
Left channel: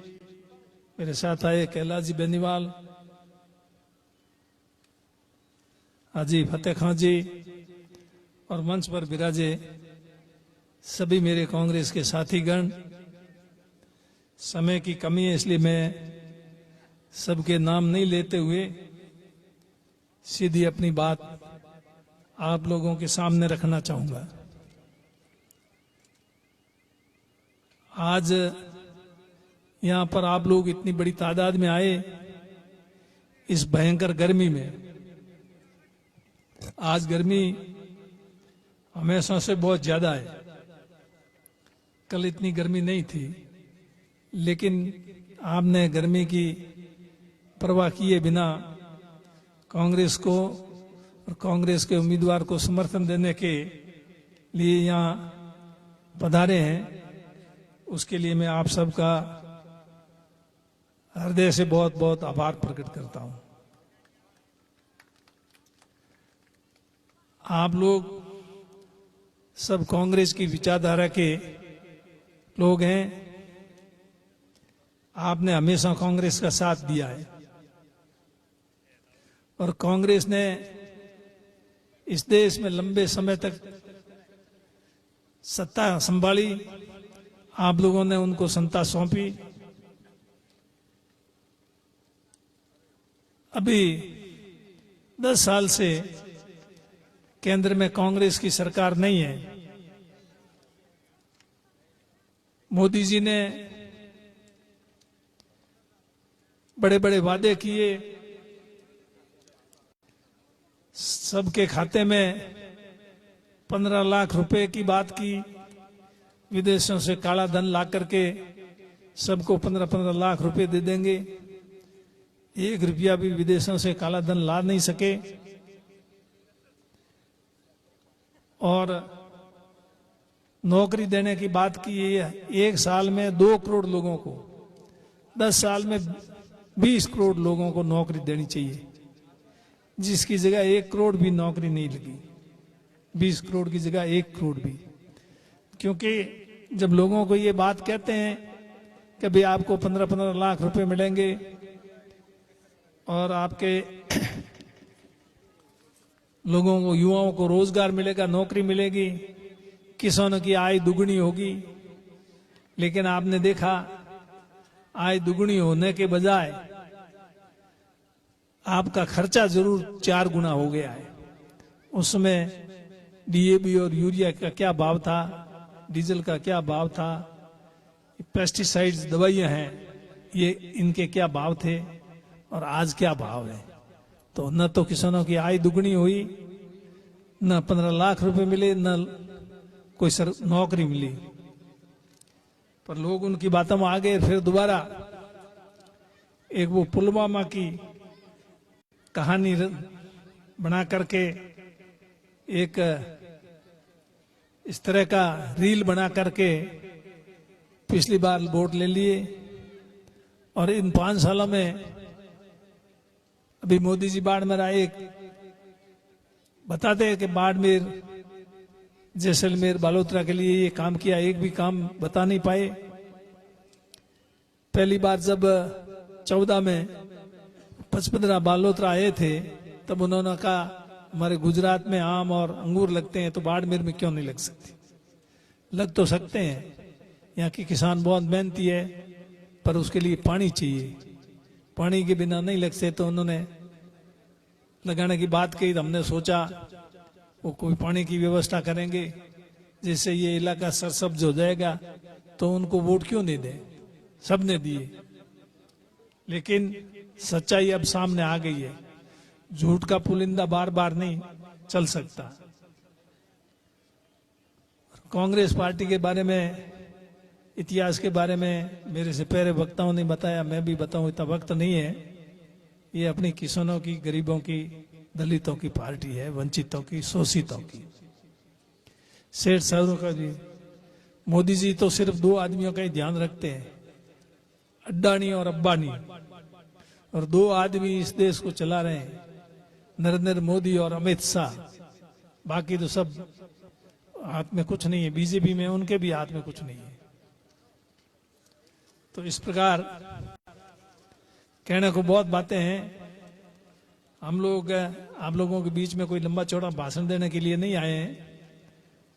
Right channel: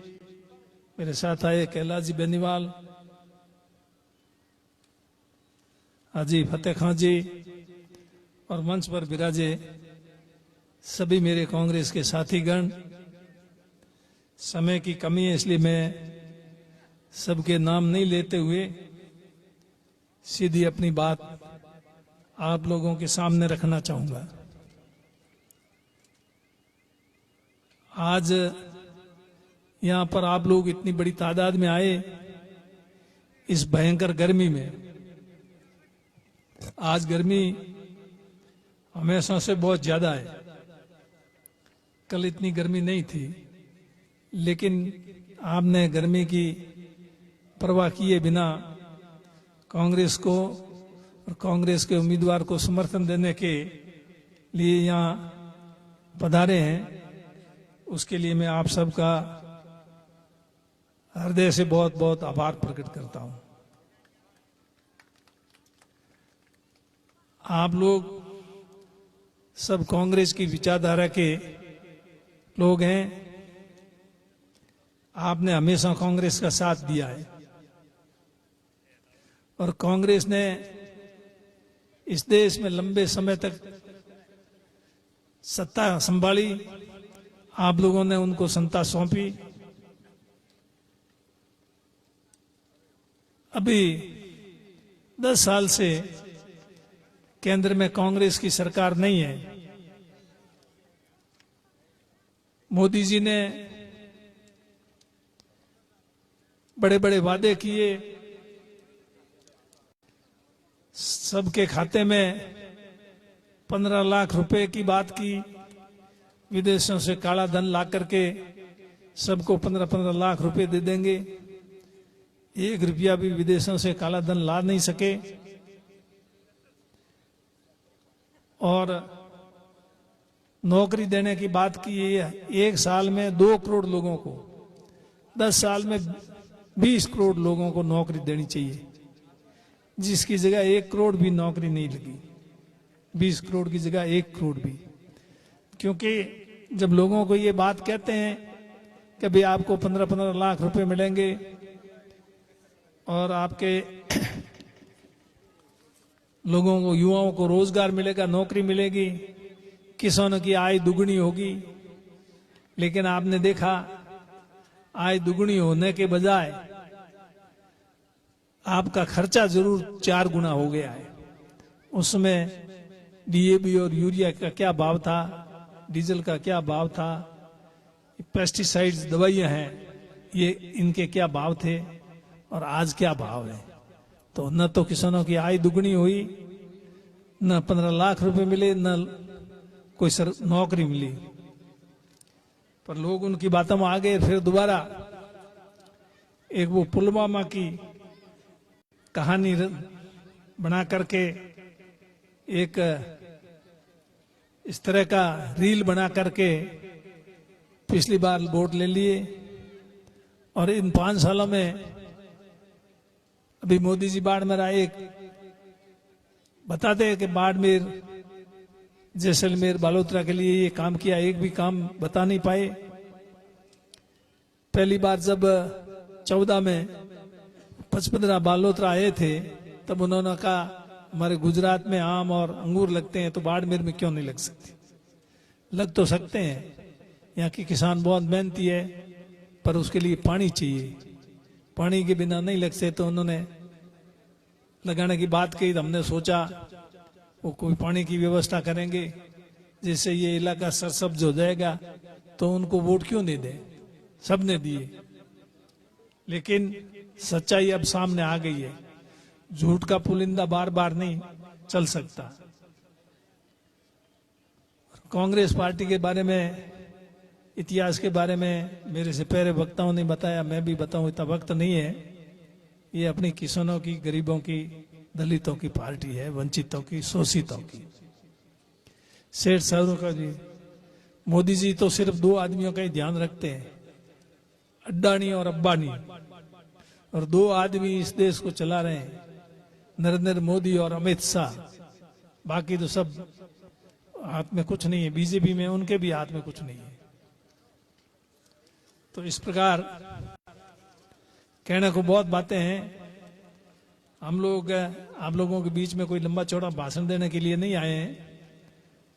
मेरे साथ आए कैलाश जी बेनीवाल, हाजी फतेह खान जी और मंच पर विराजे सभी मेरे कांग्रेस के साथीगण। समय की कमी है इसलिए मैं सबके नाम नहीं लेते हुए सीधी अपनी बात आप लोगों के सामने रखना चाहूंगा। आज यहाँ पर आप लोग इतनी बड़ी तादाद में आए इस भयंकर गर्मी में। आज गर्मी हमेशा से बहुत ज्यादा है, कल इतनी गर्मी नहीं थी, लेकिन आपने गर्मी की परवाह किए बिना कांग्रेस को और कांग्रेस के उम्मीदवार को समर्थन देने के लिए यहाँ पधारे हैं। उसके लिए मैं आप सबका हृदय से बहुत बहुत आभार प्रकट करता हूं। आप लोग सब कांग्रेस की विचारधारा के लोग हैं। आपने हमेशा कांग्रेस का साथ दिया है और कांग्रेस ने इस देश में लंबे समय तक सत्ता संभाली, आप लोगों ने उनको सत्ता सौंपी। अभी 10 साल से केंद्र में कांग्रेस की सरकार नहीं है। मोदी जी ने बड़े बड़े वादे किए, सबके खाते में 15 लाख रुपए की बात की, विदेशों से काला धन ला करके सबको 15-15 लाख रुपए दे देंगे। 1 रुपया भी विदेशों से काला धन ला नहीं सके। और नौकरी देने की बात की है, 1 साल में 2 करोड़ लोगों को, 10 साल में 20 करोड़ लोगों को नौकरी देनी चाहिए, जिसकी जगह 1 करोड़ भी नौकरी नहीं लगी। 20 करोड़ की जगह 1 करोड़ भी। क्योंकि जब लोगों को ये बात कहते हैं कि भाई आपको 15-15 लाख रुपए मिलेंगे और आपके लोगों को, युवाओं को रोजगार मिलेगा, नौकरी मिलेगी, किसानों की आय दुगनी होगी, लेकिन आपने देखा आय दुगनी होने के बजाय आपका खर्चा जरूर 4 गुना हो गया है। उसमें डीएपी और यूरिया का क्या भाव था, डीजल का क्या भाव था, पेस्टिसाइड्स दवाइयां हैं, ये इनके क्या भाव थे और आज क्या भाव है। तो न तो किसानों की आय दुगनी हुई, न 15 लाख रुपए मिले, न कोई नौकरी मिली। पर लोग उनकी बातों में आ गए। फिर दोबारा एक वो पुलवामा की कहानी बना करके एक इस तरह का रील बना करके पिछली बार वोट ले लिए। और इन 5 सालों में अभी मोदी जी बाड़मेर आए, बताते हैं कि बाड़मेर, जैसलमेर, बालोतरा के लिए ये काम किया, एक भी काम बता नहीं पाए। पहली बार जब 14 में 15 बालोतरा आए थे तब उन्होंने कहा हमारे गुजरात में आम और अंगूर लगते हैं तो बाड़मेर में क्यों नहीं लग सकते। लग तो सकते हैं, यहाँ के किसान बहुत मेहनती है, पर उसके लिए पानी चाहिए, पानी के बिना नहीं लगते। तो उन्होंने लगाने की बात कही तो हमने सोचा वो कोई पानी की व्यवस्था करेंगे जिससे ये इलाका सरसब्ज हो जाएगा, तो उनको वोट क्यों नहीं दें। सबने दिए, लेकिन सच्चाई अब सामने आ गई है। झूठ का पुलिंदा बार बार नहीं चल सकता। कांग्रेस पार्टी के बारे में, इतिहास के बारे में मेरे से पहले वक्ताओं ने बताया, मैं भी बताऊं, इतना वक्त नहीं है। ये अपनी किसानों की, गरीबों की, दलितों की पार्टी है, वंचितों की, शोषितों की, सेठ साहूओं का भी। मोदी जी तो सिर्फ 2 आदमियों का ही ध्यान रखते हैं, अड्डानी और अब्बानी, और 2 आदमी इस देश को चला रहे हैं, नरेंद्र मोदी और अमित शाह। बाकी तो सब हाथ में कुछ नहीं है। बीजेपी में उनके भी हाथ में कुछ नहीं है। तो इस प्रकार कहने को बहुत बातें हैं। हम लोग आप लोगों के बीच में कोई लंबा चौड़ा भाषण देने के लिए नहीं आए हैं।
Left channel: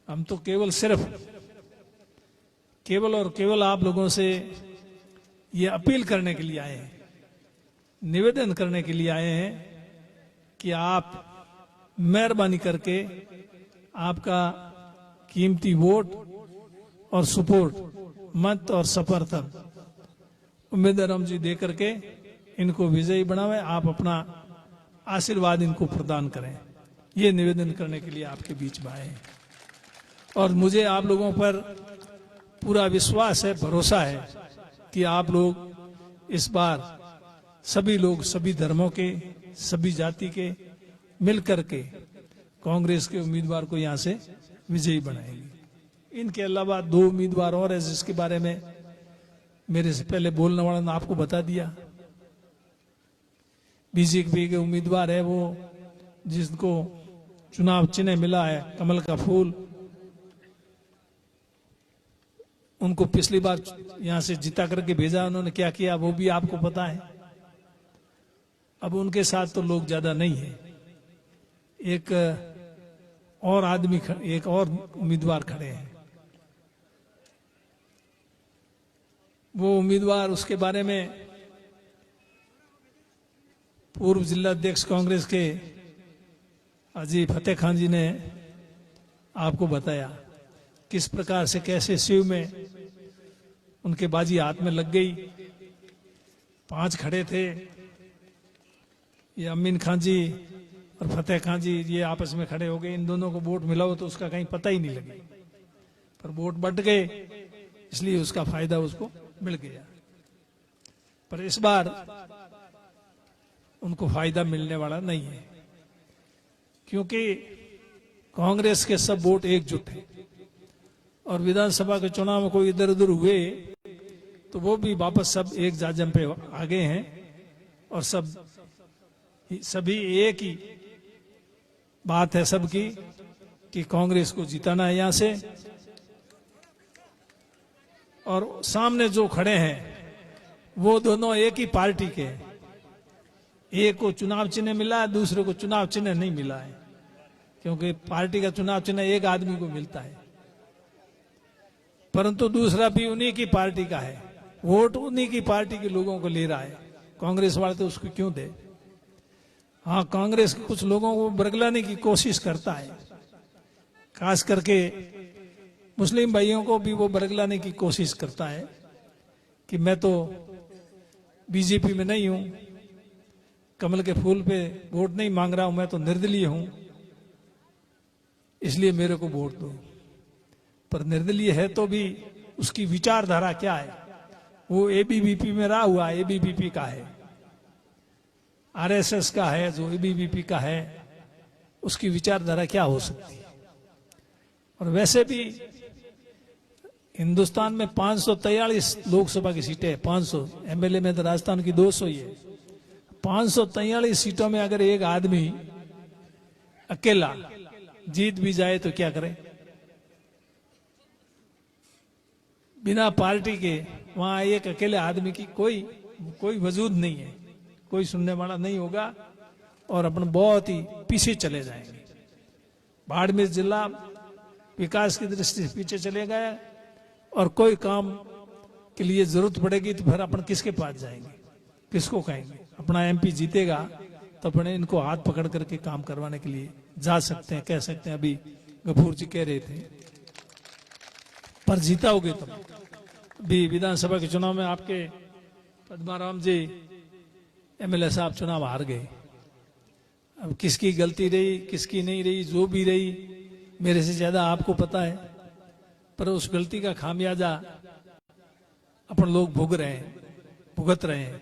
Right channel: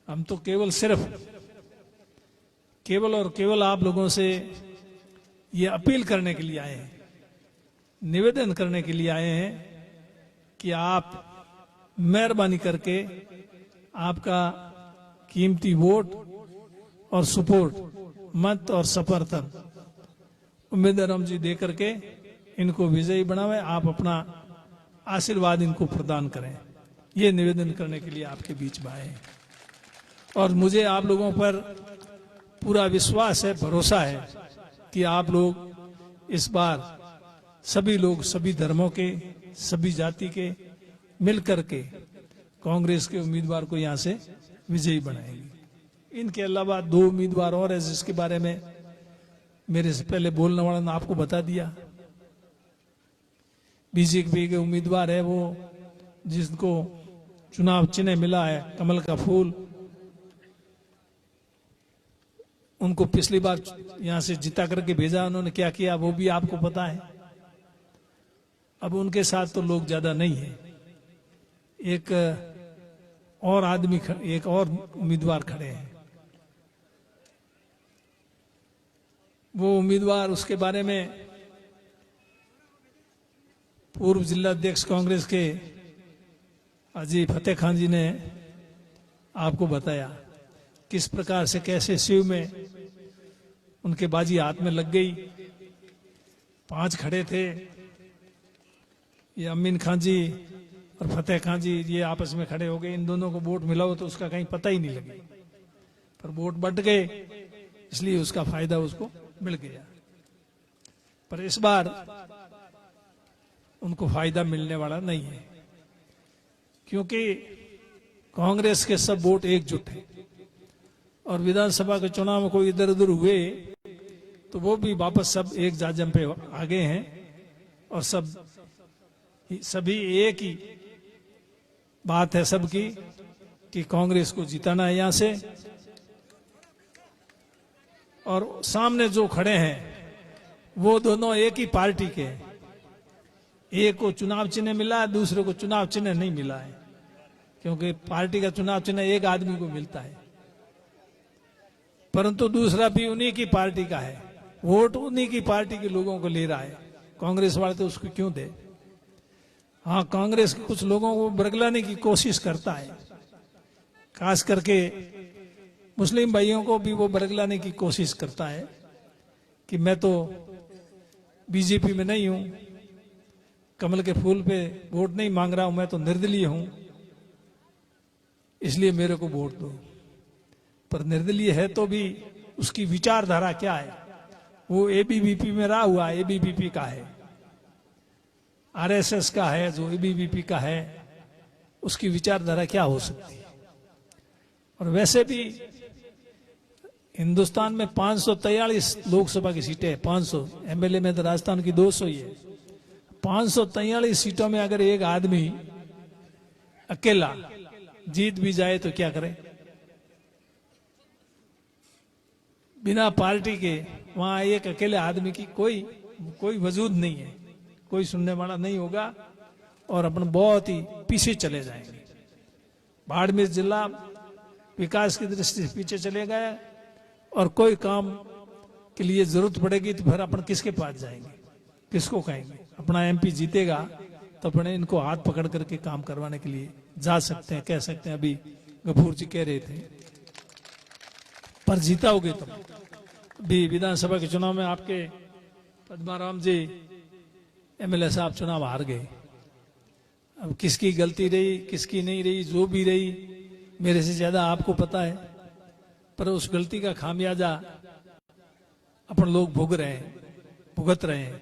हम तो केवल और केवल आप लोगों से ये अपील करने के लिए आए हैं, निवेदन करने के लिए आए हैं कि आप मेहरबानी करके आपका कीमती वोट और सपोर्ट, मत और समर्थन उम्मीदवार जी दे करके इनको विजयी बनावे। आप अपना आशीर्वाद इनको प्रदान करें, ये निवेदन करने के लिए आपके बीच में आए हैं। और मुझे आप लोगों पर पूरा विश्वास है, भरोसा है कि आप लोग इस बार सभी लोग, सभी धर्मों के, सभी जाति के मिलकर के कांग्रेस के उम्मीदवार को यहां से विजयी बनाएंगे। इनके अलावा 2 उम्मीदवार और है जिसके बारे में मेरे से पहले बोलने वाला ने आपको बता दिया। बीजेपी के उम्मीदवार है वो जिसको चुनाव चिन्ह मिला है कमल का फूल, उनको पिछली बार यहां से जिता करके भेजा, उन्होंने क्या किया वो भी आपको पता है। अब उनके साथ तो लोग ज्यादा नहीं है। एक और उम्मीदवार खड़े हैं वो उम्मीदवार, उसके बारे में पूर्व जिला अध्यक्ष कांग्रेस के हाजी फतेह खान जी ने आपको बताया किस प्रकार से कैसे शिव में उनके बाजी हाथ में लग गई। 5 खड़े थे, ये अमीन खान जी और फतेह खान जी, ये आपस में खड़े हो गए। इन दोनों को वोट मिला हो तो उसका कहीं पता ही नहीं लगे, पर वोट बंट गए, इसलिए उसका फायदा उसको मिल गया। पर इस बार उनको फायदा मिलने वाला नहीं है, क्योंकि कांग्रेस के सब वोट एकजुट हैं और विधानसभा के चुनाव में कोई इधर उधर हुए तो वो भी वापस सब एक जाजम पे आ गए हैं और सभी एक ही बात है सबकी कि कांग्रेस को जिताना है यहां से। और सामने जो खड़े हैं वो दोनों एक ही पार्टी के हैं। एक को चुनाव चिन्ह मिला है, दूसरे को चुनाव चिन्ह नहीं मिला है, क्योंकि पार्टी का चुनाव चिन्ह एक आदमी को मिलता है, परंतु दूसरा भी उन्हीं की पार्टी का है, वोट उन्हीं की पार्टी के लोगों को ले रहा है। कांग्रेस वाले तो उसको क्यों दे। हाँ, कांग्रेस के कुछ लोगों को बरगलाने की कोशिश करता है, खास करके मुस्लिम भाइयों को भी वो बरगलाने की कोशिश करता है कि मैं तो बीजेपी में नहीं हूं, कमल के फूल पे वोट नहीं मांग रहा हूं, मैं तो निर्दलीय हूं, इसलिए मेरे को वोट दो। पर निर्दलीय है तो भी उसकी विचारधारा क्या है? वो एबीवीपी में रहा हुआ, एबीवीपी का है, आरएसएस का है, जो एबीवीपी का है, उसकी विचारधारा क्या हो सकती है? और वैसे भी हिंदुस्तान में 543 लोकसभा की सीटें हैं, 500 एमएलए में तो राजस्थान की 200 ही है। 543 सीटों में अगर एक आदमी अकेला जीत भी जाए तो क्या करे? बिना पार्टी के वहां एक अकेले आदमी की कोई वजूद नहीं है, कोई सुनने वाला नहीं होगा और अपन बहुत ही पीछे चले जाएंगे। बाड़मेर जिला विकास की दृष्टि से पीछे चले गए और कोई काम के लिए जरूरत पड़ेगी तो फिर अपन किसके पास जाएंगे, किसको कहेंगे? अपना एमपी जीतेगा तो अपने इनको हाथ पकड़ करके काम करवाने के लिए जा सकते हैं, कह सकते हैं। अभी गफूर जी कह रहे थे, पर जीता होगे तो भी विधानसभा के चुनाव में आपके पद्माराम जी एमएलए साहब चुनाव हार गए। अब किसकी गलती रही, किसकी नहीं रही, जो भी रही, मेरे से ज्यादा आपको पता है, पर उस गलती का खामियाजा अपन लोग भुगत रहे हैं।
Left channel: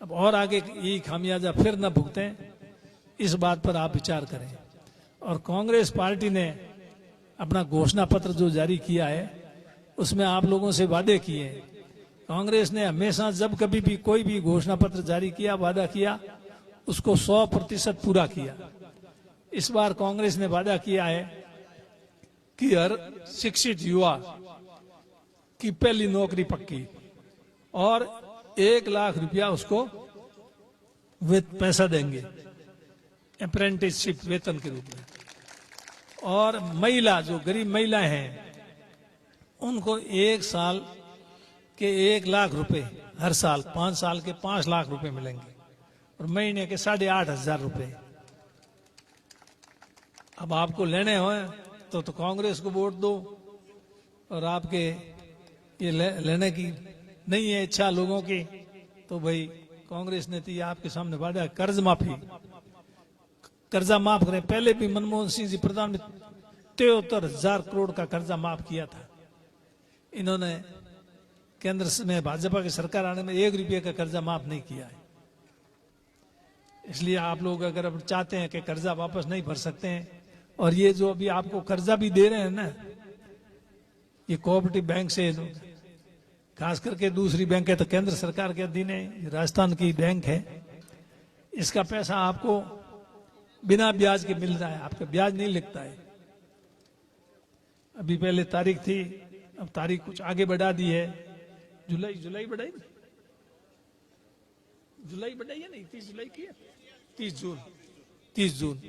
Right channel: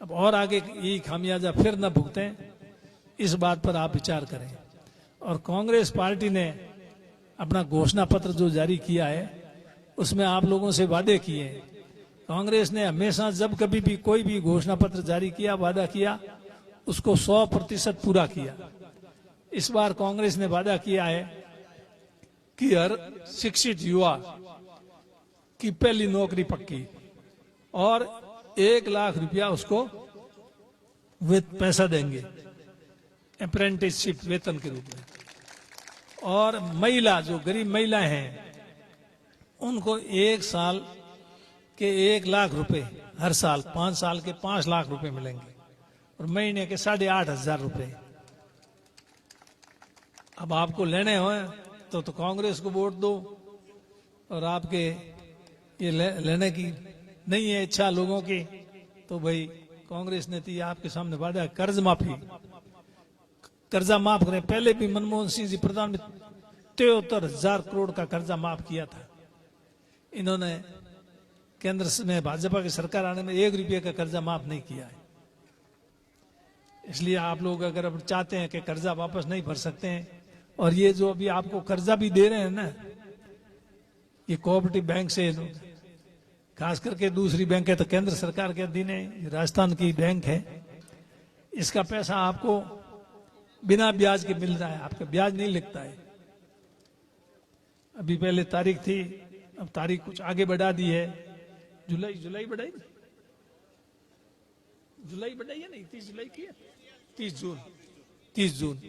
अब और आगे यही खामियाजा फिर न भुगतें, इस बात पर आप विचार करें। और कांग्रेस पार्टी ने अपना घोषणा पत्र जो जारी किया है उसमें आप लोगों से वादे किए हैं। कांग्रेस ने हमेशा जब कभी भी कोई भी घोषणा पत्र जारी किया, वादा किया, उसको 100% पूरा किया। इस बार कांग्रेस ने वादा किया है कि हर शिक्षित युवा की पहली नौकरी पक्की और 1 लाख रुपया उसको पैसा देंगे अप्रेंटिसशिप वेतन के रूप में। और महिला, जो गरीब महिलाएं हैं, उनको 1 साल के 1 लाख रुपए हर साल, 5 साल के 5 लाख रुपए मिलेंगे और महीने के 8,500 रुपए। अब आपको लेने हो तो कांग्रेस को वोट दो, और आपके ये लेने की नहीं है इच्छा लोगों की तो भाई कांग्रेस ने तो ये आपके सामने वादा, कर्ज माफी, कर्जा माफ करें। पहले भी मनमोहन सिंह जी प्रधानमंत्री 73,000 करोड़ का कर्जा माफ किया था। इन्होंने केंद्र में भाजपा की सरकार आने में 1 रुपये का कर्जा माफ नहीं किया है। इसलिए आप लोग अगर अब चाहते हैं कि कर्जा वापस नहीं भर सकते हैं, और ये जो अभी आपको कर्जा भी दे रहे हैं ना, ये कोऑपरेटिव बैंक से, खास करके दूसरी बैंक है तो केंद्र सरकार के अधीन है, राजस्थान की बैंक है, इसका पैसा आपको बिना ब्याज के मिल रहा है, आपका ब्याज नहीं लगता है। अभी पहले तारीख थी, अब तारीख कुछ आगे बढ़ा दी है, जुलाई बढ़ाई है नहीं, 30 जुलाई की है, 30 जून।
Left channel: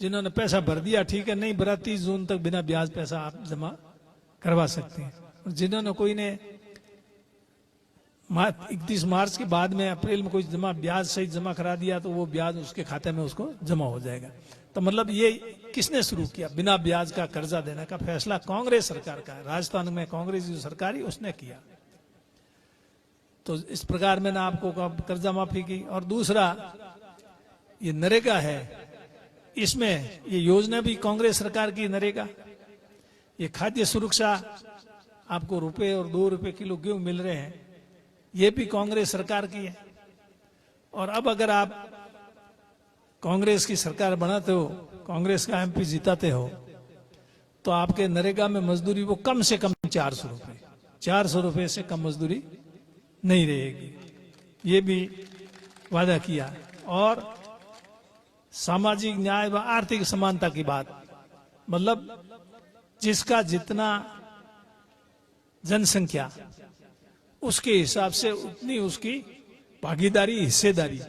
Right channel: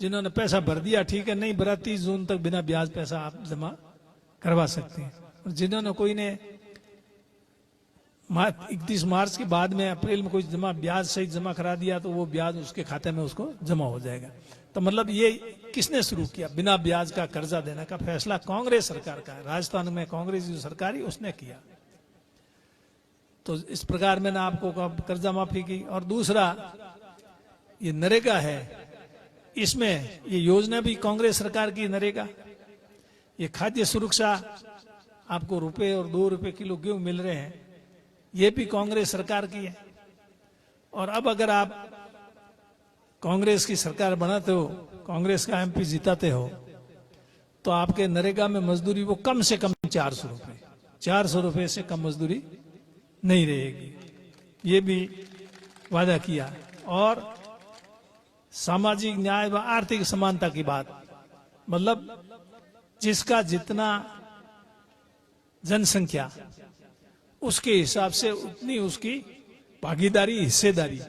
जिन्होंने पैसा भर दिया ठीक है, नहीं भरा 30 जून तक बिना ब्याज पैसा आप जमा करवा सकते हैं। और जिन्होंने कोई ने 31 मार्च के बाद में अप्रैल में कोई जमा ब्याज सहित जमा करा दिया तो वो ब्याज उसके खाते में उसको जमा हो जाएगा। तो मतलब ये किसने शुरू किया? बिना ब्याज का कर्जा देने का फैसला कांग्रेस सरकार का है। राजस्थान में कांग्रेस जो सरकार है उसने किया। तो इस प्रकार मैंने आपको कर्जा माफी की। और दूसरा ये नरेगा है, इसमें ये योजना भी कांग्रेस सरकार की नरेगा। ये खाद्य सुरक्षा आपको रुपए और 2 रुपए किलो गेहूं मिल रहे हैं, ये भी कांग्रेस सरकार की है। और अब अगर आप कांग्रेस की सरकार बनाते हो, कांग्रेस का एमपी जिताते हो, तो आपके नरेगा में मजदूरी वो कम से कम 400 रुपए, 400 रुपए से कम मजदूरी नहीं रहेगी, ये भी वादा किया। और सामाजिक न्याय व आर्थिक समानता की बात, मतलब जिसका जितना जनसंख्या उसके हिसाब से उतनी उसकी भागीदारी, हिस्सेदारी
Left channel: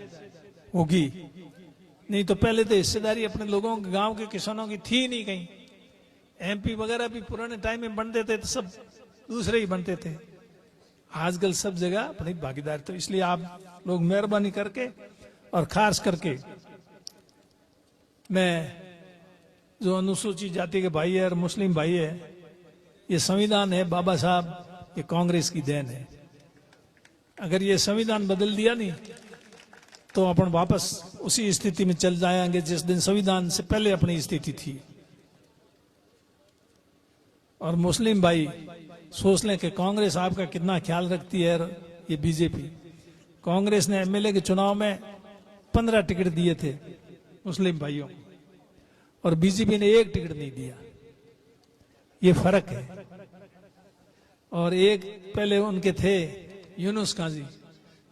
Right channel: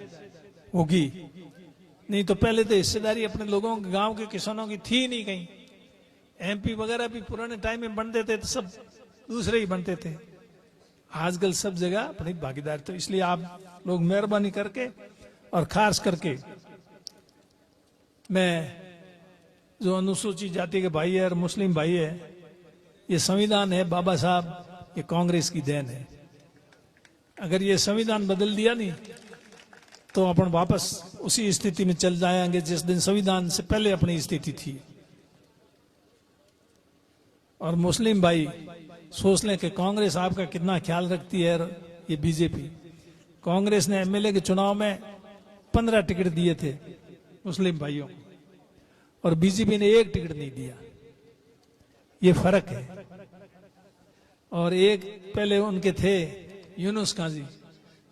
होगी। नहीं तो पहले तो हिस्सेदारी अपने लोगों के, गांव के किसानों की थी नहीं कहीं। एमपी वगैरह भी पुराने टाइम में बनते थे तो सब दूसरे ही बनते थे। आजकल सब जगह अपनी भागीदारी। तो इसलिए आप लोग मेहरबानी करके, और खास करके मैं जो अनुसूचित जाति के भाई है और मुस्लिम भाई है, ये संविधान है बाबा साहब, ये कांग्रेस की देन है। अगर ये संविधान बदल दिया नहीं तो अपन वापस उसी स्थिति में चल जाएंगे जिस दिन संविधान से पहले अपनी स्थिति थी। और मुस्लिम भाई सोच लें कि कांग्रेस आपका कितना ख्याल रखती है। ये बीजेपी, कांग्रेस ने एमएलए के चुनाव में 15 टिकट दिए थे मुस्लिम भाइयों को, और बीजेपी ने 1 टिकट नहीं दिया। ये फर्क है। और एक पहले उनके थे यूनुस काजी,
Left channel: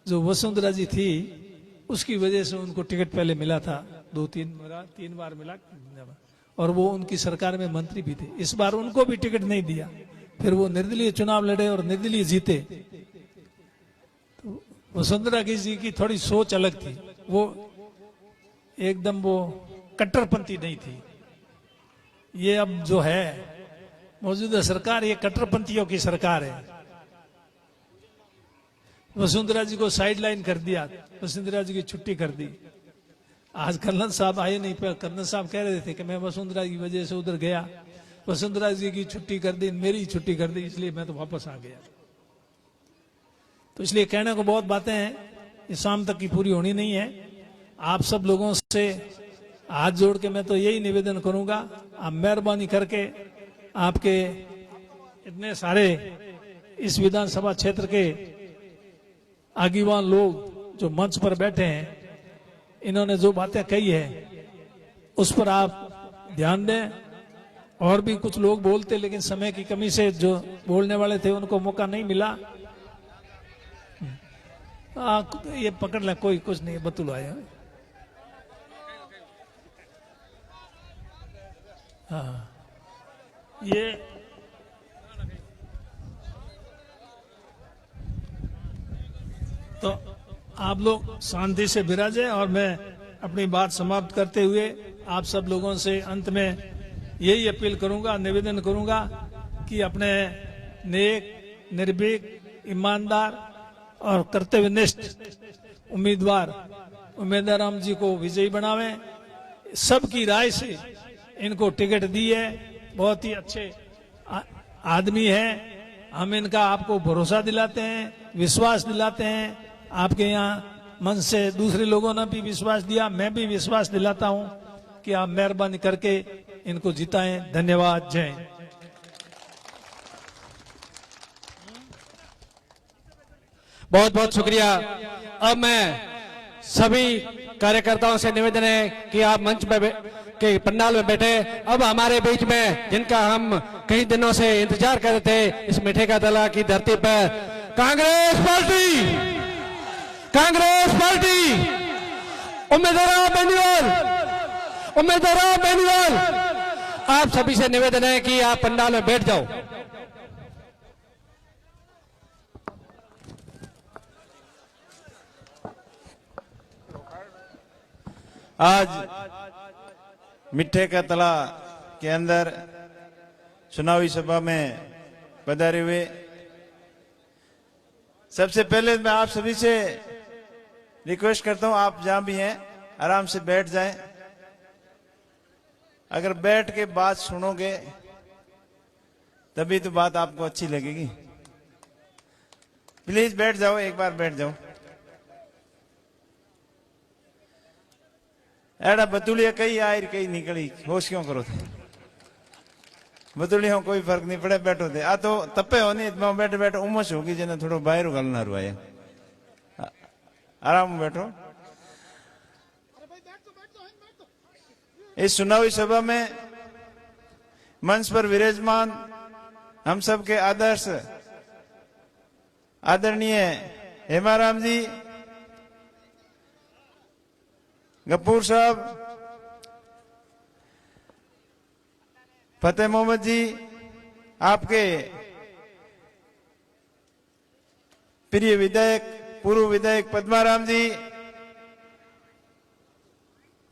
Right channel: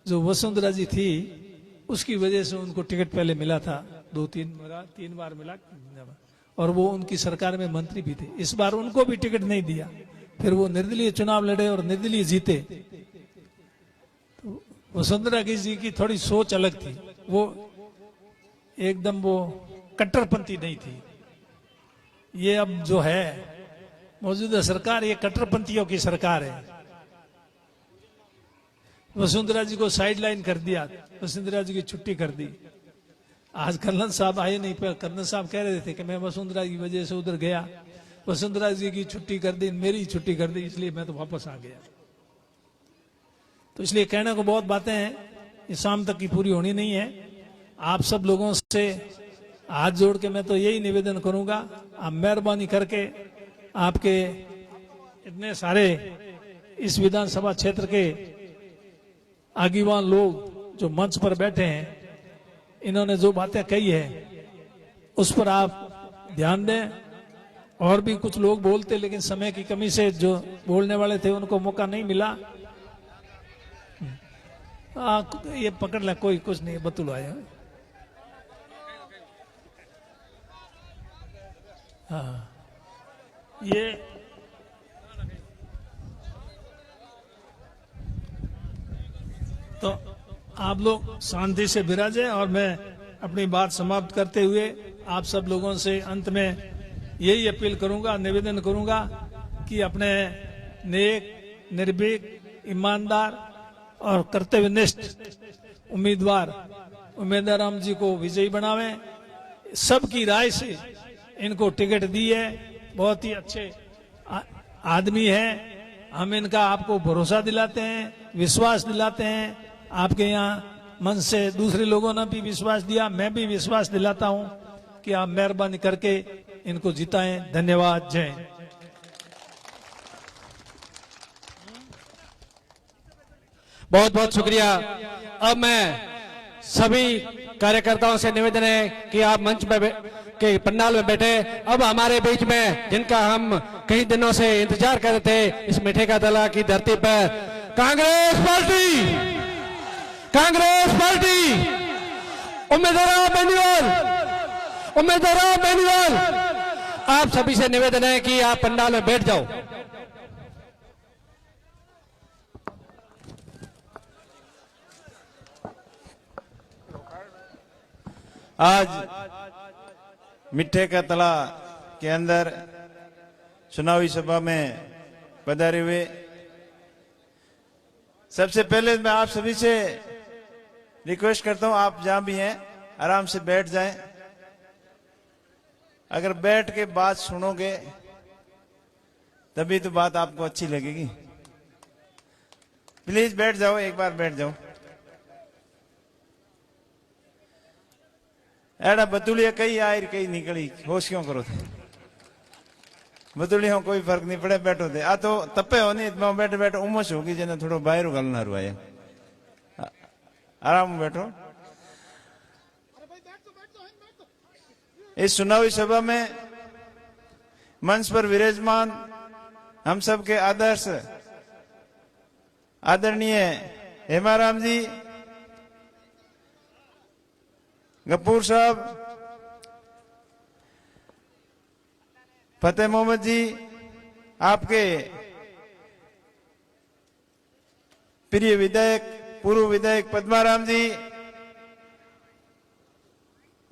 जो वसुंधरा जी थी, उसकी वजह से उनको टिकट पहले मिला था, 2-3 बार मिला, और वो उनकी सरकार में मंत्री भी थे। इस बार उनको भी टिकट नहीं दिया, फिर वो निर्दलीय चुनाव लड़े और निर्दलीय जीते। तो वसुंधरा जी की थोड़ी सोच अलग थी, वो एकदम वो कट्टरपंथी नहीं थी। ये अब जो है मौजूदा सरकार, ये कट्टरपंथियों की सरकार है। वसुंधरा जी को साइडलाइन कर दिया, वसुंधरा जी की छुट्टी कर दी। आज कर्नल साहब आए नहीं, पर कर्नल साहब कह रहे थे कि मैं वसुंधरा की वजह से उधर गया, वसुंधरा जी की छुट्टी कर दी, मेरी छुट्टी कर दी, इसलिए मैं तो वापस आ गया। तो इसलिए कहने को बहुत बातें हैं, इस शाम तक की पूरी होनी नहीं है। आप सब लोगों से हाथ जोड़ के मैं तो यही निवेदन करूंगा, आप मेहरबानी करके आपके इतने सारे इस विधानसभा क्षेत्र के आगीवान लोग जो मंच पर बैठे हैं, इन्होंने जो बातें कही है उस पर आप ध्यान दें। और भी कुछ लोग बोलते, लेकिन समय की कमी से जो बोलने वाले थे उनको मौका नहीं मिला। ये पकड़ ले, कोई कुछ नहीं, बतूल आया। हाँ, ये तो आप लोग शांति से विराजे। और मैं अपनी बात समाप्त करते हुए आप सब लोगों से अंत में यही अपील करूंगा, निवेदन करूंगा कि अपने नेक, निर्भीक, ईमानदार और कर्तव्यनिष्ठ उम्मीदवार उमेदराम जी को विजयी बनावें। सबकी राय से इनको टिकट दी है, बहुत ही अच्छे आदमी है। हम इनका आपको भरोसा दिलाते हैं, विश्वास दिलाते हैं। आपके यहाँ मन से दूसरे लोगों ने भी विश्वास दिया, मैं भी विश्वास दिलाता हूं कि आप मेहरबानी करके इनको जिताएं। धन्यवाद। जय हिंद। बहुत बहुत शुक्रिया। अब मैं सभी कार्यकर्ताओं से निवेदन है कि आप मंच में के पंडाल में बैठे। अब हमारे बीच में, जिनका हम कई दिनों से इंतजार कर रहे थे, इस मिठे का दला की धरती पर कांग्रेस पार्टी, कांग्रेस पार्टी, उम्मीदवार बेनीवाल, आप सभी से निवेदन है कि आप पंडाल में बैठ जाओ। आज मिठे का तला के अंदर चुनावी सभा में पधारे हुए सबसे पहले मैं आप सभी से रिक्वेस्ट करता हूं, आप जहां भी हैं आराम से बैठ जाएं। अगर बैठ के बात सुनोगे तभी तो बात आपको अच्छी लगेगी। प्लीज बैठ जाओ, एक बार बैठ जाओ। एड़ा बदुड़िया कई आई कई निकली, होश क्यों करो थे? बदुड़िया कोई फर्क नहीं पड़े, बैठो थे। आ तो तपे हो नहीं, बैठे बैठे उमस होगी जेने थोड़ा बाहर गलना रुआ, आराम बैठो। इस चुनावी सभा में मंच पर विराजमान हम सबके आदर्श आदरणीय हेमाराम जी, गफूर साहब, फतेह मोहम्मद जी, आपके प्रिय विधायक पूर्व विधायक पद्माराम जी,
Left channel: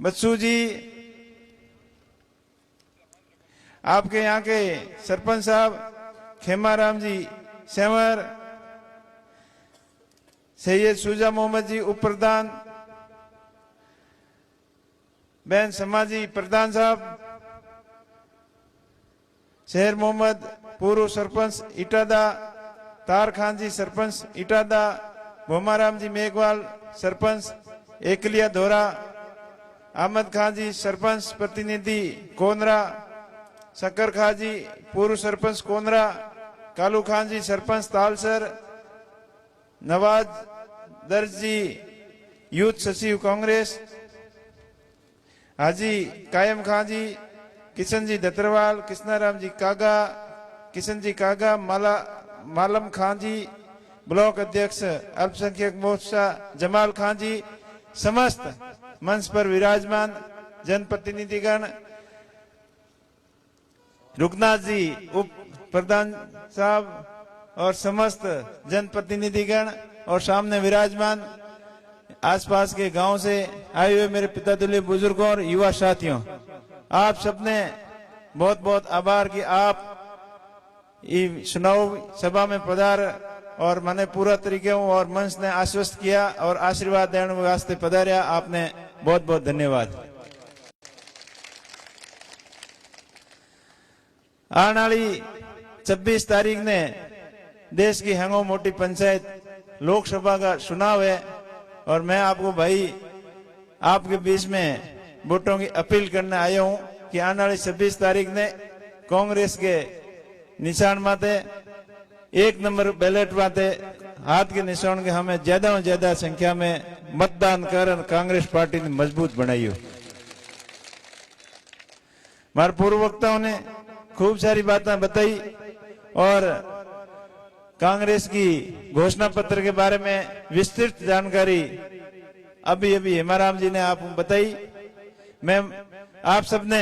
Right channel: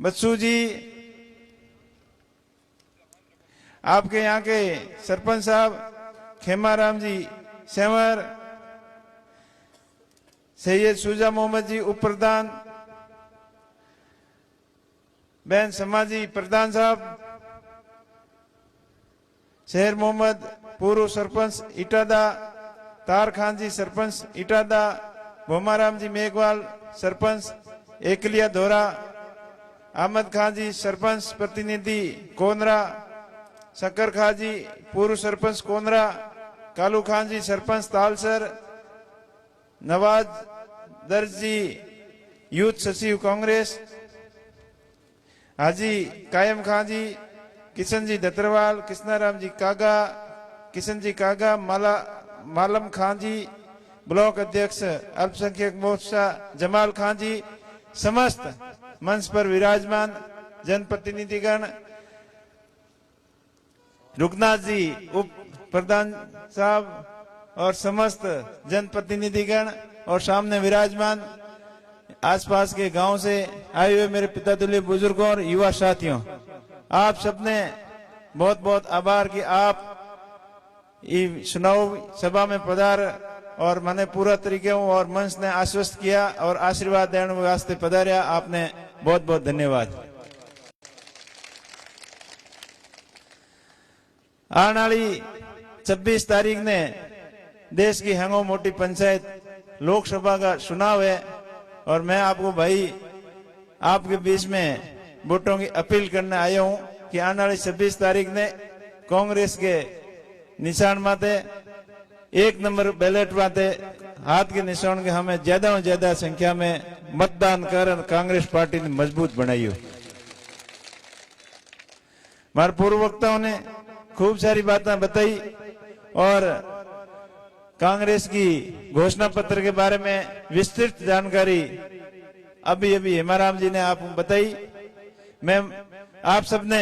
बच्चू जी, आपके यहाँ के सरपंच साहब खेमाराम जी सेवर, सैयद शुजा मोहम्मद जी उप प्रधान, बहन समाजी प्रधान साहब, शहर मोहम्मद पूर्व सरपंच इटादा, तार खान जी सरपंच इटादा, भोमाराम जी मेघवाल सरपंच एकलिया धोरा, अहमद खान जी सरपंच प्रतिनिधि कोनरा, शक्कर खान जी पूर्व सरपंच कोनरा, कालू खान जी सरपंच तालसर, नवाज दर्ज जी यूथ सचिव कांग्रेस, हाजी कायम खान जी, किशन जी दतरवाल, कृष्णाराम जी कागा, किशन जी कागा, मालम खान जी ब्लॉक अध्यक्ष अल्पसंख्यक मोर्चा जमाल खान जी, समस्त मंच पर विराजमान जनप्रतिनिधिगण, रुकनाथ जी उप प्रधान साहब और समस्त जनप्रतिनिधिगण और सामने विराजमान आसपास के गांव से आए हुए मेरे पिता तुल्य बुजुर्गों और युवा साथियों, आप सबने बहुत बहुत आभार कि आप चुनाव सभा में पधार और मैंने पूरा तरीके और मंच ने आश्वस्त किया और आशीर्वाद देने वास्ते पधारिया। आपने बहुत बहुत धन्यवाद। आने वाली 26 तारीख ने देश की हंगो मोटी पंचायत लोकसभा का चुनाव है और मैं आपको भाई आपके बीच में वोटों की अपील करने आया हूं कि आने वाली 26 तारीख ने कांग्रेस के निशान माते 1 नंबर बैलेट माते हाथ के निशान के हमें ज्यादा से ज्यादा संख्या में मतदान कर कांग्रेस पार्टी ने मजबूत बनाई हो। हमारे पूर्व वक्ताओं ने खूब सारी बातें बताई और कांग्रेस की घोषणा पत्र के बारे में विस्तृत जानकारी अभी अभी हेमाराम जी ने आपको बताई। मैं आप सबने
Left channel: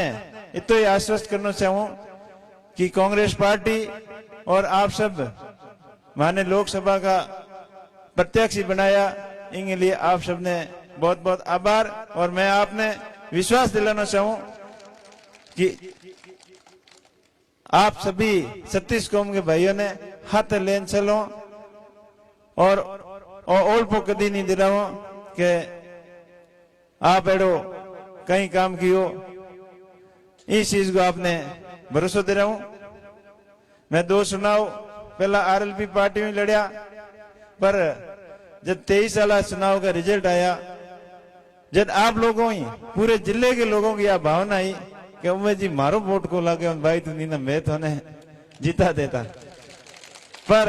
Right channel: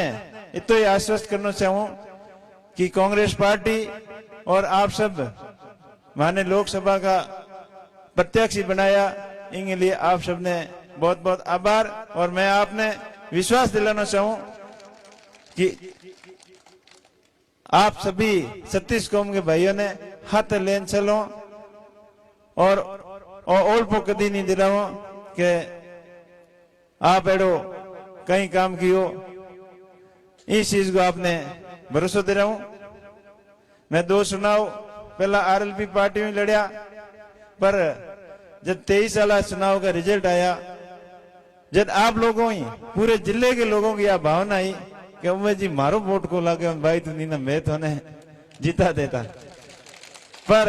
इतना ही आश्वस्त करना चाहूं कि कांग्रेस पार्टी और आप सब माने लोकसभा का प्रत्याशी बनाया, इनके लिए आप सबने बहुत बहुत आभार। और मैं आपने विश्वास दिलाना चाहूं कि आप सभी 36 कौम के भाइयों ने हाथ लेन चलो और ओल्पो कदी नहीं दिलाओ कि आप एडो कहीं काम कियो, इस चीज को आपने भरोसा दे रहा हूं। मैं 2 चुनाव पहला आरएलपी पार्टी में लड़िया, पर जब 23 साल चुनाव का रिजल्ट आया, जब आप लोगों ही पूरे जिले के लोगों की यह भावना आई कि उम्मे जी मारो वोट को लागे भाई तो नहीं ना मैं तो ने जीता देता, पर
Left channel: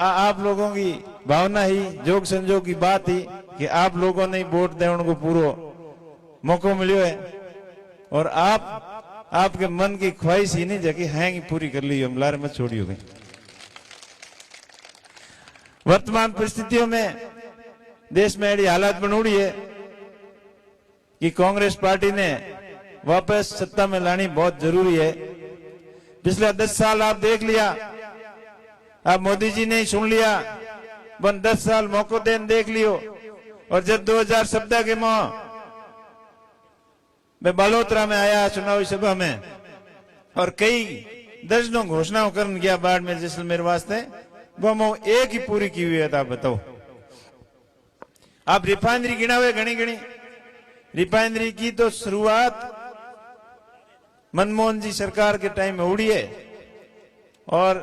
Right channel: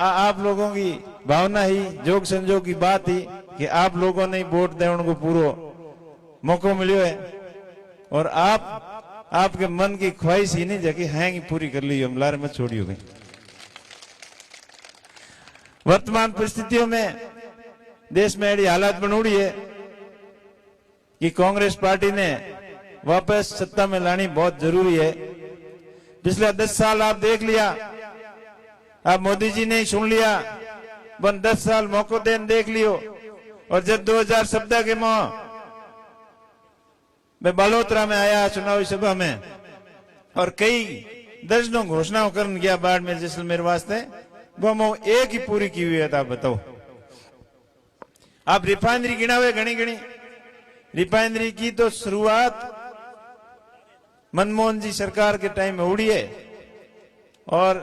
आप लोगों की भावना ही जोग संजोग की बात ही कि आप लोगों ने वोट देने को पूरा मौका मिलो है और आपके मन की ख्वाहिश ही नहीं जगी है कि पूरी कर ली, हम लारे मत छोड़ी हो गई। वर्तमान परिस्थितियों में देश में ऐसी हालात बनोड़ी है कि कांग्रेस पार्टी ने वापस सत्ता में लानी बहुत जरूरी है। पिछले 10 साल आप देख लिया, अब मोदी जी ने सुन लिया, बन 10 साल मौका देन देख लियो। और जब 2017 के माह मैं बालोतरा में आया चुनावी सभा में और कई दर्जनों घोषणाओं कर गया बाढ़ में जैसलमेर वास्ते, वो मैं एक ही पूरी की हुई है। आप बताओ, आप रिफाइनरी गिना हुए घनी घनी रिफाइनरी की तो शुरुआत मनमोहन जी सरकार के टाइम में उड़ी है और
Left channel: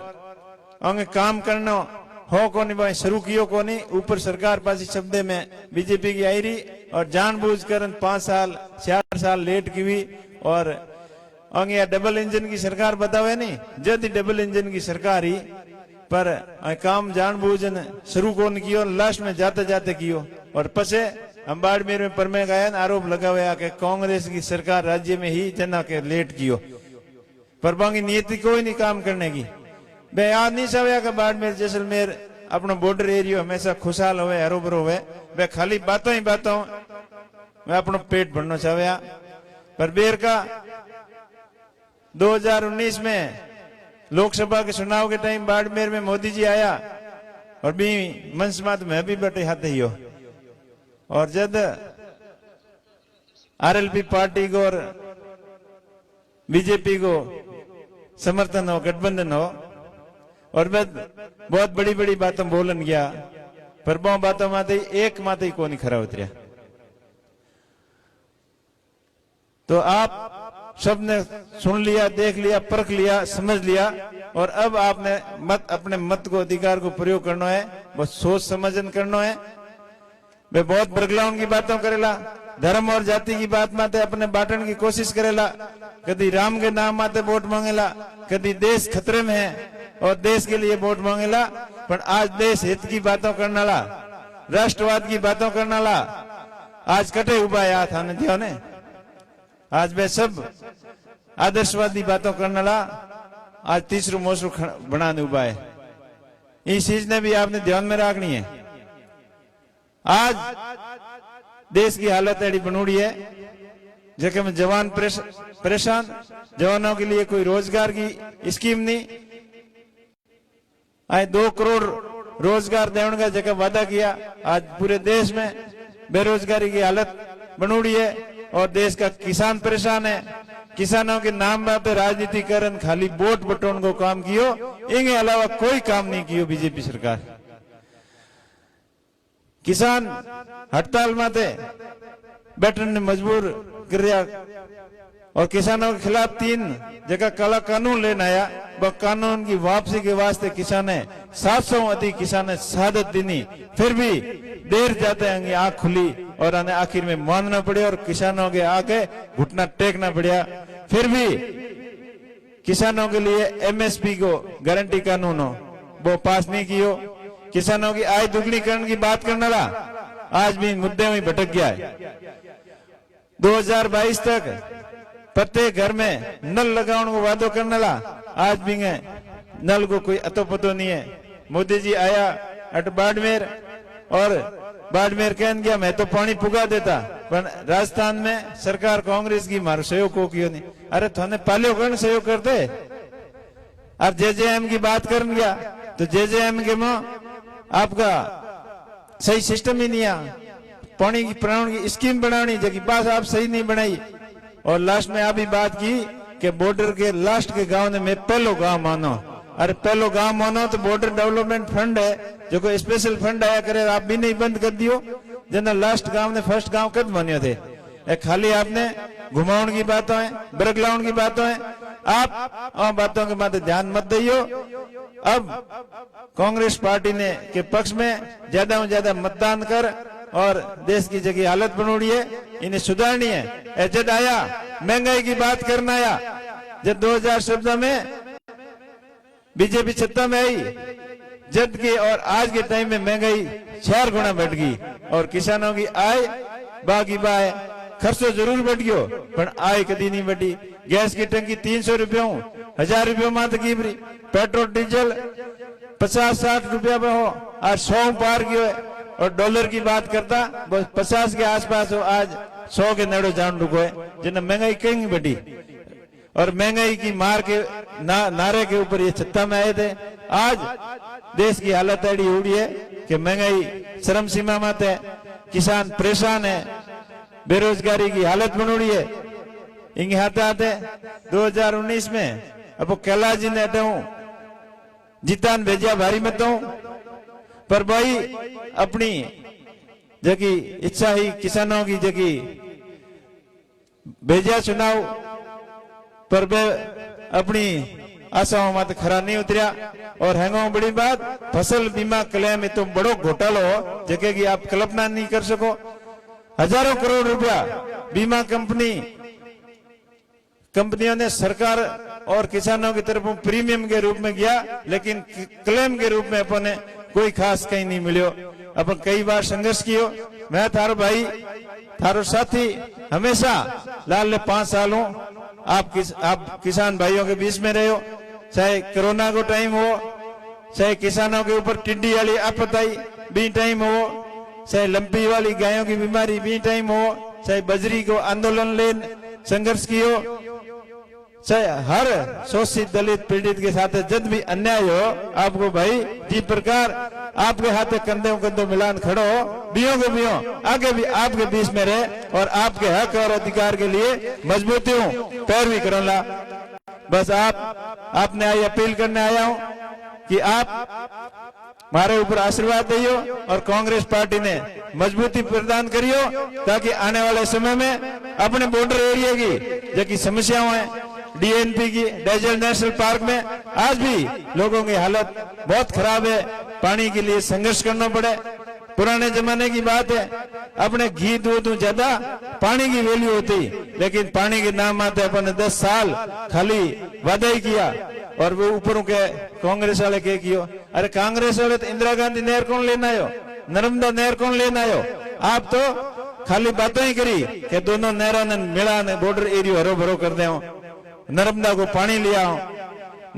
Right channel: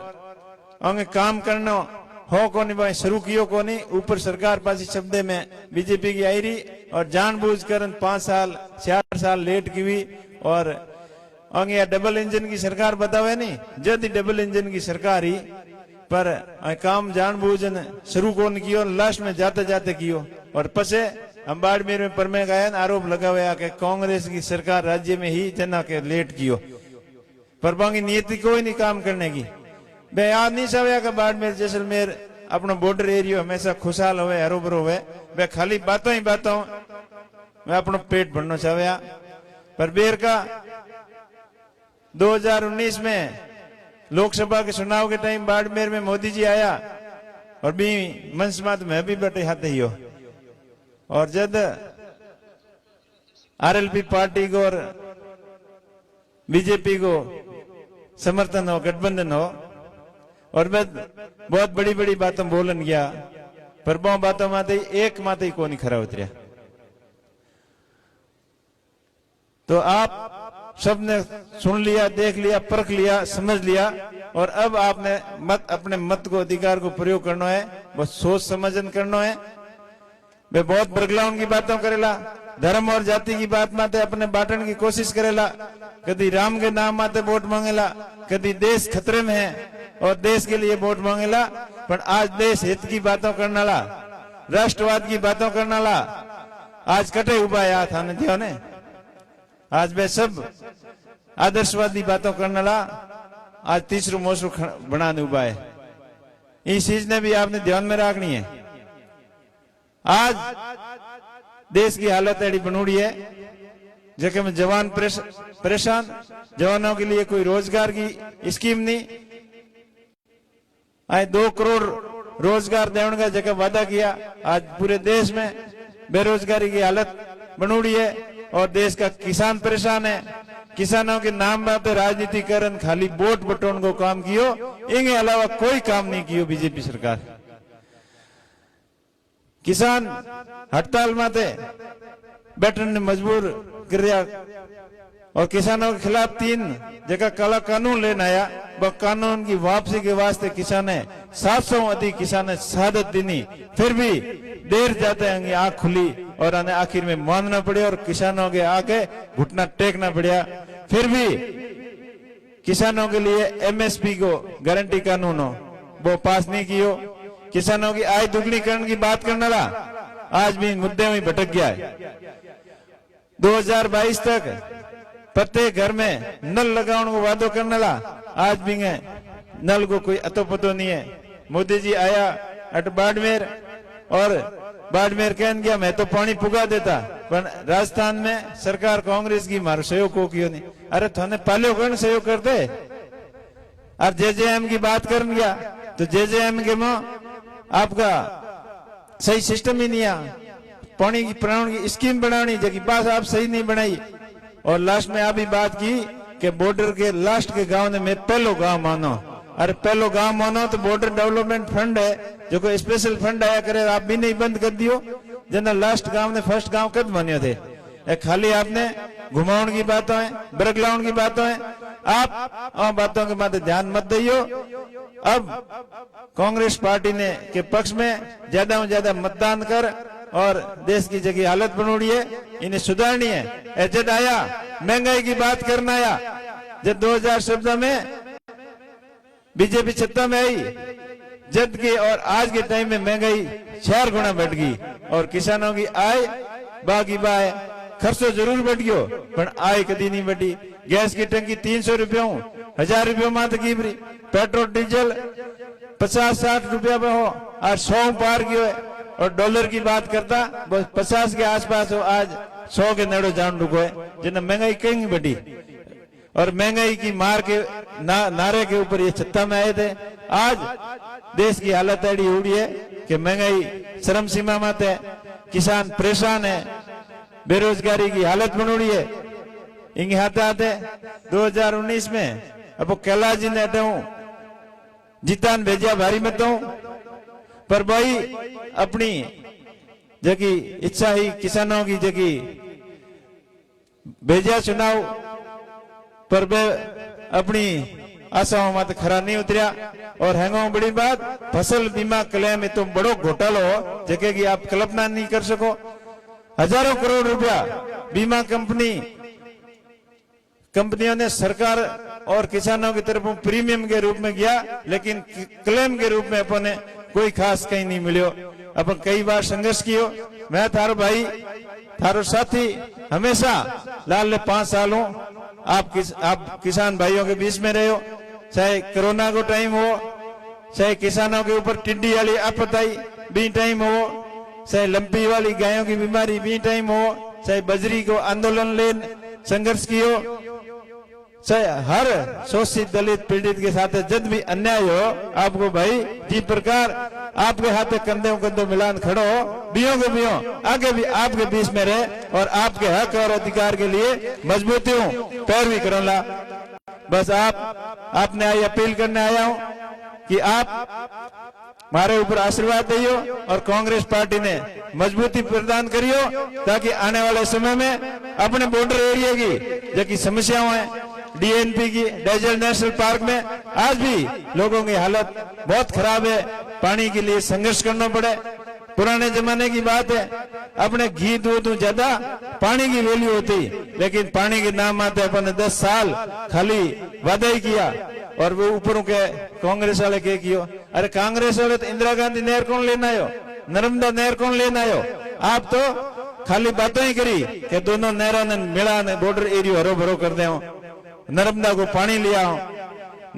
हमें काम करना हो को नहीं भाई शुरू कियो को नहीं। ऊपर सरकार पासी शब्द में बीजेपी की आई रही और जानबूझकर 5 साल 4 साल लेट की हुई और अंगे डबल इंजन की सरकार बतावे नहीं जब डबल इंजन की सरकार ही पर काम जानबूझन शुरू कौन कियो लास्ट में जाते जाते कियो और पसे हम बाड़मेर में परमे गए आरोप लगा हुआ कि कांग्रेस की सरकार राज्य में ही जना के लेट कियो पर बाकी नीति कोई नहीं काम करने की। बे याद नहीं सवे कि बाड़मेर जैसलमेर अपना बॉर्डर एरिया हमेशा खुशहाल होवे हरो भरो होवे। बे खाली बातों ही बातों मैं अपना पेट भरना चाहे पर बेर का 2019 में लोकसभा के चुनाव के टाइम बाड़मेर में मोदी जी आया और भी मंच मात में भी बैठे हाथ ही हो और जब आरएलपी पार्टी को और बीजेपी को समर्थन हो गठबंधन हो और मैं बहुत बड़ी बड़ी बातें बोलन गया पर वो बातों माते एक माते ही कौन खरा उतरिया। तो आप सबने सुन लिया, देख लिया, परख लिया, समझ लिया और अब आपने अपने मत को अधिकार को प्रयोग करना है, बस सोच समझन करना है। वे बहुत बरगलाउन की बातों करेला, धर्म और जाति की बात माते अपने बांटन की कोशिश करेला, कभी राम के नाम माते वोट मांगेला, कभी देश खतरे में है और देश के लिए वोट मांगेला। पर आज देश हित की बातों करने वाला, राष्ट्रवाद की बातों करने वाला आज कटे उबा याद आने थे ने आज वे सब आदर्शवादी बातों करने वाला आज तीसरू मोसरू बनाने उबा है। इस चीज ने भी आपने ध्यान में रखनी है। आज देश की हालत ऐसी बनोड़ी है जगह में जवान परेशान, जवानों के लिए कोई रोजगार की स्कीम नहीं। 2 करोड़ रोजगार देने का जगह वादा किया, आज पूरे देश में बेरोजगारी की हालत बनोड़ी है और देश का किसान परेशान है। किसानों के नाम पे राजनीतिकरण खाली वोट बटोन को काम कियो, इनके अलावा कोई काम नहीं कियो बीजेपी सरकार। किसान हड़ताल माते बैठने ने मजबूर कर दिया और किसानों के खिलाफ 3 जगह काला कानून लेना आया। वह कानून की वापसी के वास्ते किसान 700 अधिक किसान शहादत देनी, फिर भी देर जाते हैं आंख खुली और उन्हें आखिर में मानना पड़े और किसानों के आगे घुटना टेकना पड़ा। फिर भी किसानों के लिए एमएसपी को गारंटी कानून हो वो पास नहीं कियो। किसानों की आय दुगनीकरण की बात करने वाला आज भी मुद्दे में भटक गया है। 2022 तक प्रत्येक घर में नल लगाने को वादो करने वाला आज भी नल को कोई अतो पतो नहीं है। मोदी जी आया अट बाड़मेर और बाड़मेर कहन गया मैं तो पानी पुगा देता, पर राजस्थान में सरकार कांग्रेस की मारो सहयोग को किया नहीं। अरे थोने पालियो कौन सहयोग करते। अब जेजेएम की बात कर गया तो जेजेएम के में आपका सही सिस्टम ही नहीं है। पानी की प्रणाली की स्कीम बनानी जबकि बात आप सही नहीं बनाई और लास्ट में आप ही बात की कि बॉर्डर के लास्ट के गांव ने मैं पहलो गांव मानो। अरे पहलो गांव मानो तो बॉर्डर डेवलपमेंट फंड है जो कोई स्पेशल फंड आया करे, आप भी नहीं बंद कर दियो। जना लास्ट गांव ने फर्स्ट गांव कब मान्यो थे। खाली आपने घुमाउन की बातों है, बरगलाउन की बातों है, आप बातों के बाद ध्यान मत दियो। अब कांग्रेस पार्टी ने के पक्ष में ज्यादा से ज्यादा मतदान कर और देश की जगह हालत बनोड़ी है, इन्हें सुधारनी है। जब आया महंगाई की बात करना आया, जब 2017 में बीजेपी सत्ता में आई जब की और आज के टाइम में महंगाई 4 गुना बढ़ गई और किसानों की आय बाकी बाय खर्चो जरूर बढ़ गयो पर आय कभी नहीं बढ़ी। गैस की टंकी 300 रुपयों 1000 रुपयों मात्र की, पेट्रोल डीजल 50-60 रुपया में हो आज 100 पार गयो है और डॉलर की बात करता बस 50 के आसपास हो, आज 100 के नड़ो जान रुको है। जिन्हें महंगाई कहीं बढ़ी और महंगाई की मार के नारे के ऊपर ये सत्ता में आए थे। आज देश की हालत ऐसी हो रही है कि महंगाई चरम सीमा में है, किसान परेशान है, बेरोजगारी की हालत बन रही है। इंगे आते आते 2019 में अब कैलाश जी ने हटाऊ जीतान भेजा भारी मतों पर भाई अपनी जगी इच्छा ही किसानों की जगी भेजा चुनाव पर अपनी आशाओं मत खरा नहीं उतरिया। और हैंगो बड़ी बात फसल बीमा क्लेम में तो बड़ो घोटालो हो जगह की आप कल्पना नहीं कर सको। हजारों करोड़ रुपया बीमा कंपनियों ने सरकार और किसानों की तरफ प्रीमियम के रूप में किया, लेकिन क्लेम के रूप में अपन कोई खास कहीं नहीं मिलो। अपन कई बार संघर्ष कियो, मैं थारो भाई थारो साथी हमेशा लाल 5 साल हूं। आप किसान भाइयों के बीच में रहे हो, चाहे कोरोना को टाइम हो, चाहे किसानों के ऊपर टिड्डी वाली आपत आई भी टाइम हो, चाहे लंपी वाली गायों की बीमारी भी टाइम हो, चाहे बजरी को आंदोलन ले संघर्ष कियो, चाहे हर शोषित दलित पीड़ित के साथ जब भी अन्याय हो, आपको भाई जी प्रकार आपके हाथ कंधों कंधों मिलान खड़ो हो, बियो को बियो आगे भी आपके बीच में रहे और आपके हक और अधिकार के लिए मजबूती हूँ पैरवी करोला। बस आपने आई अपील करने आया हूँ कि आप हमारे ऊपर आशीर्वाद दियो और कांग्रेस पार्टी ने मजबूती प्रदान करियो, ताकि आने वाले समय में अपने बॉर्डर एरिया की जो समस्याएं हैं, डीएनपी की डेजर्ट नेशनल पार्क में आज भी लोगों की हालत बहुत खराब है, पानी के लिए संघर्ष करना पड़े। पुराने जमाने की बात है, अपने घी दूध ज्यादा पानी की वैल्यू होती, लेकिन पानी के नाम आते अपन 10 साल खाली वादा ही किया और वो ऊपर के कांग्रेस वाले के कियो। अरे कांग्रेस वाले तो इंदिरा गांधी नहर कौन लेना आयो, नर्मदा नहर कौन लेना आयो, आप तो खाली बातें ही करी कि दोनों नहरों ने मिला ने बॉर्डर एरिया हरो भरो कर दे, नर्मदा को पानी लिया,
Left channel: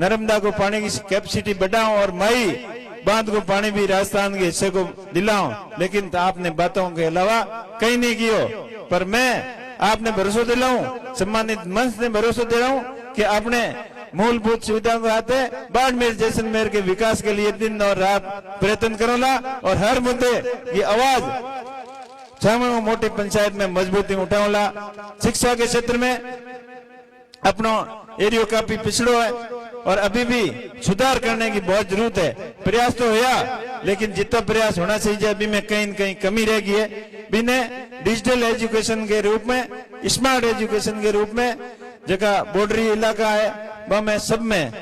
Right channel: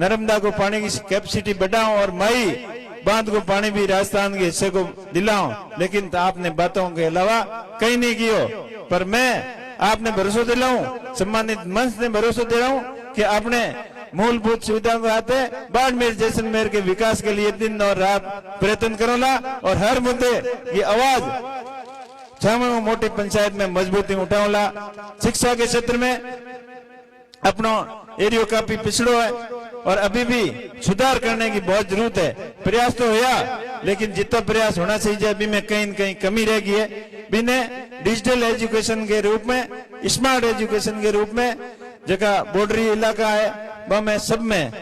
नर्मदा को पानी की कैपेसिटी बढ़ाओ और मई बांध को पानी भी राजस्थान के हिस्से को दिलाओ, लेकिन तो आपने बातों के अलावा कहीं नहीं कियो। पर मैं आपने भरोसा दिलाऊं, सम्मानित मंच ने भरोसा दे रहा हूं कि आपने मूलभूत सुविधाओं को आते बाड़मेर जैसलमेर के विकास के लिए दिन और रात प्रयत्न करेगा और हर मुद्दे की आवाज छावा मोटी पंचायत में मजबूती उठाओला। शिक्षा के क्षेत्र में अपना एरिया काफी पिछड़ो है और अभी भी सुधार करने की बहुत जरूरत है। प्रयास तो हुआ, लेकिन जितना प्रयास होना चाहिए अभी में कहीं न कहीं कमी रह गई है। बिना डिजिटल एजुकेशन के रूप में, स्मार्ट एजुकेशन के रूप में जगह बॉर्डरी इलाका है वह में सब में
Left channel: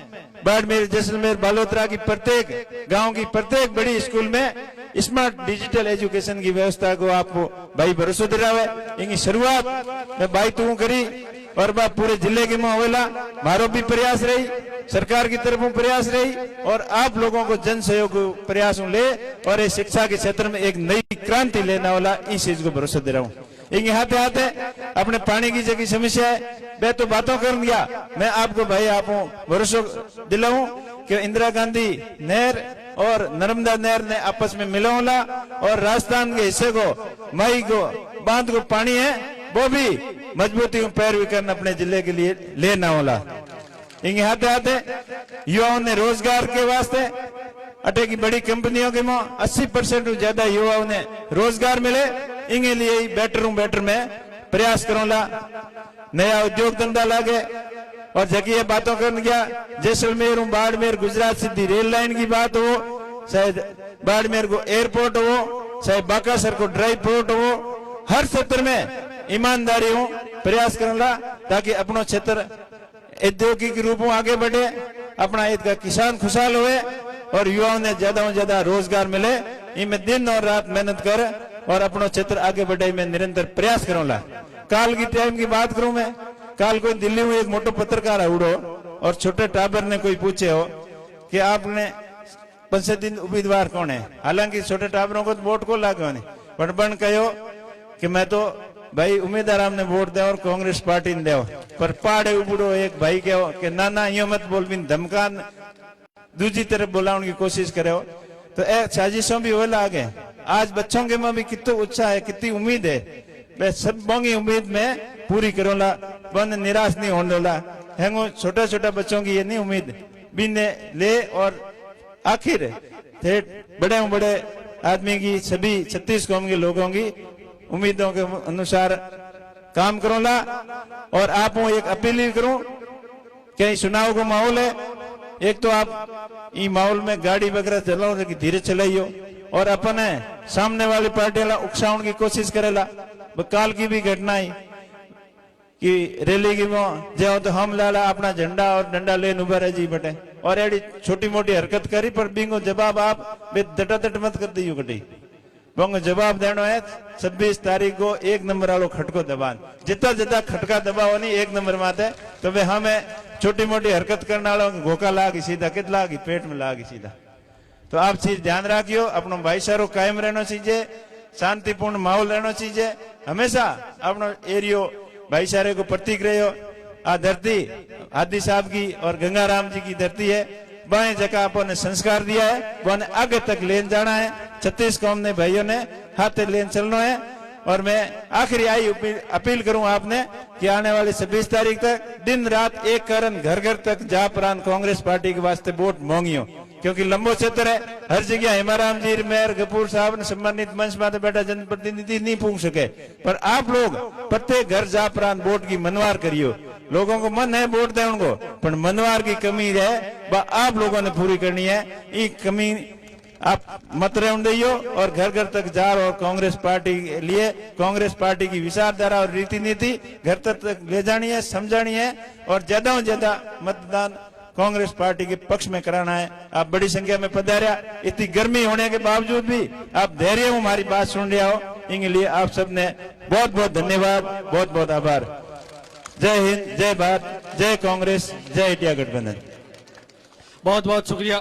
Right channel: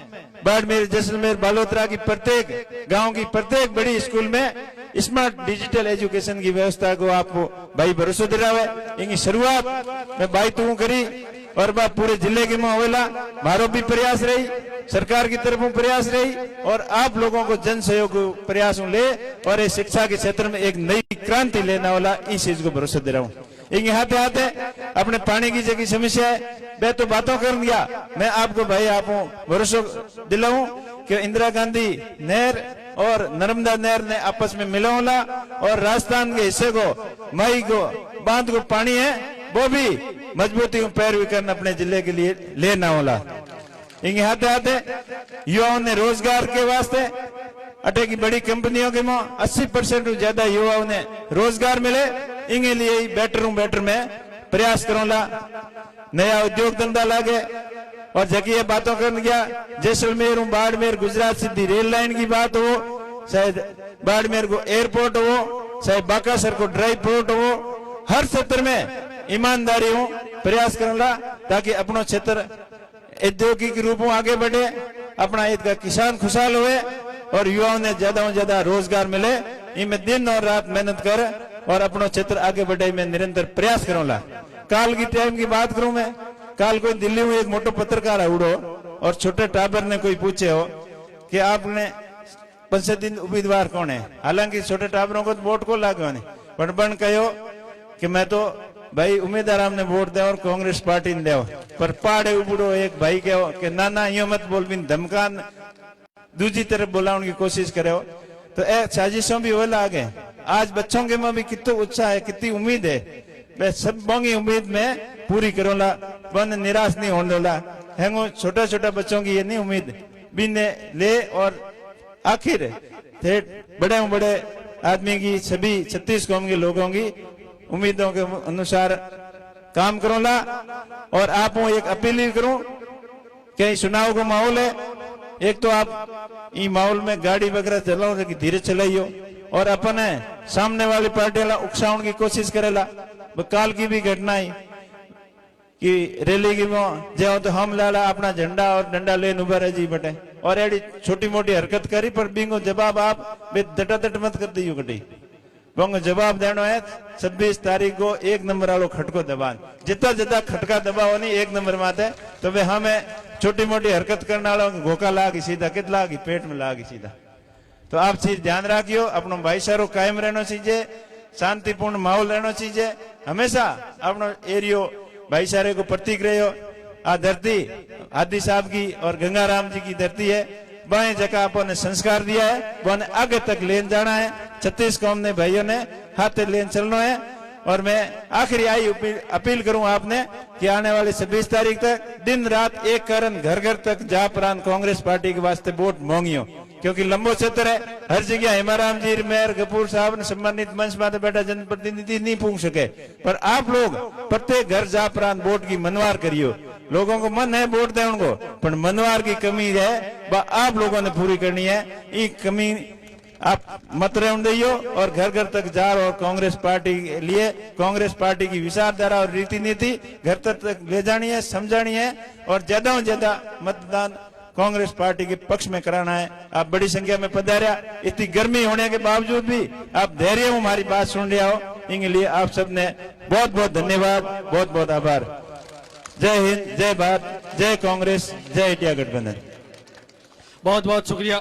बाड़मेर जैसलमेर बालोतरा की प्रत्येक गांव की प्रत्येक बड़ी स्कूल में स्मार्ट डिजिटल एजुकेशन की व्यवस्था को आपको भाई भरोसा दिला है। इनकी शुरुआत में भाई तू करी और वह पूरे जिले के माहौला मारो भी प्रयास रही, सरकार की तरफ प्रयास रही और आप लोगों को जन सहयोग प्रयासों ले और इस शिक्षा के क्षेत्र में एक नई क्रांति लेने वाला इस चीज को भरोसा दे रहा हूँ। इनके हाथे हाथे अपने पानी की जगह समस्या है, मैं तो बातों कर दिया, मैं आपको भाई आप भरोसा दिलाऊं कि इंदिरा गांधी नहर और नर्मदा नहर ने आपस में मिलाओला और राजस्थान के हिस्से को मई को बांध को पानी है वो भी मजबूती पैरवी करना अपने जिले के लिए लेना होला। इनके हाथे हाथे युवाओं ने रोजगार के वास्ते अटे की बड़ी कंपनियों के 80% ज्यादा युवाओं ने रोजगार मिले, इनके लिए ही बेटर में प्रयास करोला, नया उद्योग धंधा लागे और जगह बातों कर गया जैसलमेर बाड़मेर गुजरात सीधी रेल लाइन की बात हो, चाहे बाड़मेर को एयरपोर्ट हो, चाहे बाकासर को ड्राई पोर्ट हो, हर क्षेत्र में ईमानदारी हो प्रयास करूंगा ताकि अपना क्षेत्र औद्योगिक रूप में आगे बढ़े, अपना ईद का किसान खुशहाल हुए और युवाओं ने ज्यादा से ज्यादा रोजगार मिले। इनमें दिन और रात मेहनत कर और अपना क्षेत्र आगे बढ़े में निरंतर प्रयास करूंगा। काल की टाइम की बात करूं मैं, काल को दिल्ली में एक मोटो पत्रकार उड़ो और छोटे टाबर ने कोई पूछे हो कि आपने 5 दिन उम्मीदवार कौन है, हालांकि छोटे टाबरों को वोट को लागे पर बन कहो कि मैं तो भाई उम्मीदवार हमने वोट दे और कांग्रेस पार्टी ने दो, पर पाड़े उबड़ो एक भाई कहो कि ना यो मत बोल बिन धमकान दूसरी तरफ बुलाने की कोशिश करे हो, तो साजिशों भी होला आगे। आज बच्चों के में भी कितना उत्साह है, कितनी उम्मीद है, मैं सबों की उम्मीद में पूरी करोला, बन निराश नहीं होने वाला है। छोटा छोटा बच्चों की ये नहीं उम्मीद बिने ले और आखिर बड़े आदमी की सभी 36 कौम के लोगों की उम्मीदों के अनुसार काम करोला। और आप एक अपील ही करूं कि चुनाव का माहौल है, एक तो आप ई माहौल में गाड़ी वगैरह चलाओ कि धीरे चलाइयो और अपन सामने वाली पार्टी वाला उकसाउन की कोशिश करेला। काल की भी घटना ही कि रैली की जो तो हम लाला अपना झंडा और डंडा लेन उभा रहे जी बटे और एडी छोटी मोटी हरकत करी पर बिंगो जवाब आप दटादट मत कर दियो कटी बोंगो जवाब देनो है 26 तारीख को 1 नंबर वालों खटको दबान जितना जितना खटका दबाओ नहीं 1 नंबर माते तो वे हमें छोटी मोटी हरकत करने वालों घोका लागी सीधा कित लागी पेट में लागी सीधा। तो आप चीज ध्यान रखियो, अपनो भाईचारो कायम रहना चाहिए, शांतिपूर्ण माहौल रहना चाहिए, हमेशा अपनो एरियो भाईचारे को प्रतीक रहो। आ धरती आदि साहब की और गंगाराम जी की धरती है, बाएं जगह अपन ने संस्कार दिया है वो आगे तक लेन जाना है। 36 कौम ने भाइयों ने हाथ लेन चलना है और मैं आखिरी आई अपील करूं आपने कि आने वाली 26 तारीख तक दिन रात एक कारण घर घर तक जा प्रांत कांग्रेस पार्टी के वास्ते वोट मांगियो, क्योंकि लंबो क्षेत्र है, हर जगह हेमाराम जी मेयर गपूर साहब ने सम्मानित मंच में बैठा जनप्रतिनिधि नहीं पूछ सके, पर आप लोग प्रत्येक घर जा प्रांत वोट की मनवार करियो। लोगों को मन है वोट दे उनको, पर मनवार की कमी है वह आप लोगों ने पूरी करनी है। ये कमी आप मत रहने दियो और घर घर तक जा और कांग्रेस पार्टी के लिए कांग्रेस पार्टी की विचारधारा और रीति नीति घर तक ले जानी है, समझानी है और ज्यादा से ज्यादा मतदान कांग्रेस पार्टी के पक्ष में कराना है। आप बड़ी संख्या में पधारा, इतनी गर्मी होने के बावजूद भी आप धैर्य हो हमारी बात सुन लिया हो, इनके लिए आप सबने बहुत बहुत धन्यवाद, बहुत बहुत आभार। जय हिंद, जय भारत, जय कांग्रेस, जय इंडिया गठबंधन। बहुत बहुत शुक्रिया।